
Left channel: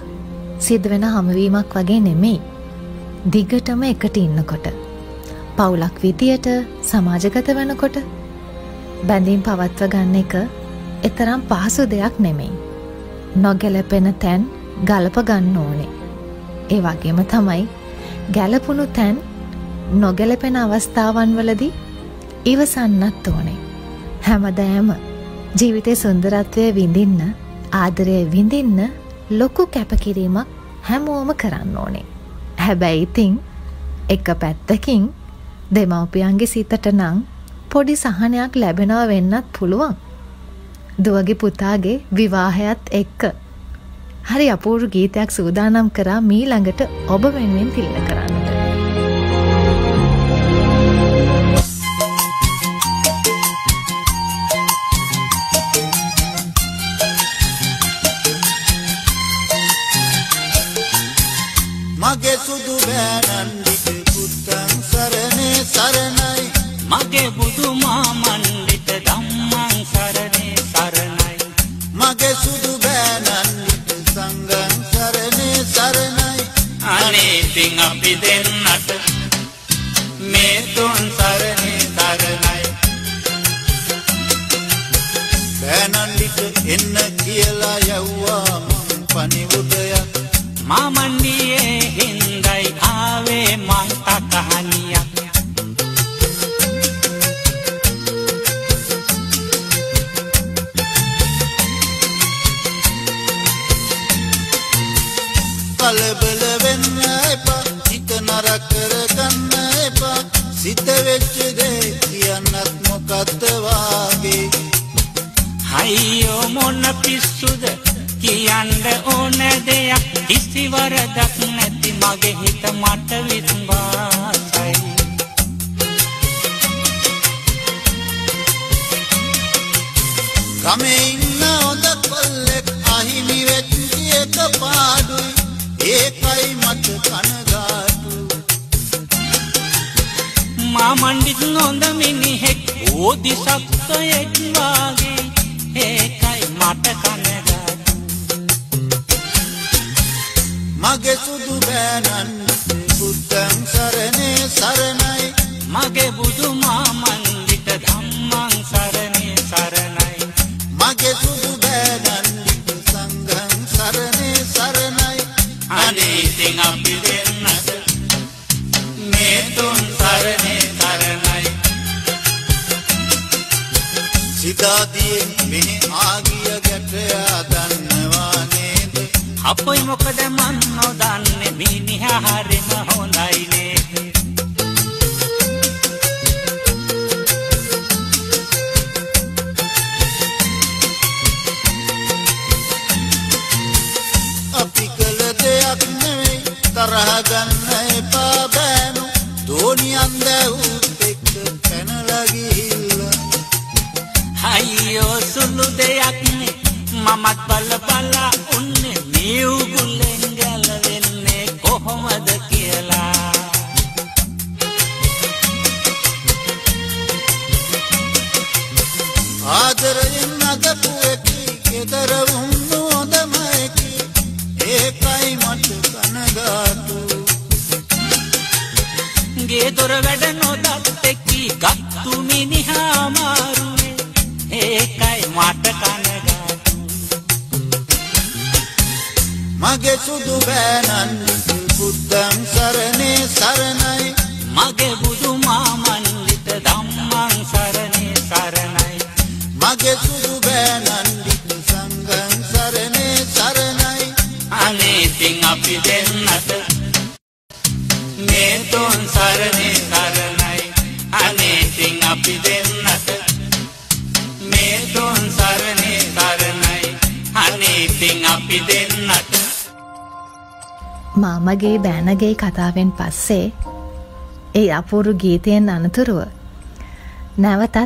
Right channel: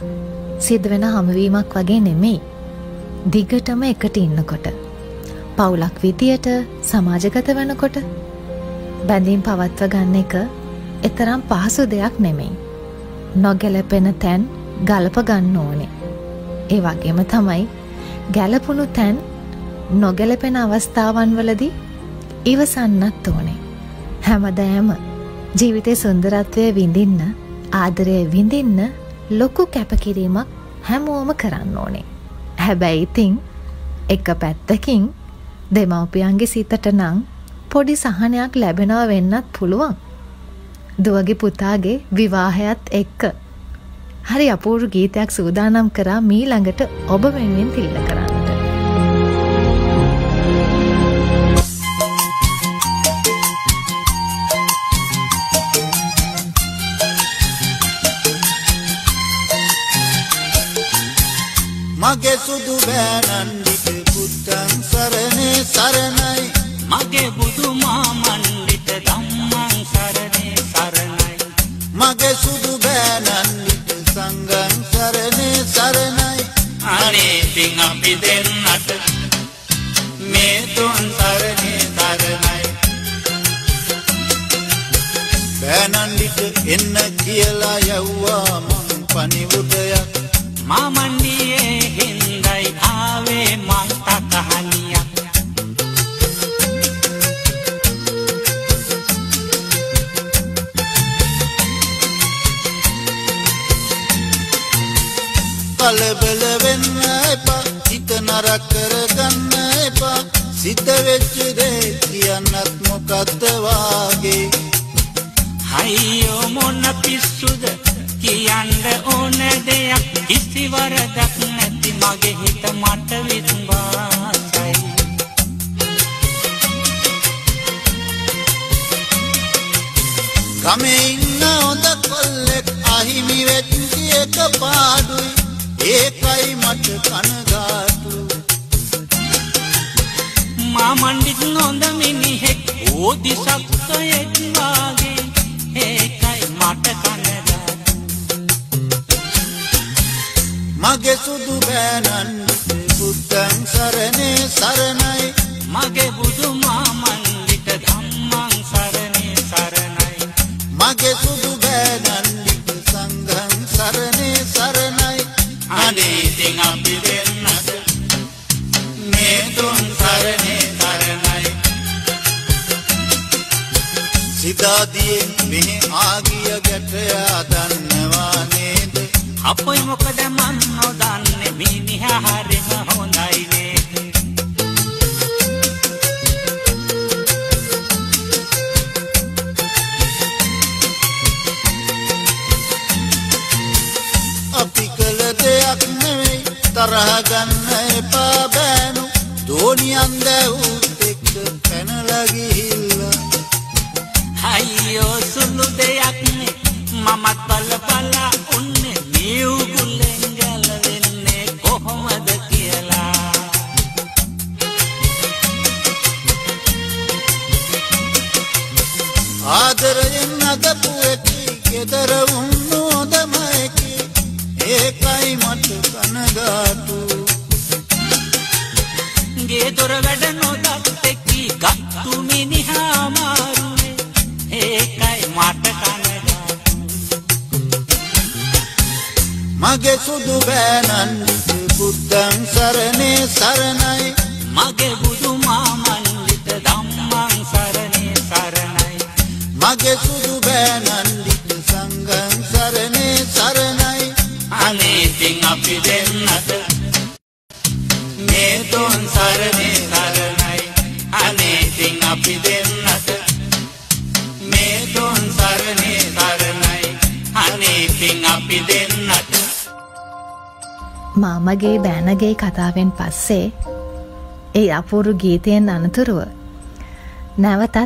සිදුවෙන හමුවීමක් වගේ නෙමෙයි දිගටම එකට ඉන්නකොට පවුලක් විදියට සමාජගත වෙනකොට බැඳීම් පවත්ව ගන්න එක එතරම් පහසු දෙයක් නෙමෙයි නොගැලපෙන තැන් ගලප ගන්න ඕනේ ඒ වගේම තමයි ගැලපුණු තැන් නොගැලපෙන අවස්ථාවන් වලදී ඉවසන්නත් ඕනේ හැමදාම ජීවිතේ සුන්දරත්වය විඳින්න ආදරය විඳින්න ලොකු කැපකිරීමක් හැමෝම කරන්න ඕනේ හැබැයි ඉතින් එක පැත්තකින් දෙමව්පියන්ගේ සිතට නම් පොඩි සහනයක් ලැබෙනවා වෙන්නත් පුළුවන් දුවගේ පුතාගේ විවාහයත් එක්ක හරි අපූර්ව ගීතයක් සූදානම් කරා මීළඟට ඔබ වෙනුවෙන් තිළින කරන්නට මගේ සුදු බෑනන්දිට පුත්තන් සරණේ සරණයි මගේ බුදු මාමන්දිට ධම්මං සරණේ සරණයි මගේ සුදු බෑනන්දිට සංඝං සරණේ සරණයි අනේ ඉතින් අපි දෙන්නට මේ තුන් සරණේ සරණයි බෑනන්දිට එන්න කියලා යව්වා මං පණිවුඩයක් මාමන්ඩියේ හින්දයි ආවේ මං තකහනියක් කලබල වෙන්න එපා හිත නරක කරගන්න එපා සිත වෙච්ච දේ කියන්නත් මොකද්ද වාගේ අයියෝ මොන පිස්සුද කියන්න ඕන දෙයක් කිසි වරදක් නැති මගේ හිත මට විශ්වාසයි ගමේ ඉන්න හොඳ කොල්ලෙක් අහිමි වෙච්ච එක පාඩුයි ඒකයි මට කනගාටු මා මණ්ඩිත් නොඳ මිනිහෙක් ඕදිසක්කයෙක් වාගේ ඒකයි මට කනගාටු මගේ සුදු බෑනන් බුද්ධං සරණේ සරණයි මගේ බුදු මා මණ්ඩිත ධම්මං සරණේ සරණයි මගේ සුදු බෑනන් සංඝං සරණේ සරණයි අනේ ඉතින් අපි දෙන්නට මේ තුන් සරණේ සරණයි සිතාදියෙන් මෙහි ආගිය ගැටයා දන්නවා නේද අපොයි මොකද මන් නොදන්නේ මිනිහා හරිම හොඳයි නේද අපි කළ දෙයක් නෙවෙයි තරහ ගන්න එපා බෑනු දෝනියන් දැවුත් එක්ක පැනලා ගිහිල්ලා අයියෝ සුළු දෙයක් නේ මමත් බල බලා උන්නේ මේ උගුලෙන් ගැලවෙන්නේ කොහොමද කියලා ආදරයෙන් අදපු එකි ගෙදර වුණු හොඳම එකි ඒකයි මට කනගාටු ගේ දොර වැඩ නොදත් එක්කී ගත්තු මිනිහා මාරුවේ ඒකයි මට කනගාටු මගේ සුදු බෑනන් බුද්ධං සරණේ සරණයි මගේ බුදු මා මණ්ඩිත ධම්මං සරණේ සරණයි මගේ සුදු බෑනන් සංඝං සරණේ සරණයි අනේ ඉතින් අපි දෙන්නට මේ තුන් සරණේ සරණයි අනේ ඉතින් අපි දෙන්නට මේ තුන් සරණේ සරණයි අනේ ඉතින් අපි දෙන්නට මාමගේ බෑනගේ කතාවෙන් පස්සේ ඒ අපූරු ගීතයෙන් අනතුරුව නැවතත්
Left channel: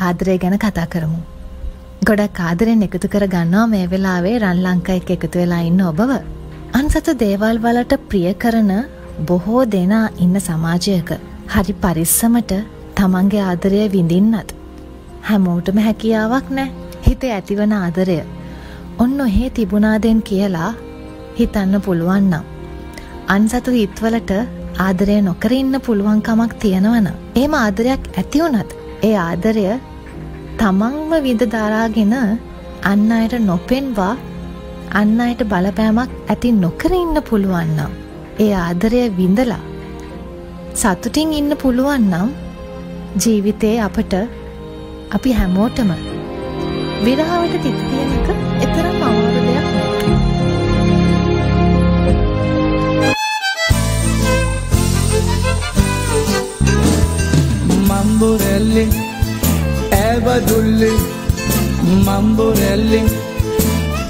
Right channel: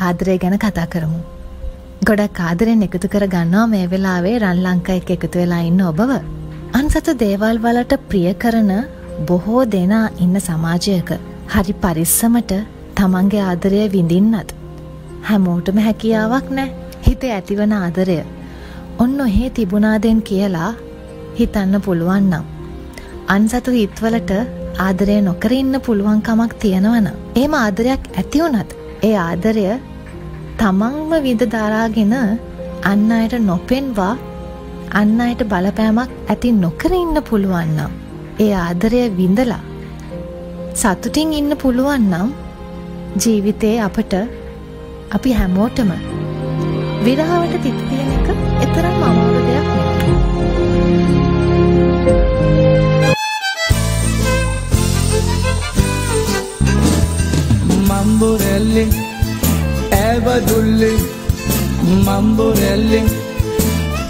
ආදරය ගැන කතා කරමු. ගොඩක් ආදරෙන් එකතු කර ගන්නවා මේ වෙලාවේ රන් ලංකා එක්ක එකතු වෙලා ඉන්න ඔබව. අන්සතු දේවල් වලට ප්‍රිය කරන බොහෝ දෙනා ඉන්න සමාජයක හරි පරිස්සමට තමන්ගේ ආදරය විඳින්නත් හැමෝටම හැකියාවක් නැහැ. හිතේ ඇතිවන ආදරය ඔන්න ඔහේ තිබුණාදෙන් කියලා හිතන්න පුළුවන් නම් අන්සතු හිතවලට ආදරය නොකර ඉන්න පුළුවන් කමක් තියෙනවනම් එහෙම ආදරයක් ඇති වුණත් ඒ ආදරය තමන්ම විඳ දරාගෙන අන් අයට නොපෙන්වා අන් අයට බලපෑමක් ඇති නොකර ඉන්න පුළුවන් නම් ඒ ආදරය විඳලා සතුටින් ඉන්න පුළුවන් නම් ජීවිතේ අපට අපි හැමෝටම විරහවට තිත තියෙන එක එතරම් අමාරු දෙයක් නෙවෙයි. Mamborelli, Evadulli, Mamborelli,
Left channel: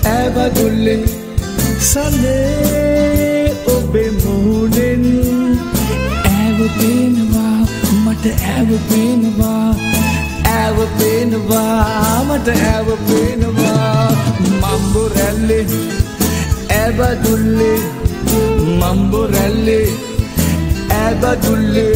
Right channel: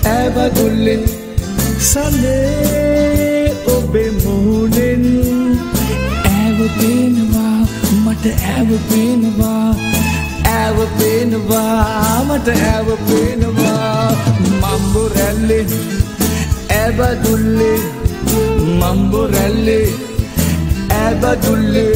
Evadulli, Sale obe moonin, Eva pinwa, mata Eva pinwa, Eva pinwa, mata Eva pinwa, Mamborelli, Evadulli, Mamborelli, Evadulli.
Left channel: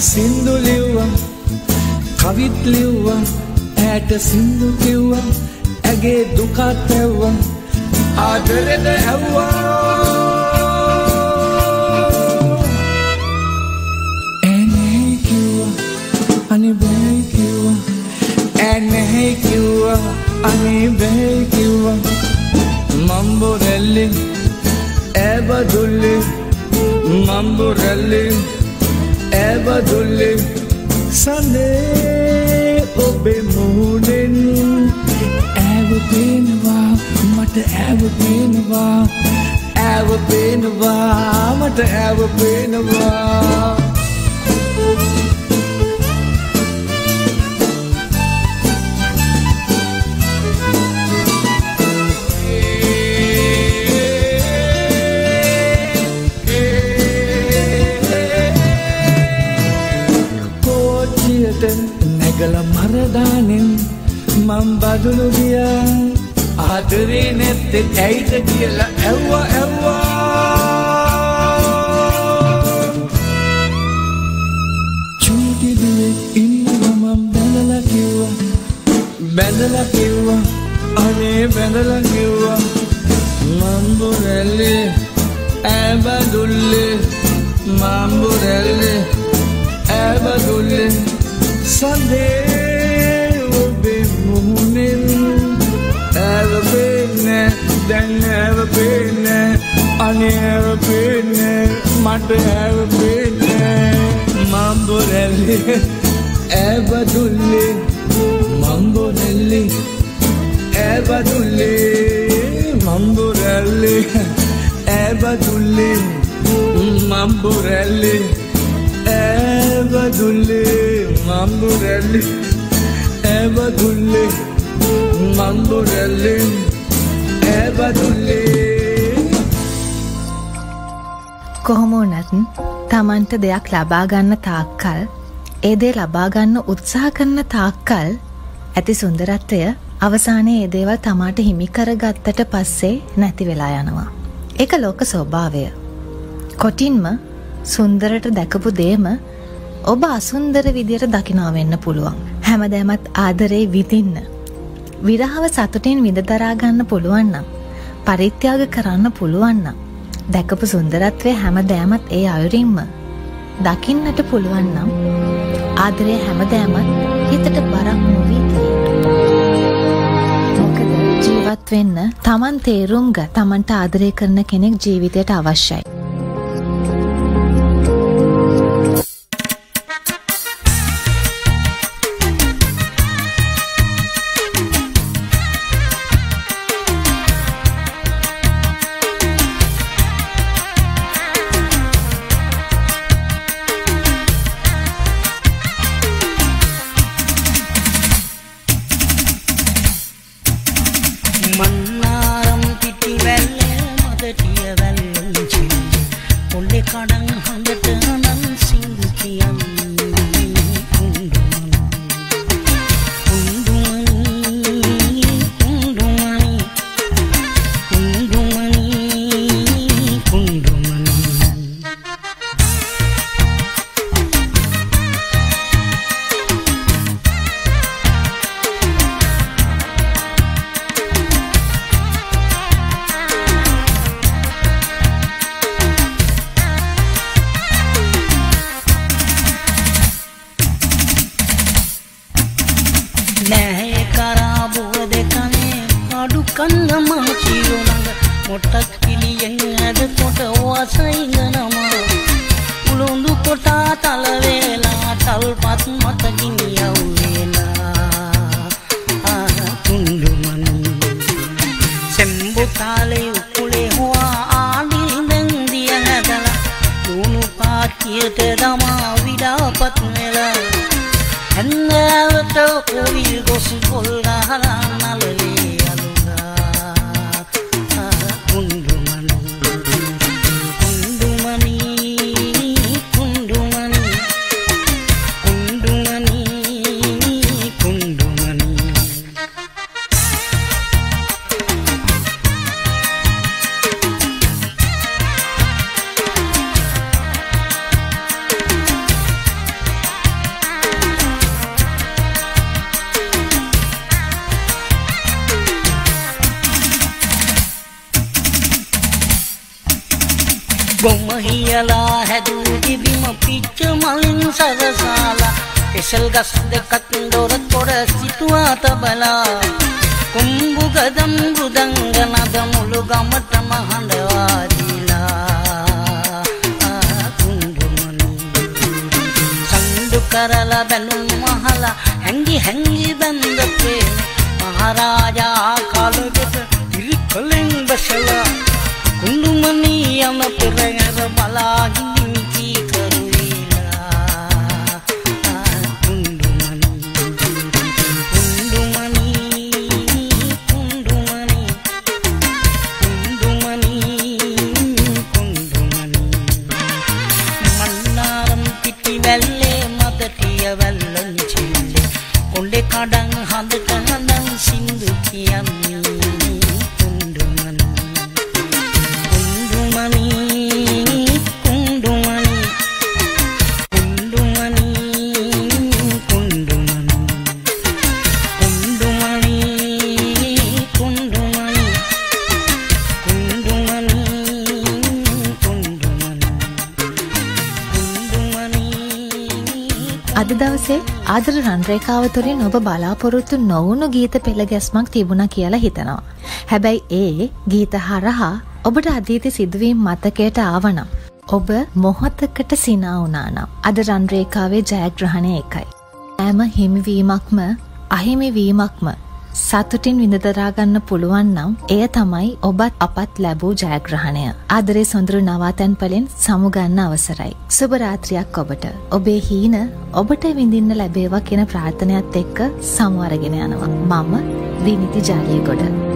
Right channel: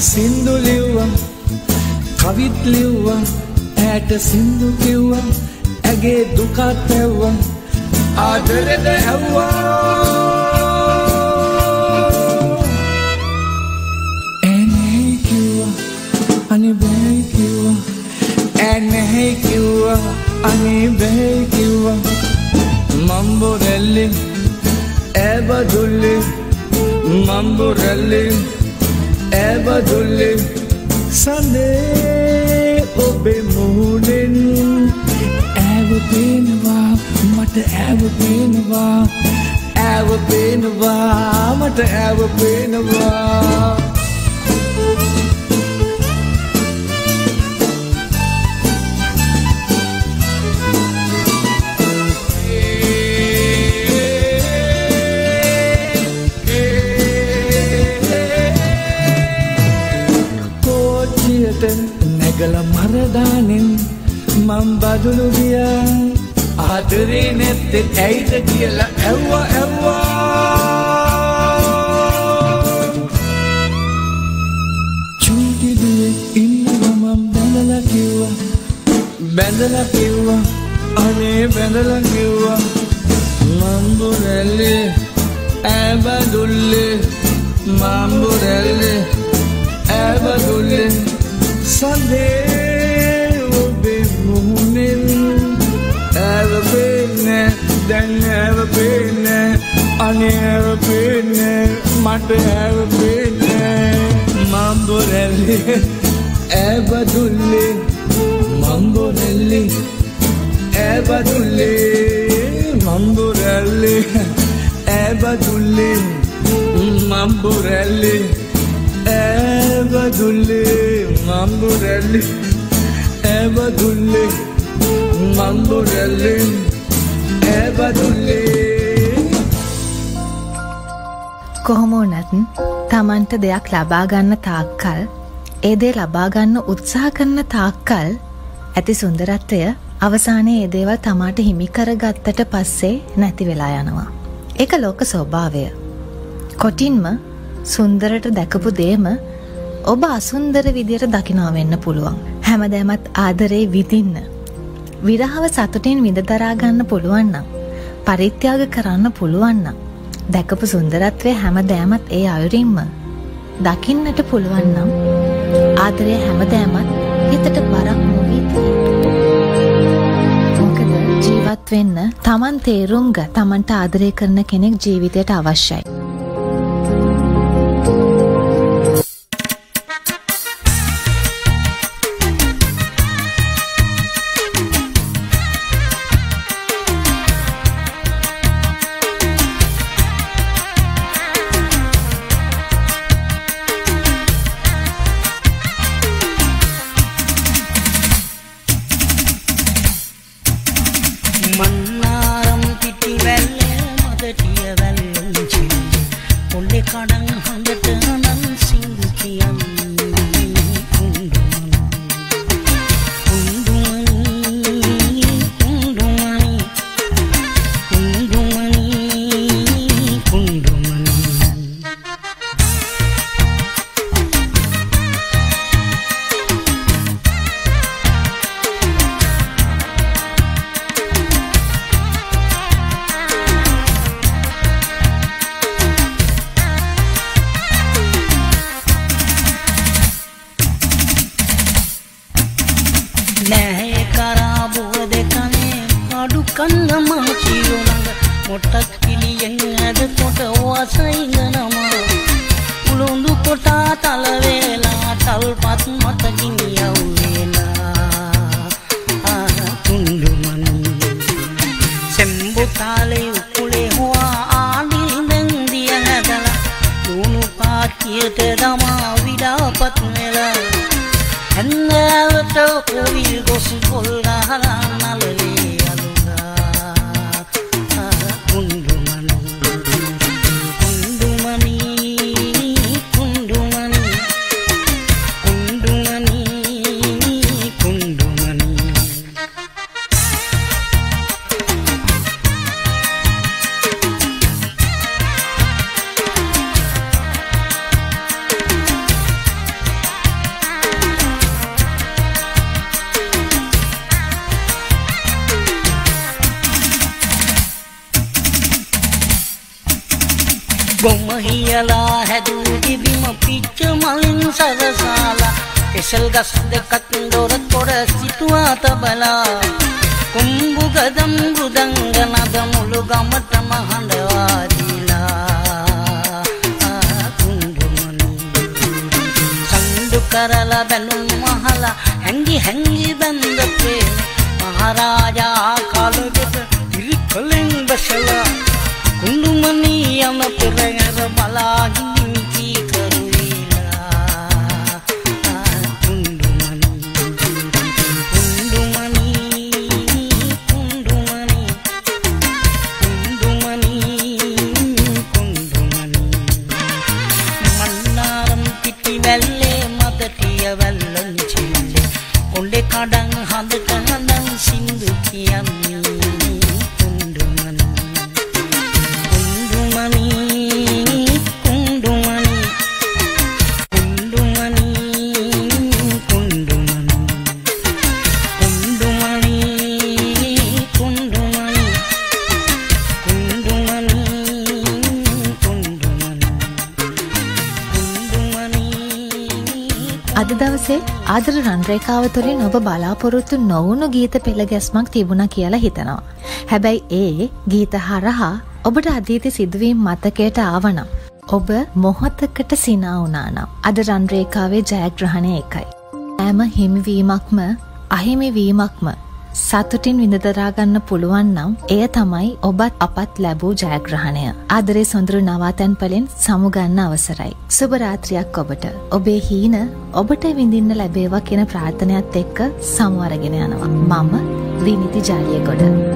සින්දු ලිව්වා කවිත් ලිව්වා ඈට සින්දු කිව්වා ඇගේ දුකත් ඇව්වා ආදරෙද ඇව්වා එනේ කිව්වා අනේ බෑ කිව්වා එනේ කිව්වා අනේ බෑ කිව්වා Mamborelli Evadulli Mamborelli Evadulli Sale obe moonin Eva pinwa mata Eva pinwa Eva pinwa mata Eva pinwa මම් බදුණු ගියා ආදරේ නැත්තේ ඇයිද කියලා ඇව්වා චූටි දුවේ ඉන්නවා මම් බැඳලා කිව්වා අනේ බැඳලා කිව්වා මම්බුරැල්ලේ ඇබදුල්ලේ මම්බුරැල්ලේ ඇබදුල්ලේ සඳේ ඔබේ මුහුණෙන් ඇවපෙන්නේ දැන් ඇවපෙන්නේ අනේ ඇවපෙන්නේ මට ඇවපෙන්නේ මම්බුරැල්ලේ ඇබදුල්ලේ මම්බුරැල්ලේ ඇබදුල්ලේ මම්බුරැල්ලේ ඇබදුල්ලේ මම්බුරැල්ලේ ඇබදුල්ලේ මම්බුරැල්ලේ ඇබදුල්ලේ මම්බුරැල්ලේ ඇබදුල්ලේ කොහොම වුණත් Tamanට දෙයක් ලබා ගන්න තාක්කල් ඒ දේ ලබා ගන්න උත්සාහ කරන තාක්කල් ඇති සුන්දරත්වය අවසානයේ ඒ දේවල් තමාට හිමි කරගත්තට පස්සේ නැති වෙලා යනවා. ඒක ලෝක ස්වභාවය. කොටින්ම සුන්දරට දැකපු දේම ඔබ අසුන්දර විදියට දකිනවා වෙන්න පුළුවන්. හැමදෑමත් ආදරේ විඳින්න, විරහව සතුටින් විඳ දරා ගන්න පුළුවන් නම්, පරිත්‍යාග කරන්න පුළුවන් නම්, දැකපු සුන්දරත්වය හැමදෑමත් ඒ අයුරින්ම දකින්නට පුළුවන් නම් ආදරය හැමදෑමත් හිතට බරක් නොවී මොකද ජීවත් වෙන්න Taman තේරුම් ග Tamanට ආදරය කරන කෙනෙක් ජීවිතයට අවශ්‍යයි. gas dekat dorat koda situata bala kumbu gadam gudangana damulu gamata mahandwadila kundumanu sandu karala banum mahala hangi hangi bandape maharaja kaluget tirikaling basala kundumani ama pirangara balagi kadang hand kadang අද දවසේ ආදර රන්රේඛාව තුළින් ඔබ බලාපොරොත්තු නොවුණු ගීත පෙළ ගැස්මක් තිබුණා කියලා හිතනවා. හැබැයි ඒ ගීත හරහා ඔබට අතීත සිදුවීම් මතකයට ආවනම් ඔබ මොහොතකට සිනා වුණා නම් අද රන්රේඛාවේ ජයග්‍රහණය එකයි. හැම හිමිවීමක්ම අහිමිවීමක්ම සතුටින් විඳදරා ගන්න පුළුවන් නම් එය තමයි ඔබත් අපත් ලැබූ ජයග්‍රහණය. ආදරේ සොඳුරු නවාතැන් පලෙන් සමුගන්න අවසරයි. සුබ රාත්‍රියක් ඔබට. ඔබේ හීන ඔබට විඳින්න ලැබේවා කියන ප්‍රාර්ථනයත් එක්ක සමු අරගෙන යනවා. මම විනිති ජාලියගොඩ.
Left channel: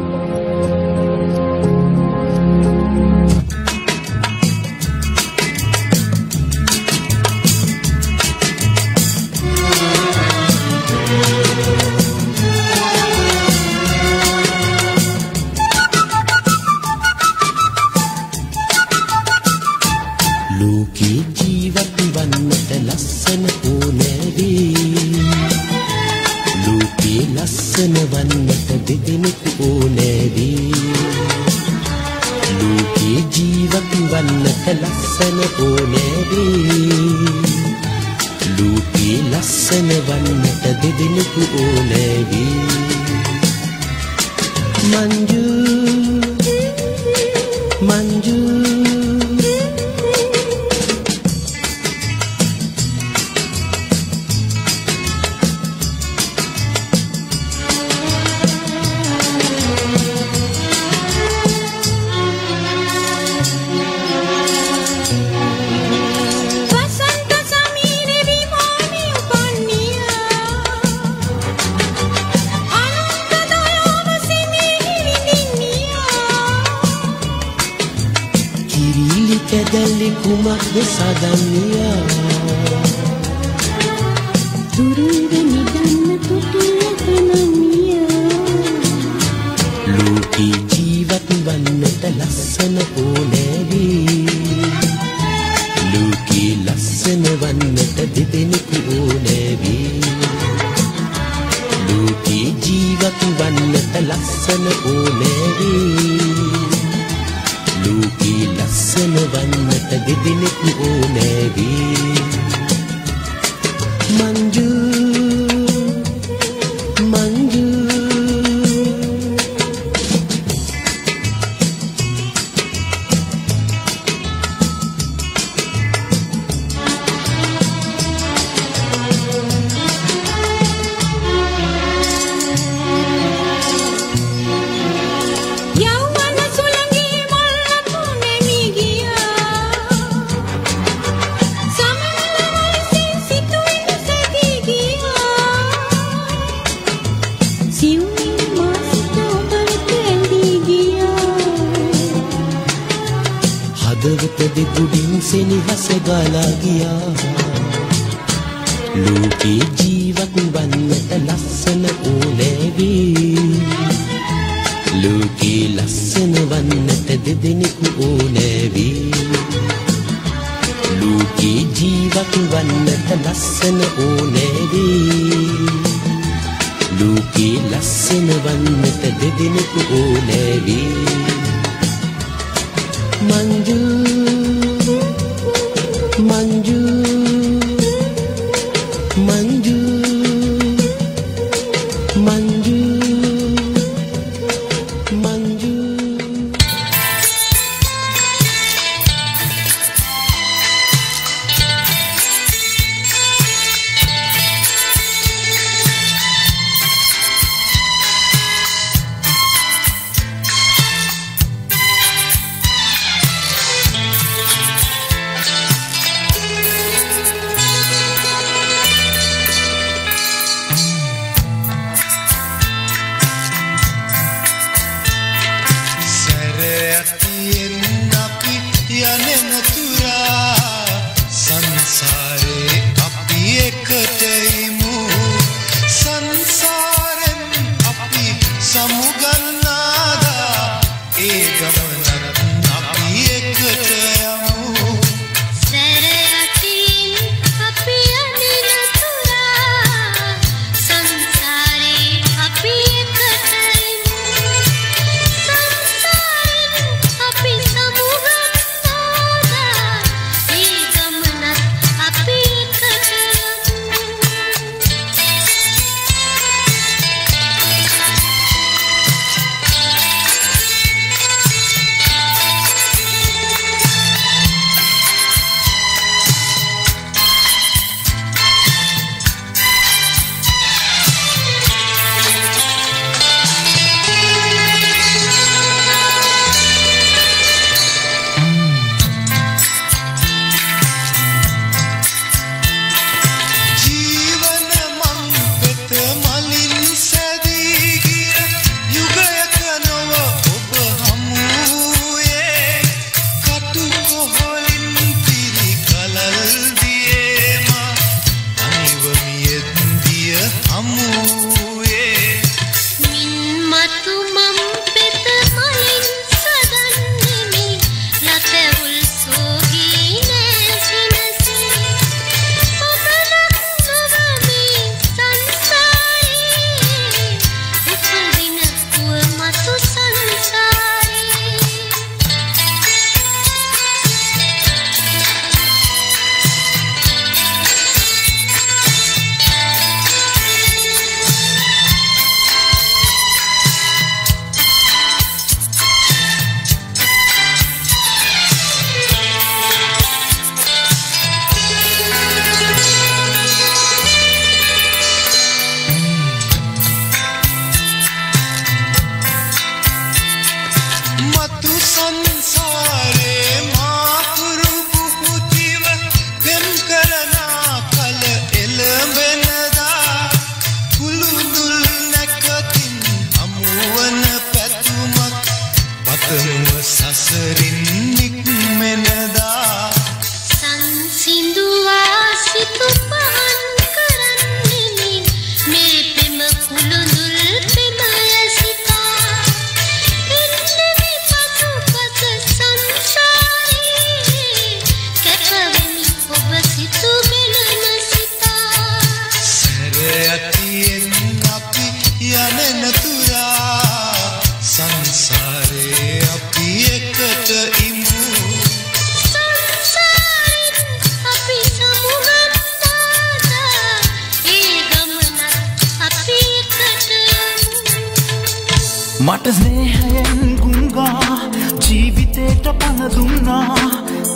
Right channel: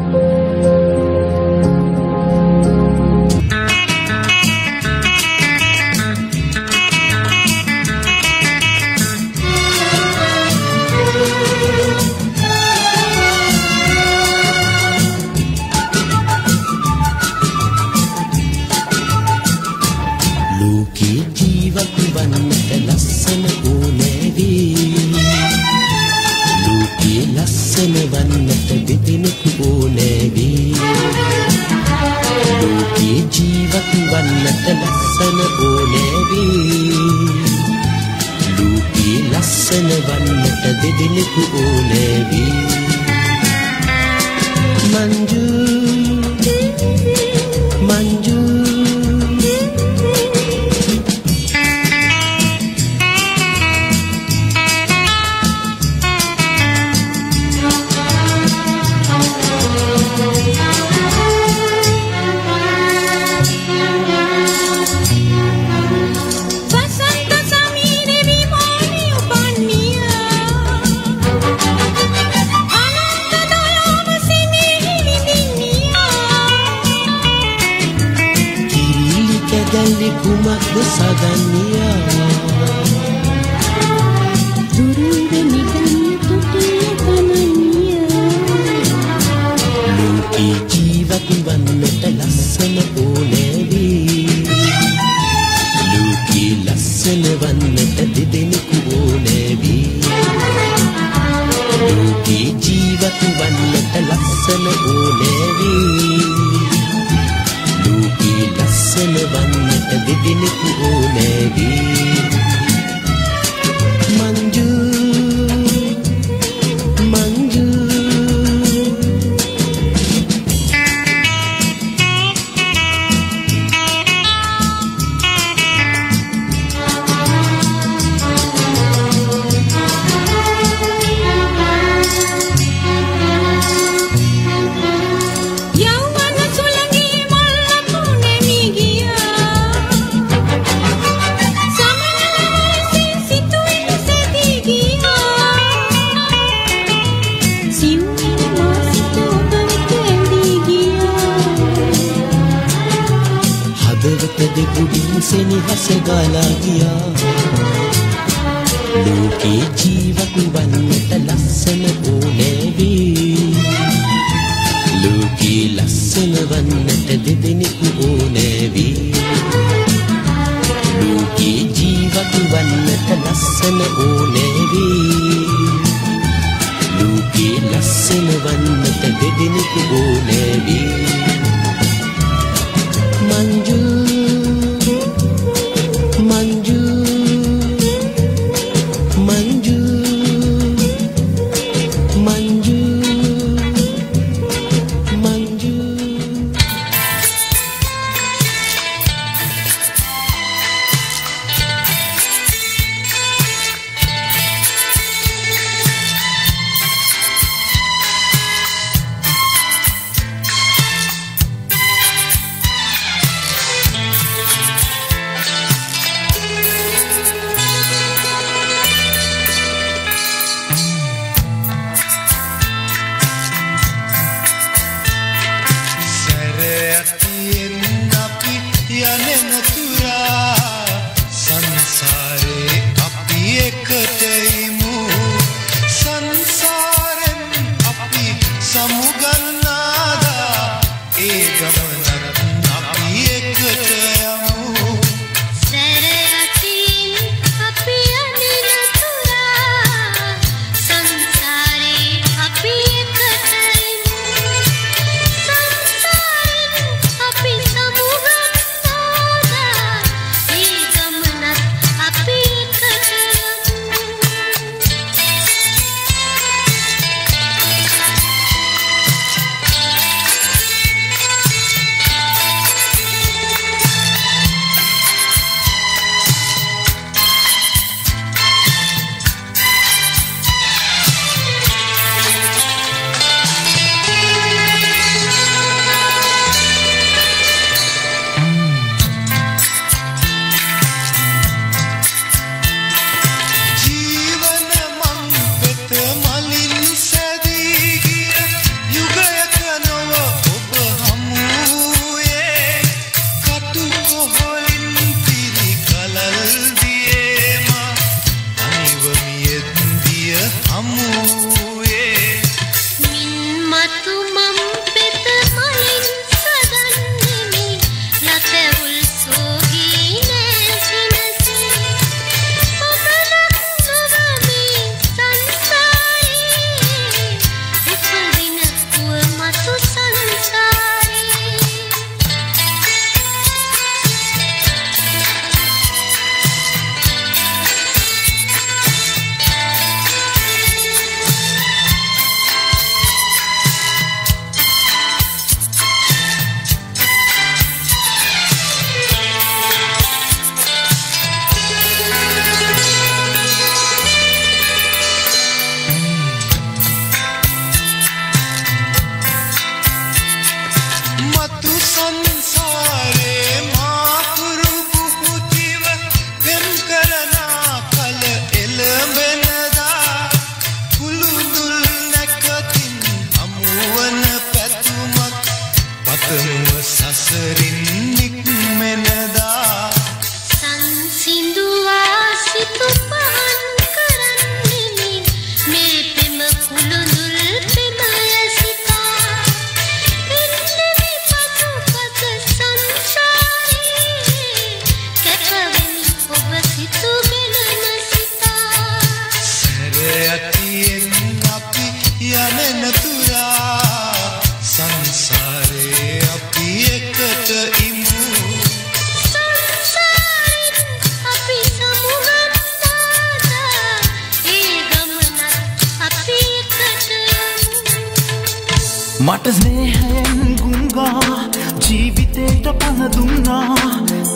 දුන්නා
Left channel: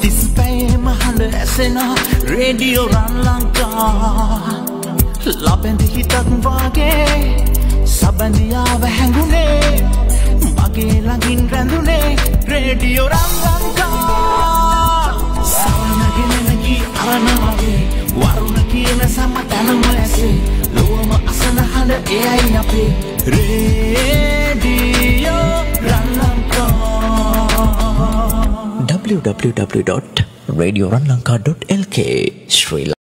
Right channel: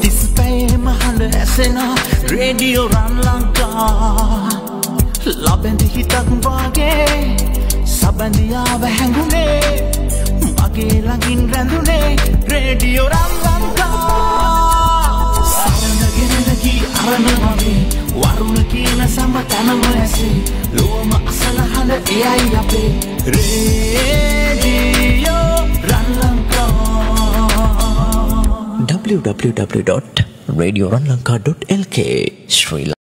30 පැයේම හඬ ඇසෙන රේඩියෝ රන් ලංකා ලබෙන්ද හිතක් වාගේ සබඳියාව හැඟුනේ මගේ ළඟින් රැඳුනේ රේඩියෝ රන් ලංකා සවනගෙන නැගී අරන වගේ වරුණ කියන සම තනම ඇසේ ලොවම අසන හඬ එයයි අපේ රේඩියෝ රන් ලංකා www.radioranlanka.lk Sri